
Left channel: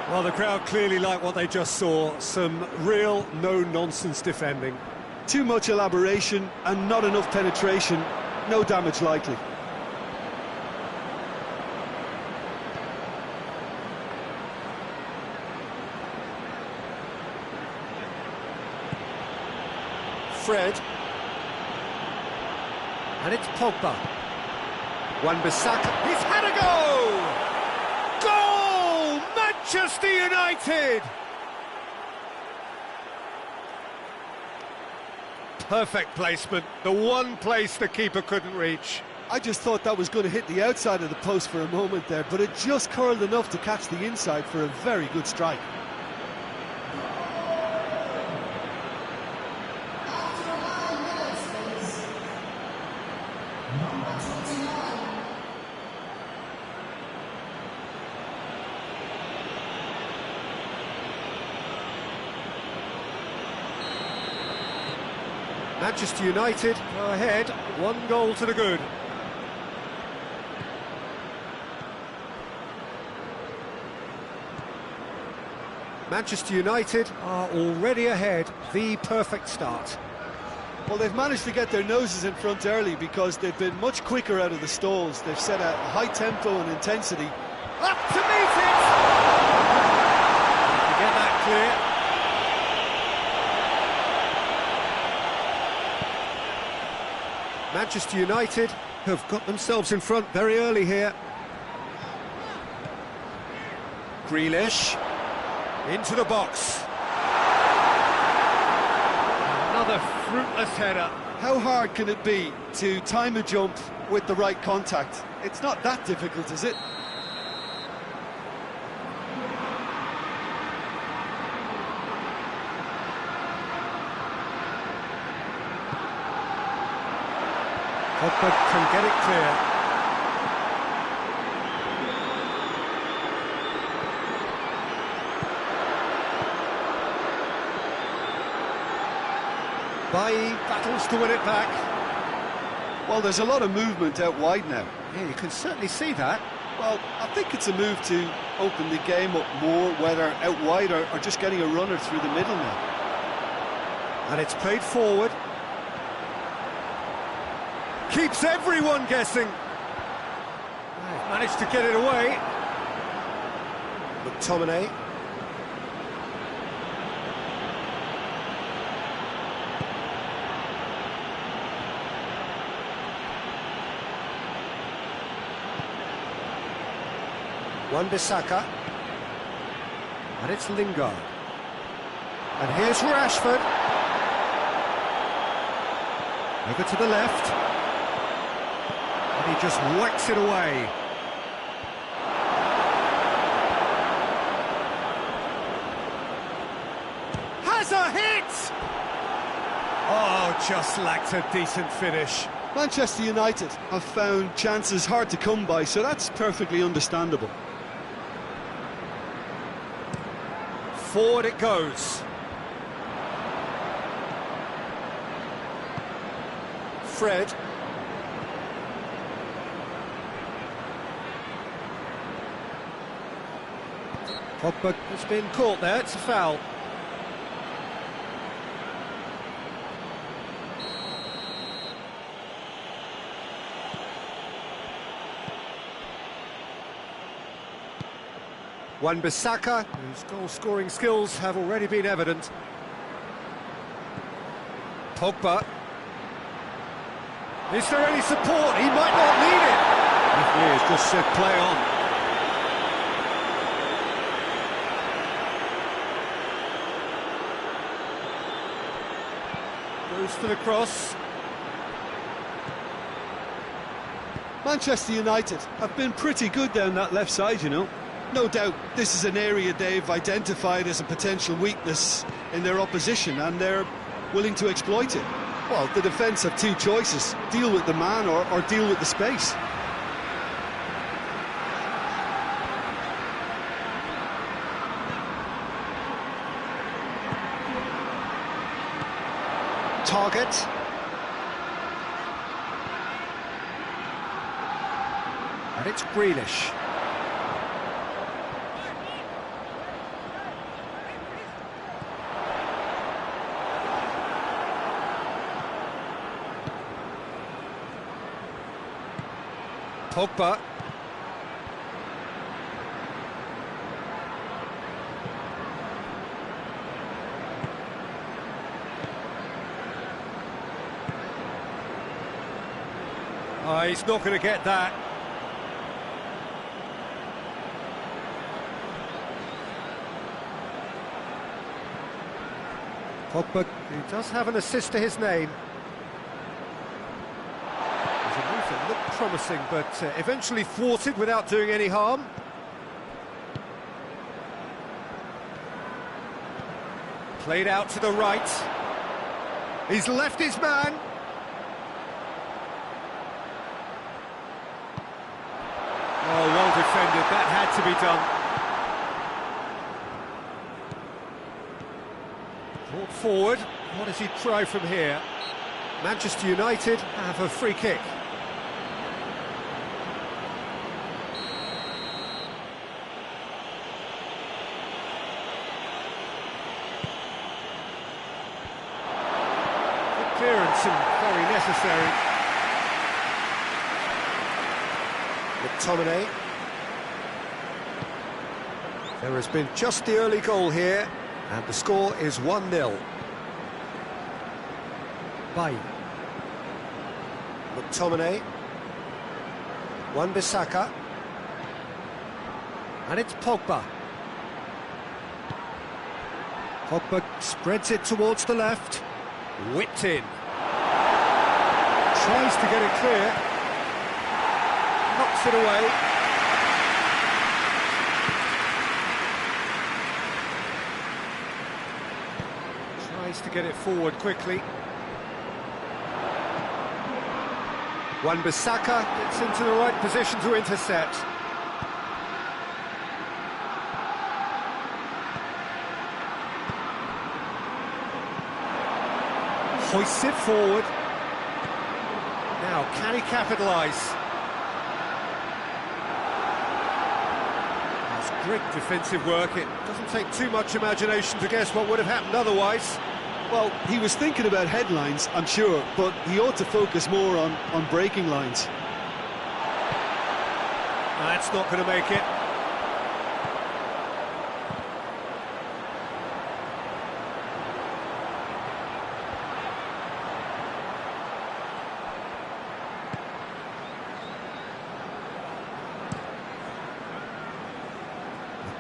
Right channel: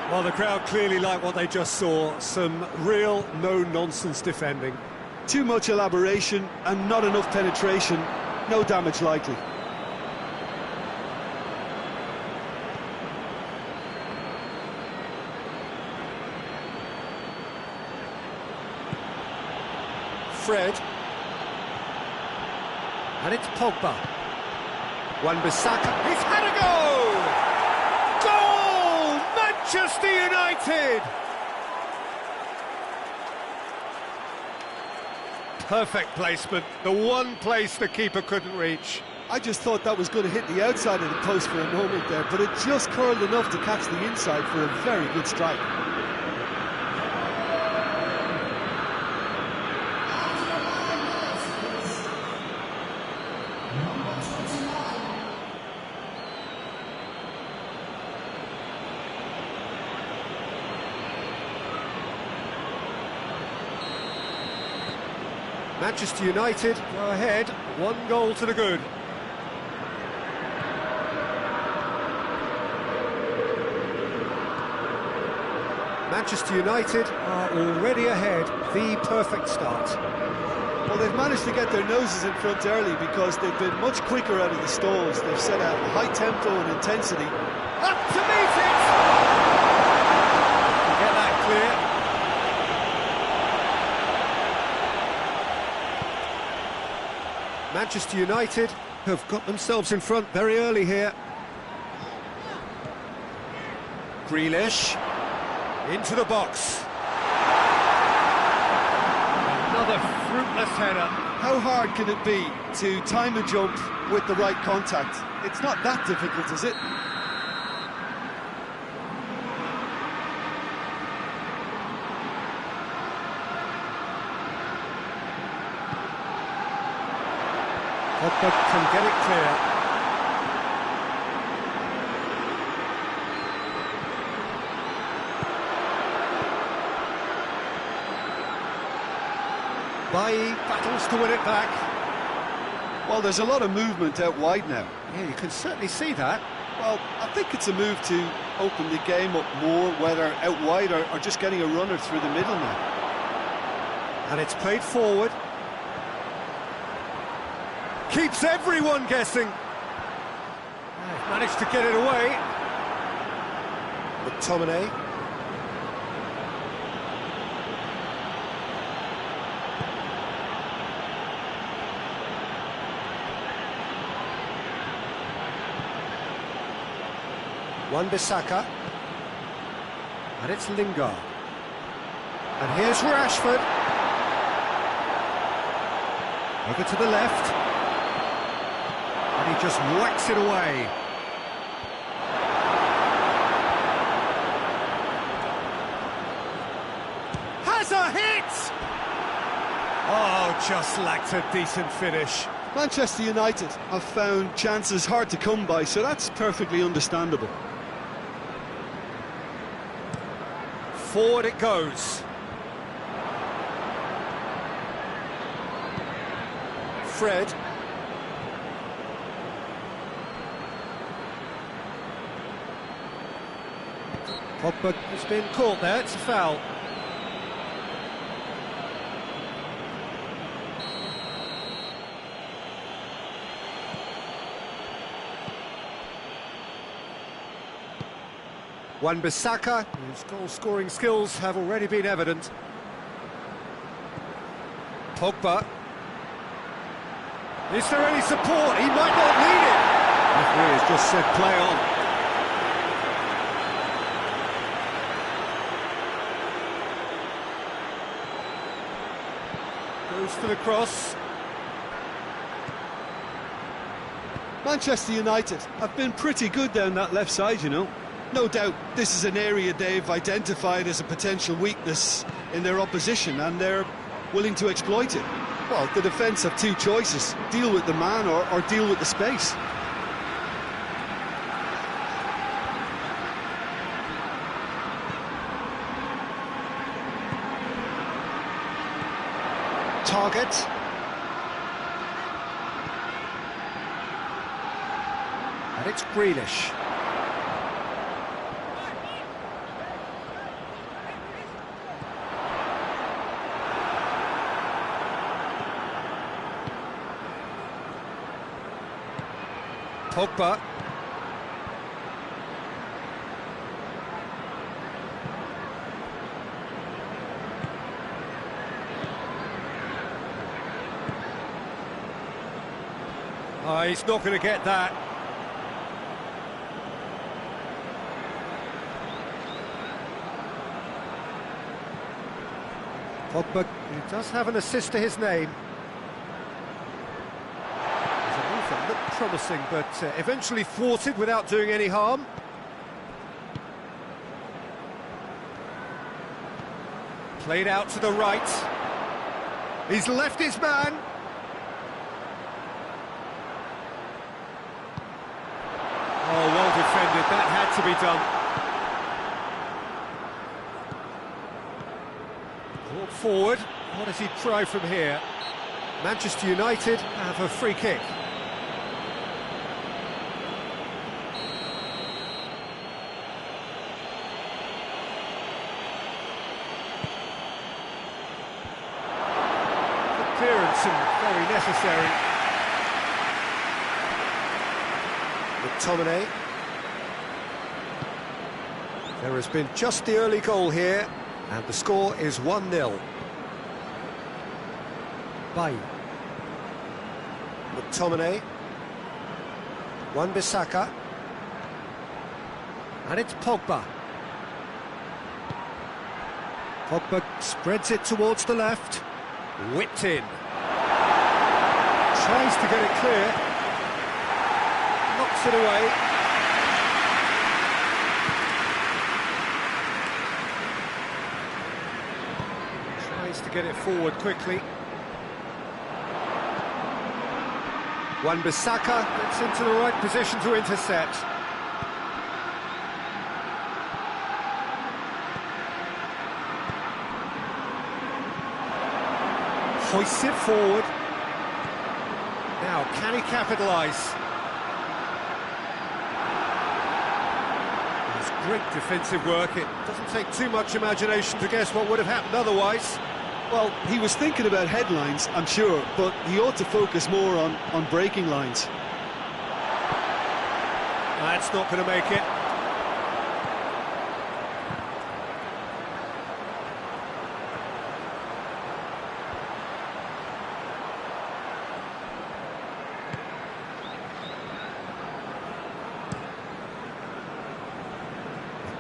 Well, the crowd clearly like what they just saw. Some real no-nonsense defending. Too much elaboration and not enough penetration. No damage likely. Fred. And it's Pogba. Wan-Bissaka. He's had a go! Goal! Manchester United! Perfect placement, the one place the keeper couldn't reach. I just thought that was going to hit the outside of the post for a moment there, but it just curled enough to catch the inside for a very good strike. Manchester United go ahead, 1 goal to the good. Manchester United are already ahead, the perfect start. Well, they've managed to get their noses in front early because they've been much quicker out of the stalls. They've set a high tempo and intensity. Up to meet it! To get that clear. Manchester United have got themselves in front very early here. Grealish into the box. Another fruitless header. How hard can it be to time a jump with the right contact? It's not that difficult, is it? Pogba can get it clear. Bailly battles to win it back. Well, there's a lot of movement out wide now. Yeah, you can certainly see that. Well, I think it's a move to open the game up more, whether out wide or just getting a runner through the middle now. And it's played forward. Keeps everyone guessing. They've managed to get it away. McTominay. Wan-Bissaka. And it's Lingard. And here's Rashford. Over to the left. And he just whacks it away. Has a hit! Oh, just lacked a decent finish. Manchester United have found chances hard to come by, so that's perfectly understandable. Forward it goes. Fred. Pogba has been caught there, it's a foul. Wan-Bissaka, whose goal-scoring skills have already been evident. Pogba. Is there any support? He might not need it. The referee has just said play on. Goes for the cross. Manchester United have been pretty good down that left side, you know. No doubt this is an area they've identified as a potential weakness in their opposition, and they're willing to exploit it. Well, the defence have two choices: deal with the man or deal with the space. Target. And it's Grealish. Pogba. Oh, he's not going to get that. Pogba, who does have an assist to his name. There's a move that looked promising, but eventually thwarted without doing any harm. Played out to the right. He's left his man. Oh, well defended. That had to be done. Brought forward. What does he try from here? Manchester United have a free kick. Could clearance and very necessary. McTominay. There has been just the early goal here, and the score is 1-0. Bailly. McTominay. Wan-Bissaka. And it's Pogba. Pogba spreads it towards the left. Whipped in. Tries to get it clear. Knocks it away. Tries to get it forward quickly. Wan-Bissaka gets into the right position to intercept. Hoists it forward. Now, can he capitalise? That's great defensive work. It doesn't take too much imagination to guess what would have happened otherwise. Well, he was thinking about headlines, I'm sure, but he ought to focus more on breaking lines. That's not going to make it.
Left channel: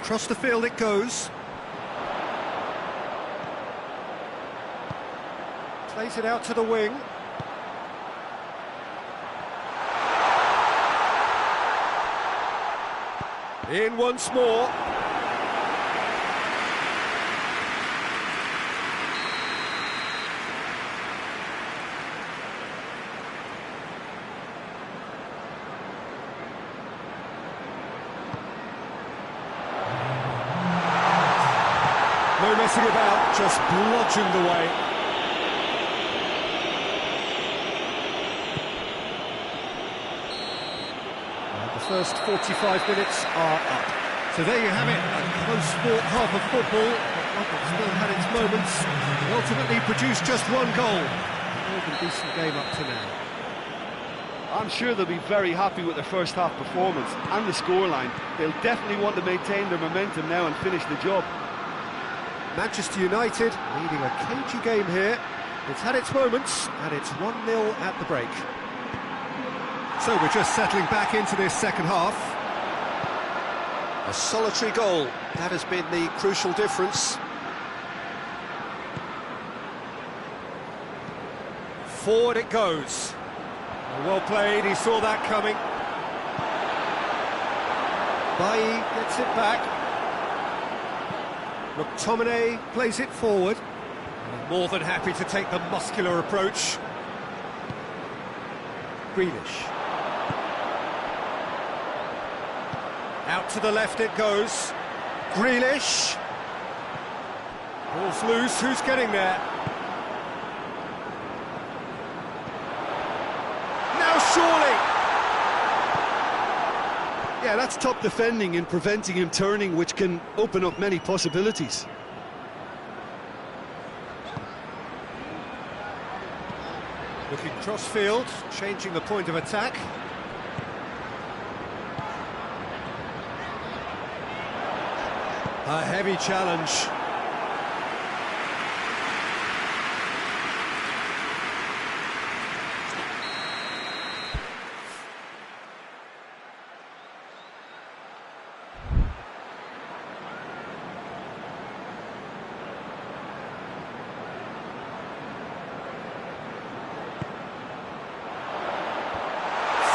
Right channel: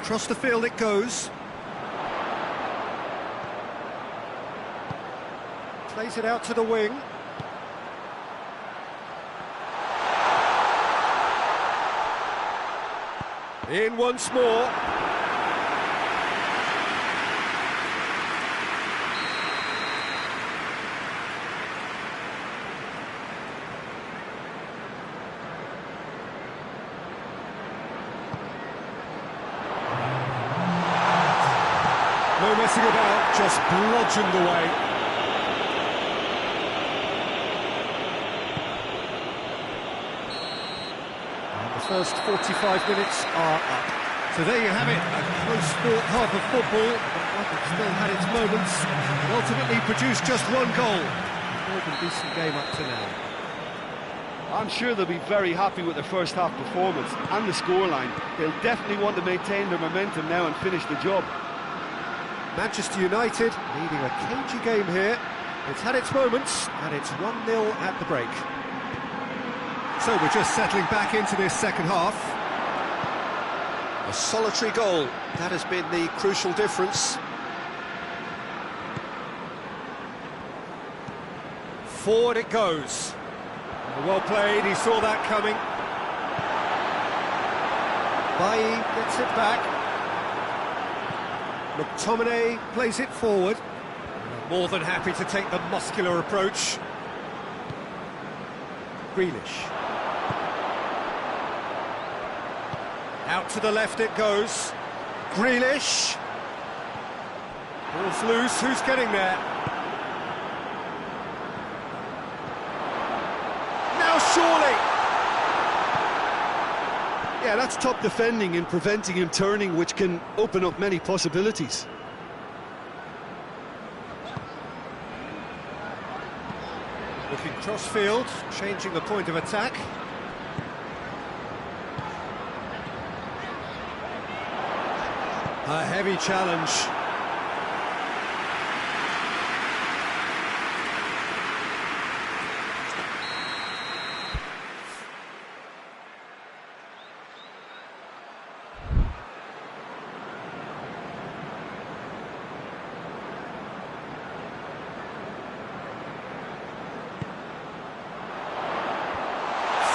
Across the field it goes. Plays it out to the wing. In once more. No messing about, just bludgeoned away. And the first 45 minutes are up. So there you have it, a close-fought half of football, but like it still had its moments. It ultimately produced just one goal. A more than decent game up to now. I'm sure they'll be very happy with their first half performance and the scoreline. They'll definitely want to maintain their momentum now and finish the job. Manchester United leading a cagey game here. It's had its moments, and it's 1-0 at the break. So we're just settling back into this second half. A solitary goal, that has been the crucial difference. Forward it goes. Well played, he saw that coming. Bailly gets it back. McTominay plays it forward. More than happy to take the muscular approach. Grealish. Out to the left it goes. Grealish. Ball's loose, who's getting there? Now surely! Yeah, that's top defending and preventing him turning, which can open up many possibilities. Looking cross-field, changing the point of attack. A heavy challenge.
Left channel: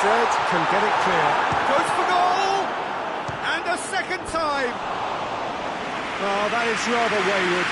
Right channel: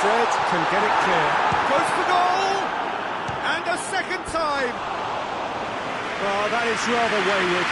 Fred can get it clear. Goes for goal! And a second time! Oh, that is rather wayward.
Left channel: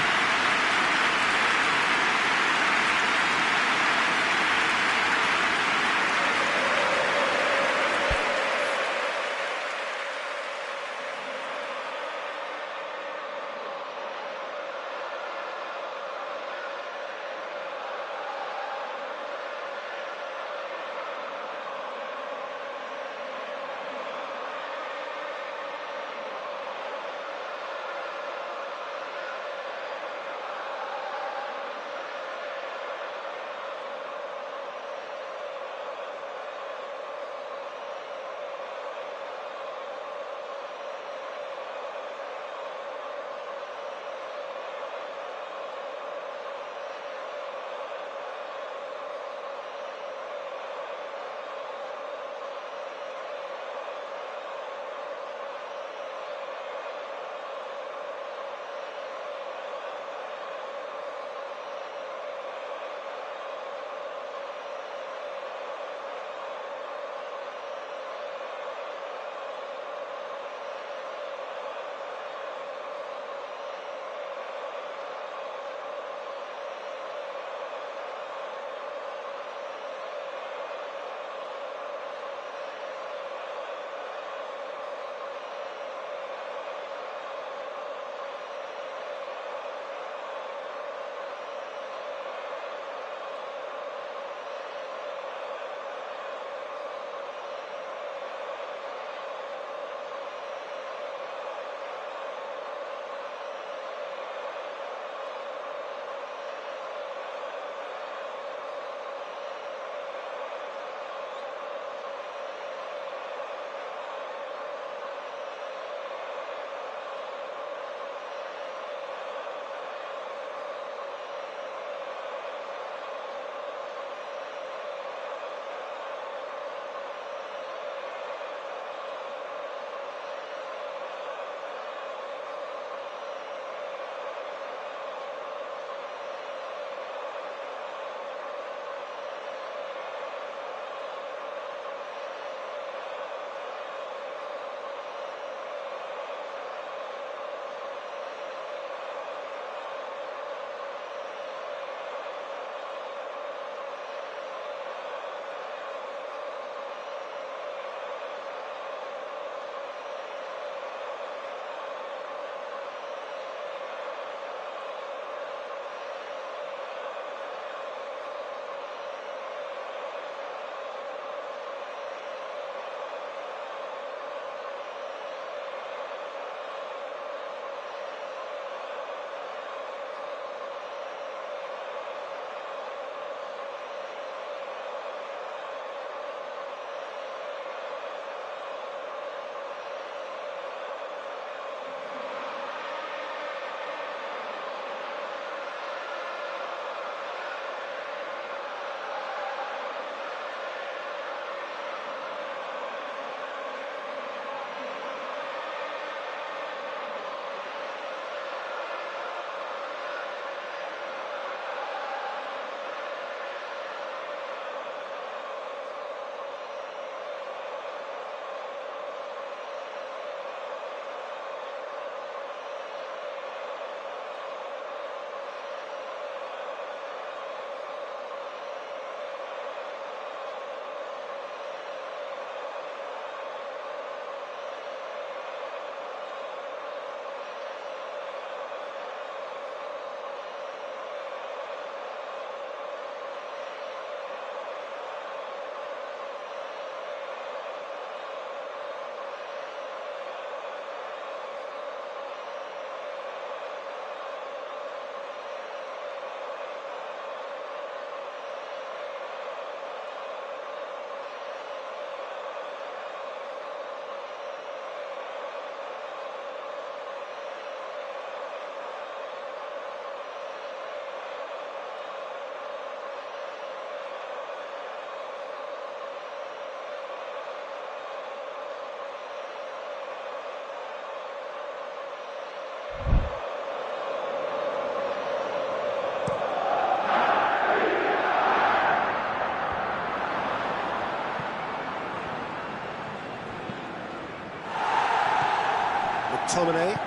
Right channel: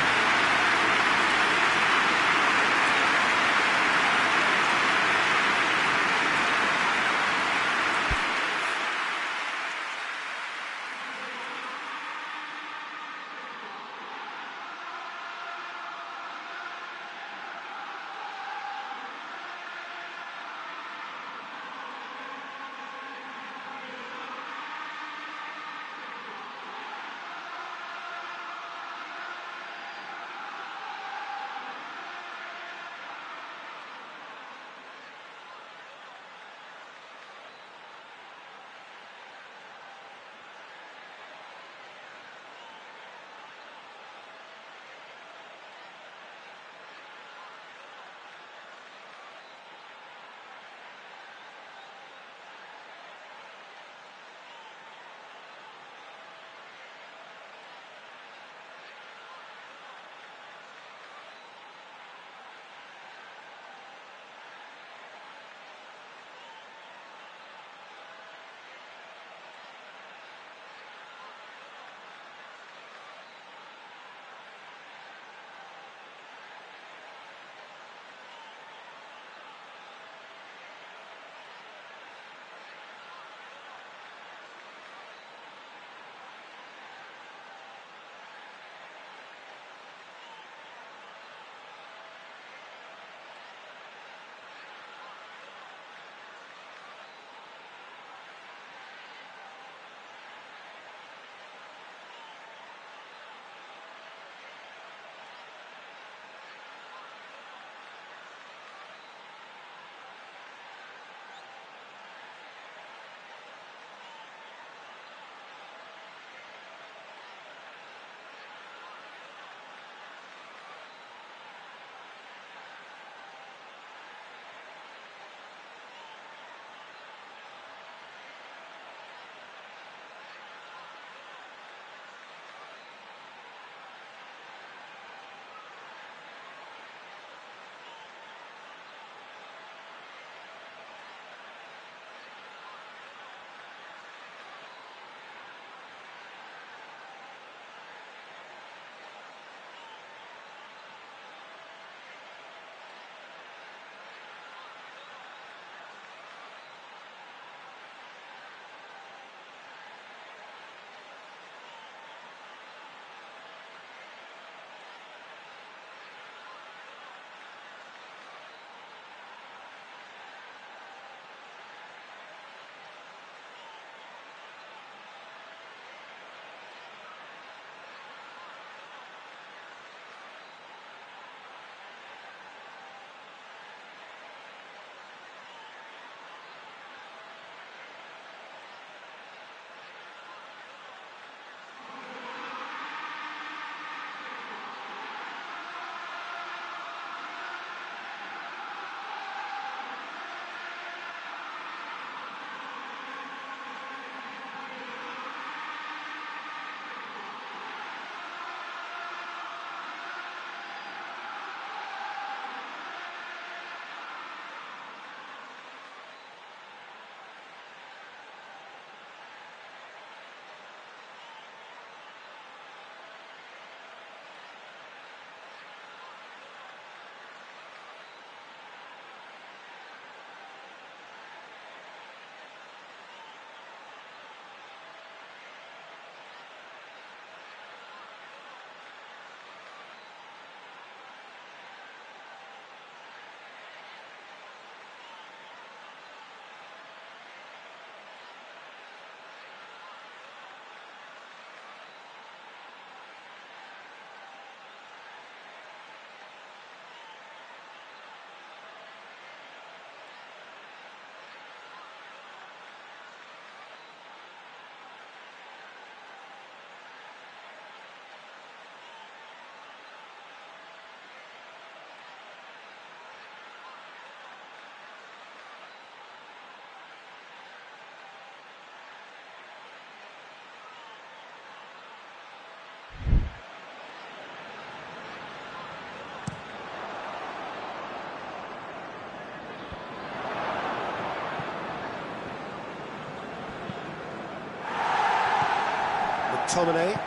McTominay.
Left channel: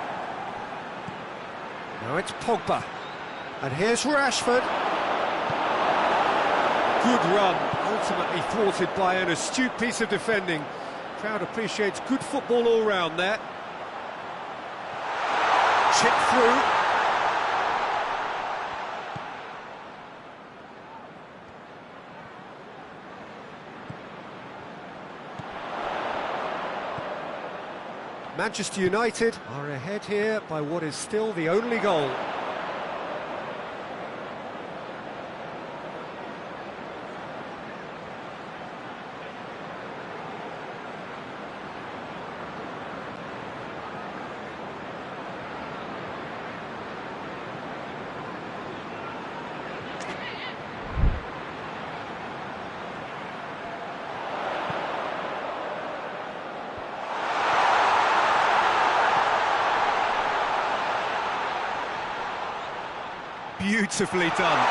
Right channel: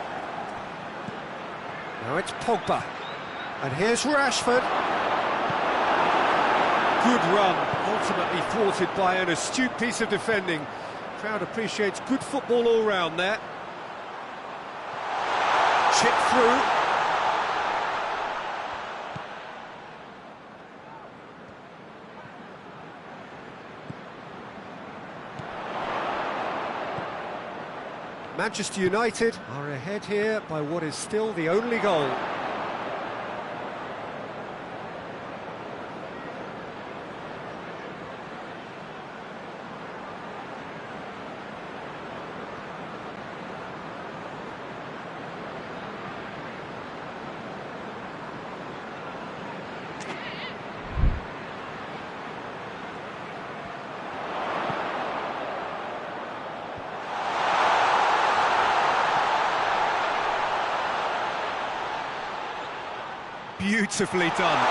Now it's Pogba. And here's Rashford. Good run, ultimately thwarted by an astute piece of defending. Crowd appreciates good football all round there. Chip through. Manchester United are ahead here by what is still the only goal. Beautifully done.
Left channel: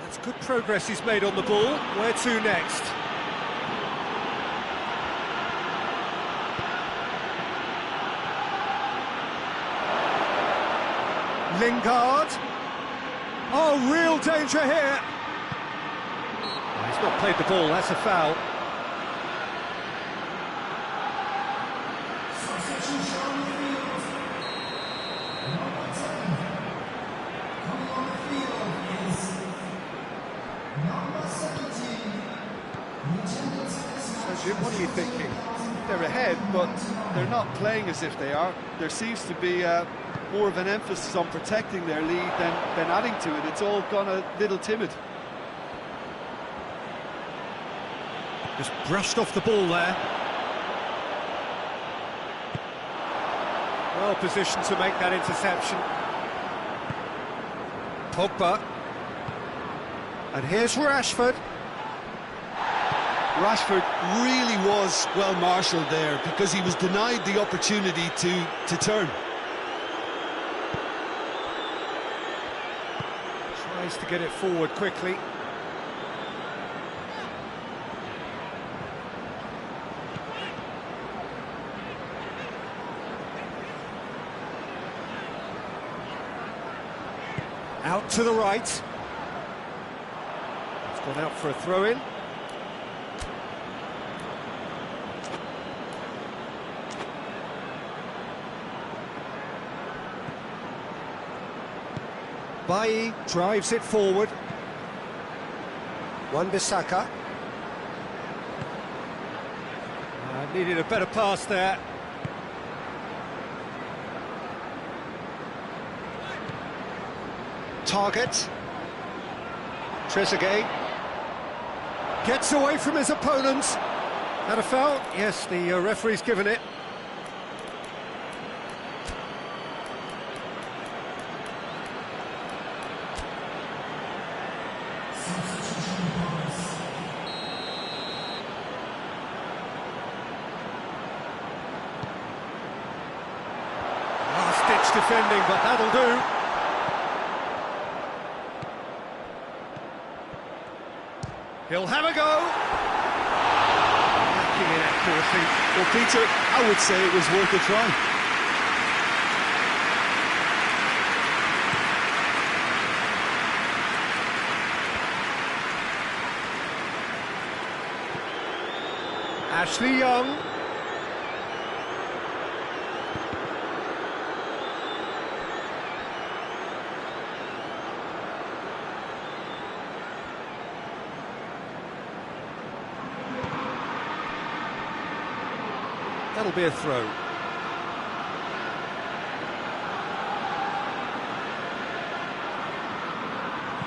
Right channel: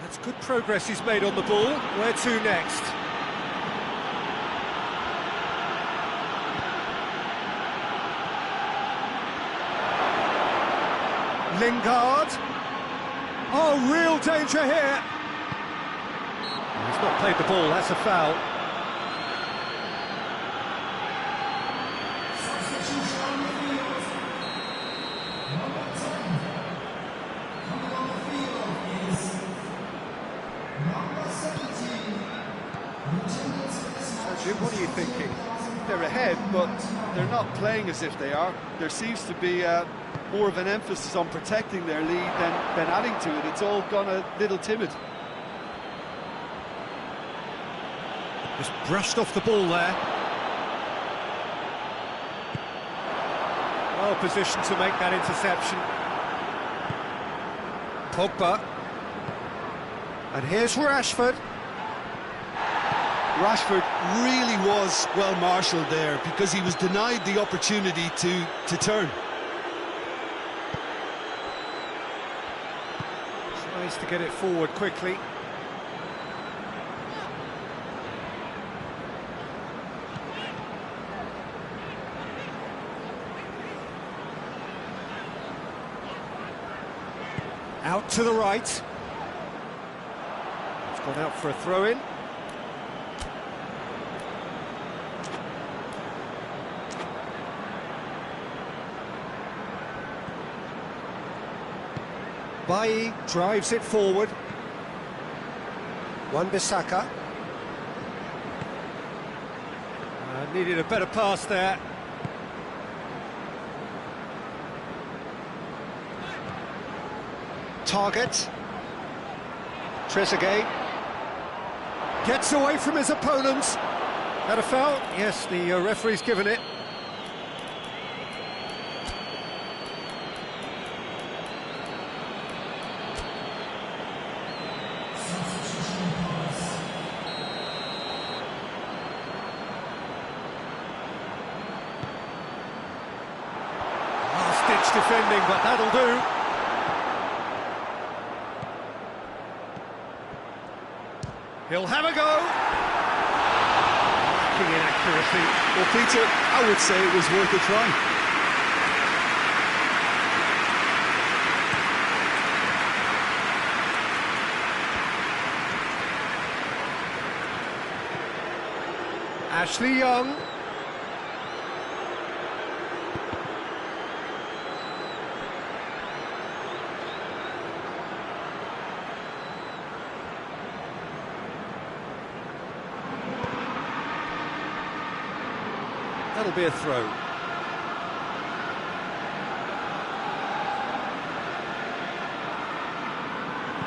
That's good progress he's made on the ball. Where to next? Lingard. Oh, real danger here. Oh, he's not played the ball, that's a foul. Jim, what are you thinking? They're ahead, but they're not playing as if they are. There seems to be more of an emphasis on protecting their lead than adding to it. It's all gone a little timid. Just brushed off the ball there. Well positioned to make that interception. Pogba. And here's Rashford. Rashford really was well marshalled there because he was denied the opportunity to turn. Tries to get it forward quickly. Out to the right. It's gone out for a throw-in. Bailly drives it forward. Wan-Bissaka. Needed a better pass there. Target. Trezeguet. Gets away from his opponents. Had a foul? Yes, the referee's given it. Last-ditch defending, but that'll do. He'll have a go. Lacking in accuracy. Well, Peter, I would say it was worth a try. Ashley Young. That'll be a throw.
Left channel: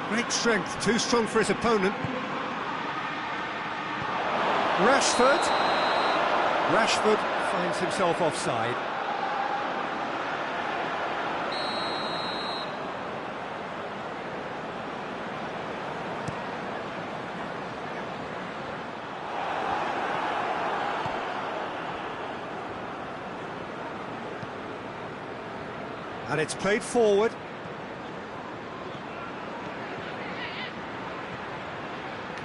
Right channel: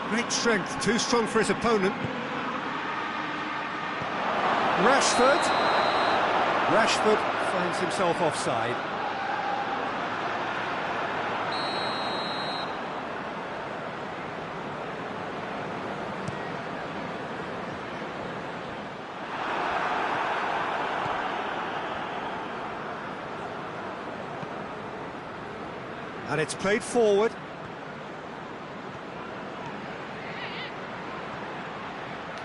Great strength, too strong for his opponent. Rashford. Rashford finds himself offside. And it's played forward.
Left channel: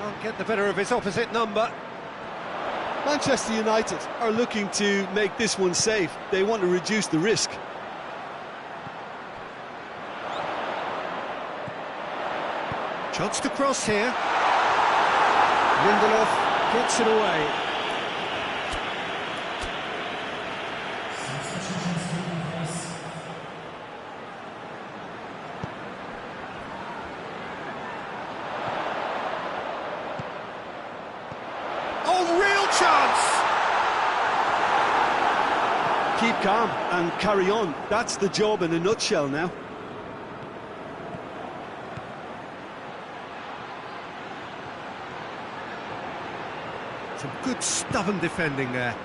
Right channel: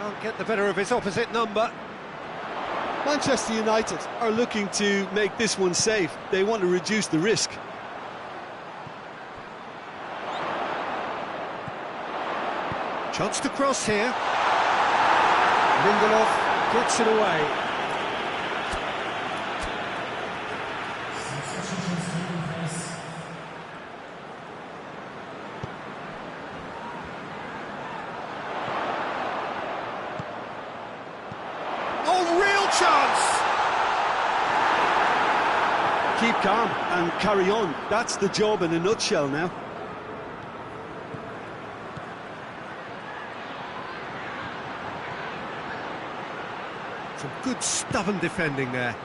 Can't get the better of his opposite number. Manchester United are looking to make this one safe. They want to reduce the risk. Chance to cross here. Lindelof gets it away. Oh, real chance! Keep calm and carry on. That's the job in a nutshell now. Some good stubborn defending there.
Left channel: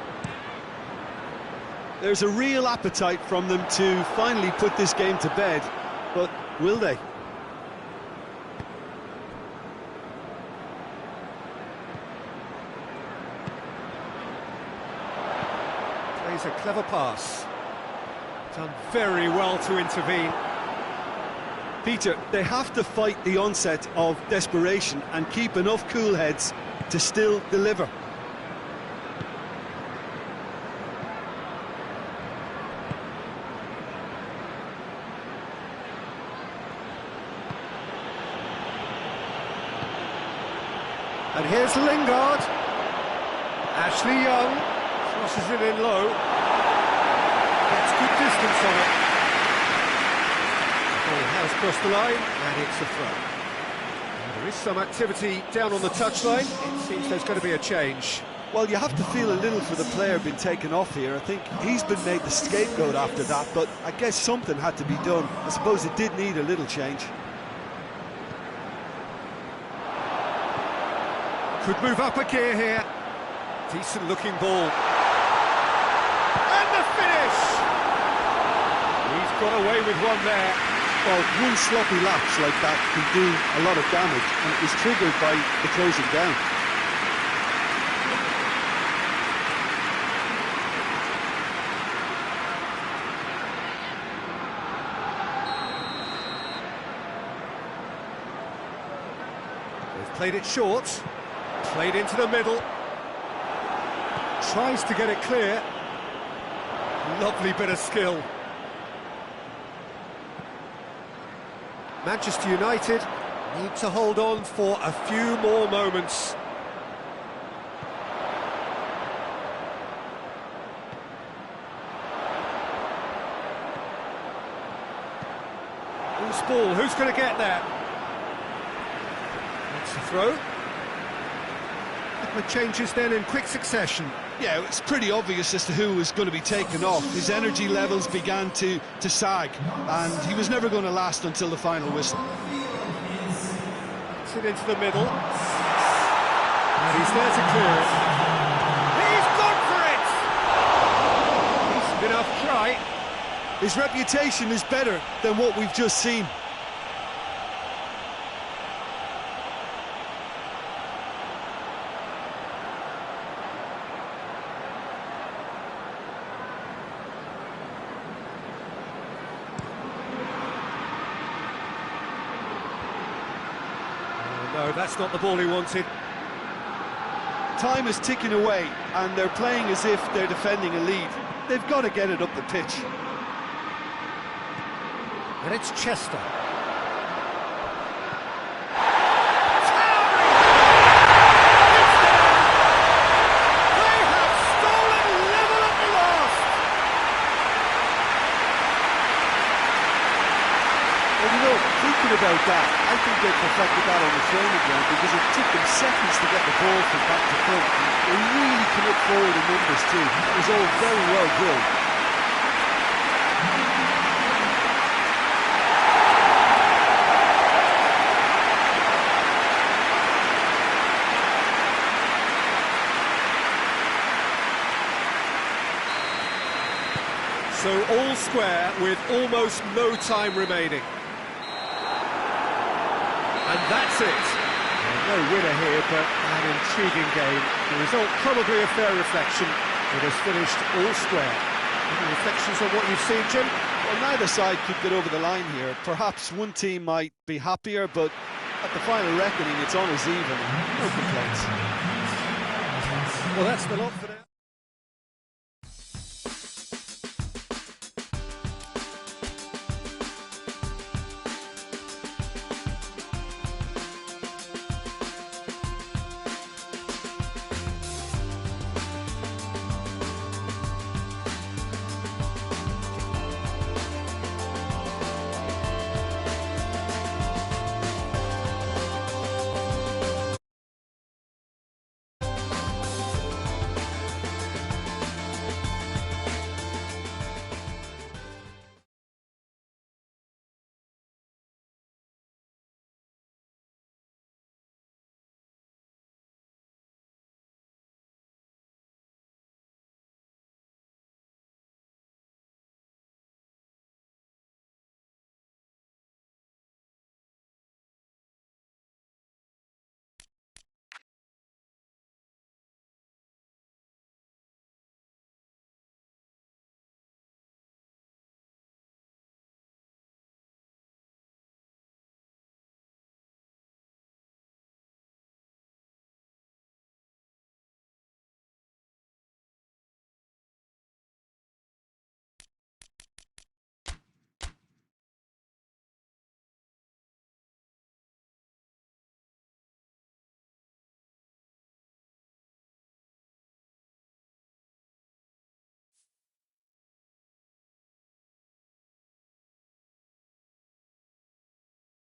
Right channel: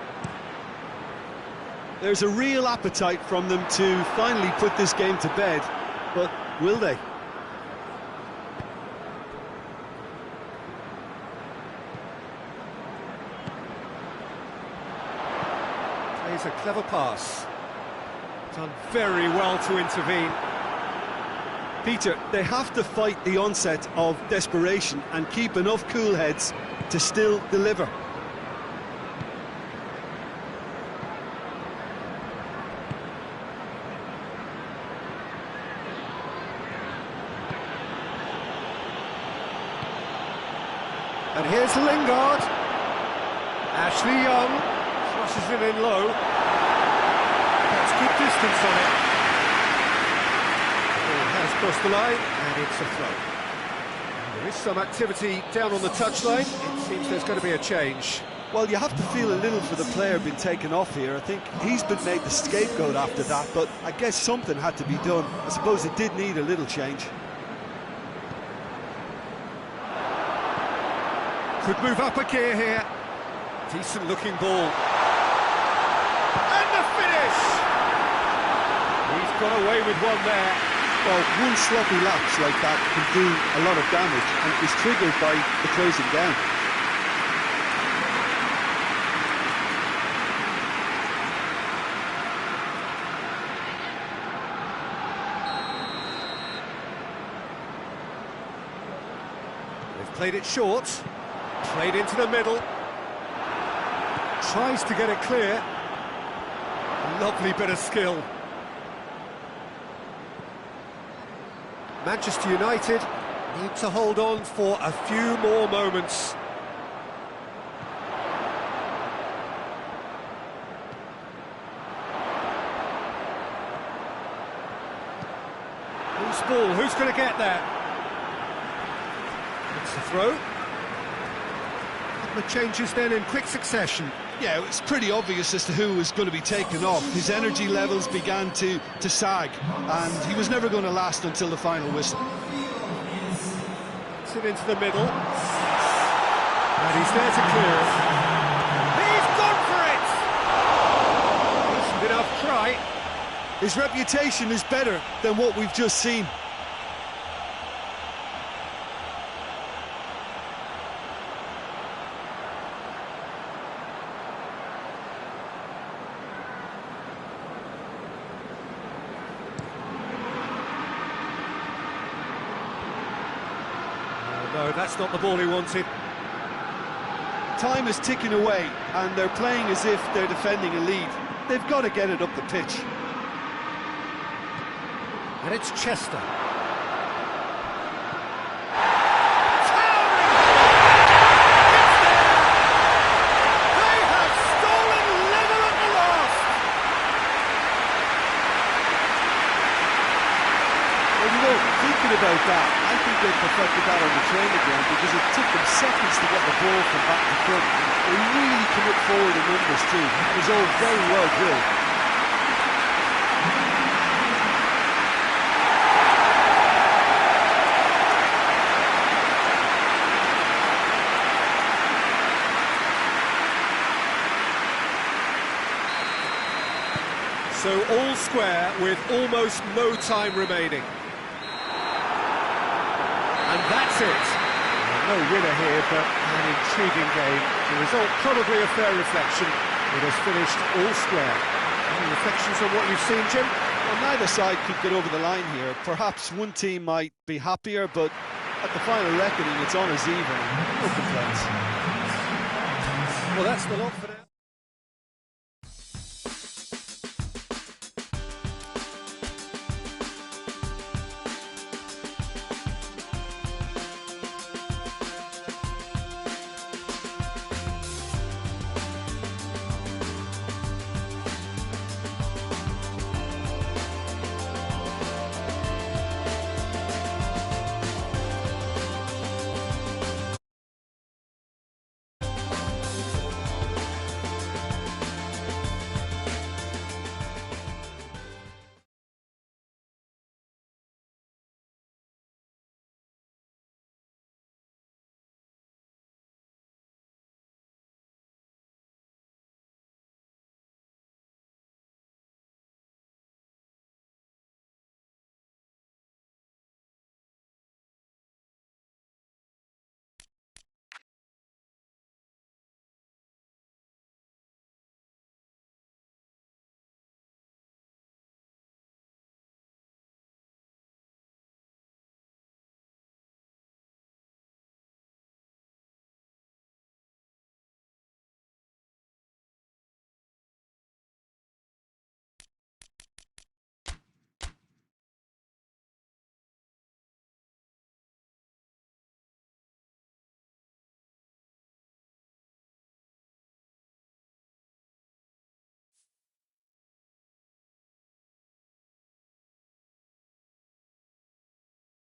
There's a real appetite from them to finally put this game to bed, but will they? Plays a clever pass. Done very well to intervene. Peter, they have to fight the onset of desperation and keep enough cool heads to still deliver. And here's Lingard. Ashley Young crosses it in low. Gets good distance on it. The ball has crossed the line, and it's a throw. And there is some activity down on the touchline. It seems there's going to be a change. Well, you have to feel a little for the player being taken off here. I think he's been made the scapegoat after that, but I guess something had to be done. I suppose it did need a little change. Could move up a gear here. Decent looking ball. And the finish! He's got away with one there. Well, one sloppy lapse like that can do a lot of damage, and it was triggered by the closing down. They've played it short. Played into the middle. Tries to get it clear. Lovely bit of skill. Manchester United need to hold on for a few more moments. Who's ball? Who's going to get there? That's a throw. Couple of changes then in quick succession. Yeah, it's pretty obvious as to who was going to be taken off. His energy levels began to sag, and he was never going to last until the final whistle. Gets it into the middle. And he's there to clear it. He's gone for it! Decent enough try. His reputation is better than what we've just seen. No, that's not the ball he wanted. Time is ticking away, and they're playing as if they're defending a lead. They've got to get it up the pitch. And it's Chester. Well, you know, thinking about that, I think they perfected that on the training ground because it took them seconds to get the ball from back to front. And they really commit forward in numbers too. It was all very well drilled. So all square with almost no time remaining. And that's it. Well, no winner here, but an intriguing game. The result probably a fair reflection. It has finished all square. Any reflections on what you've seen, Jim? Well, neither side could get over the line here. Perhaps one team might be happier, but At the final reckoning, it's honours even, and no complaints. Well, that's the lot for now.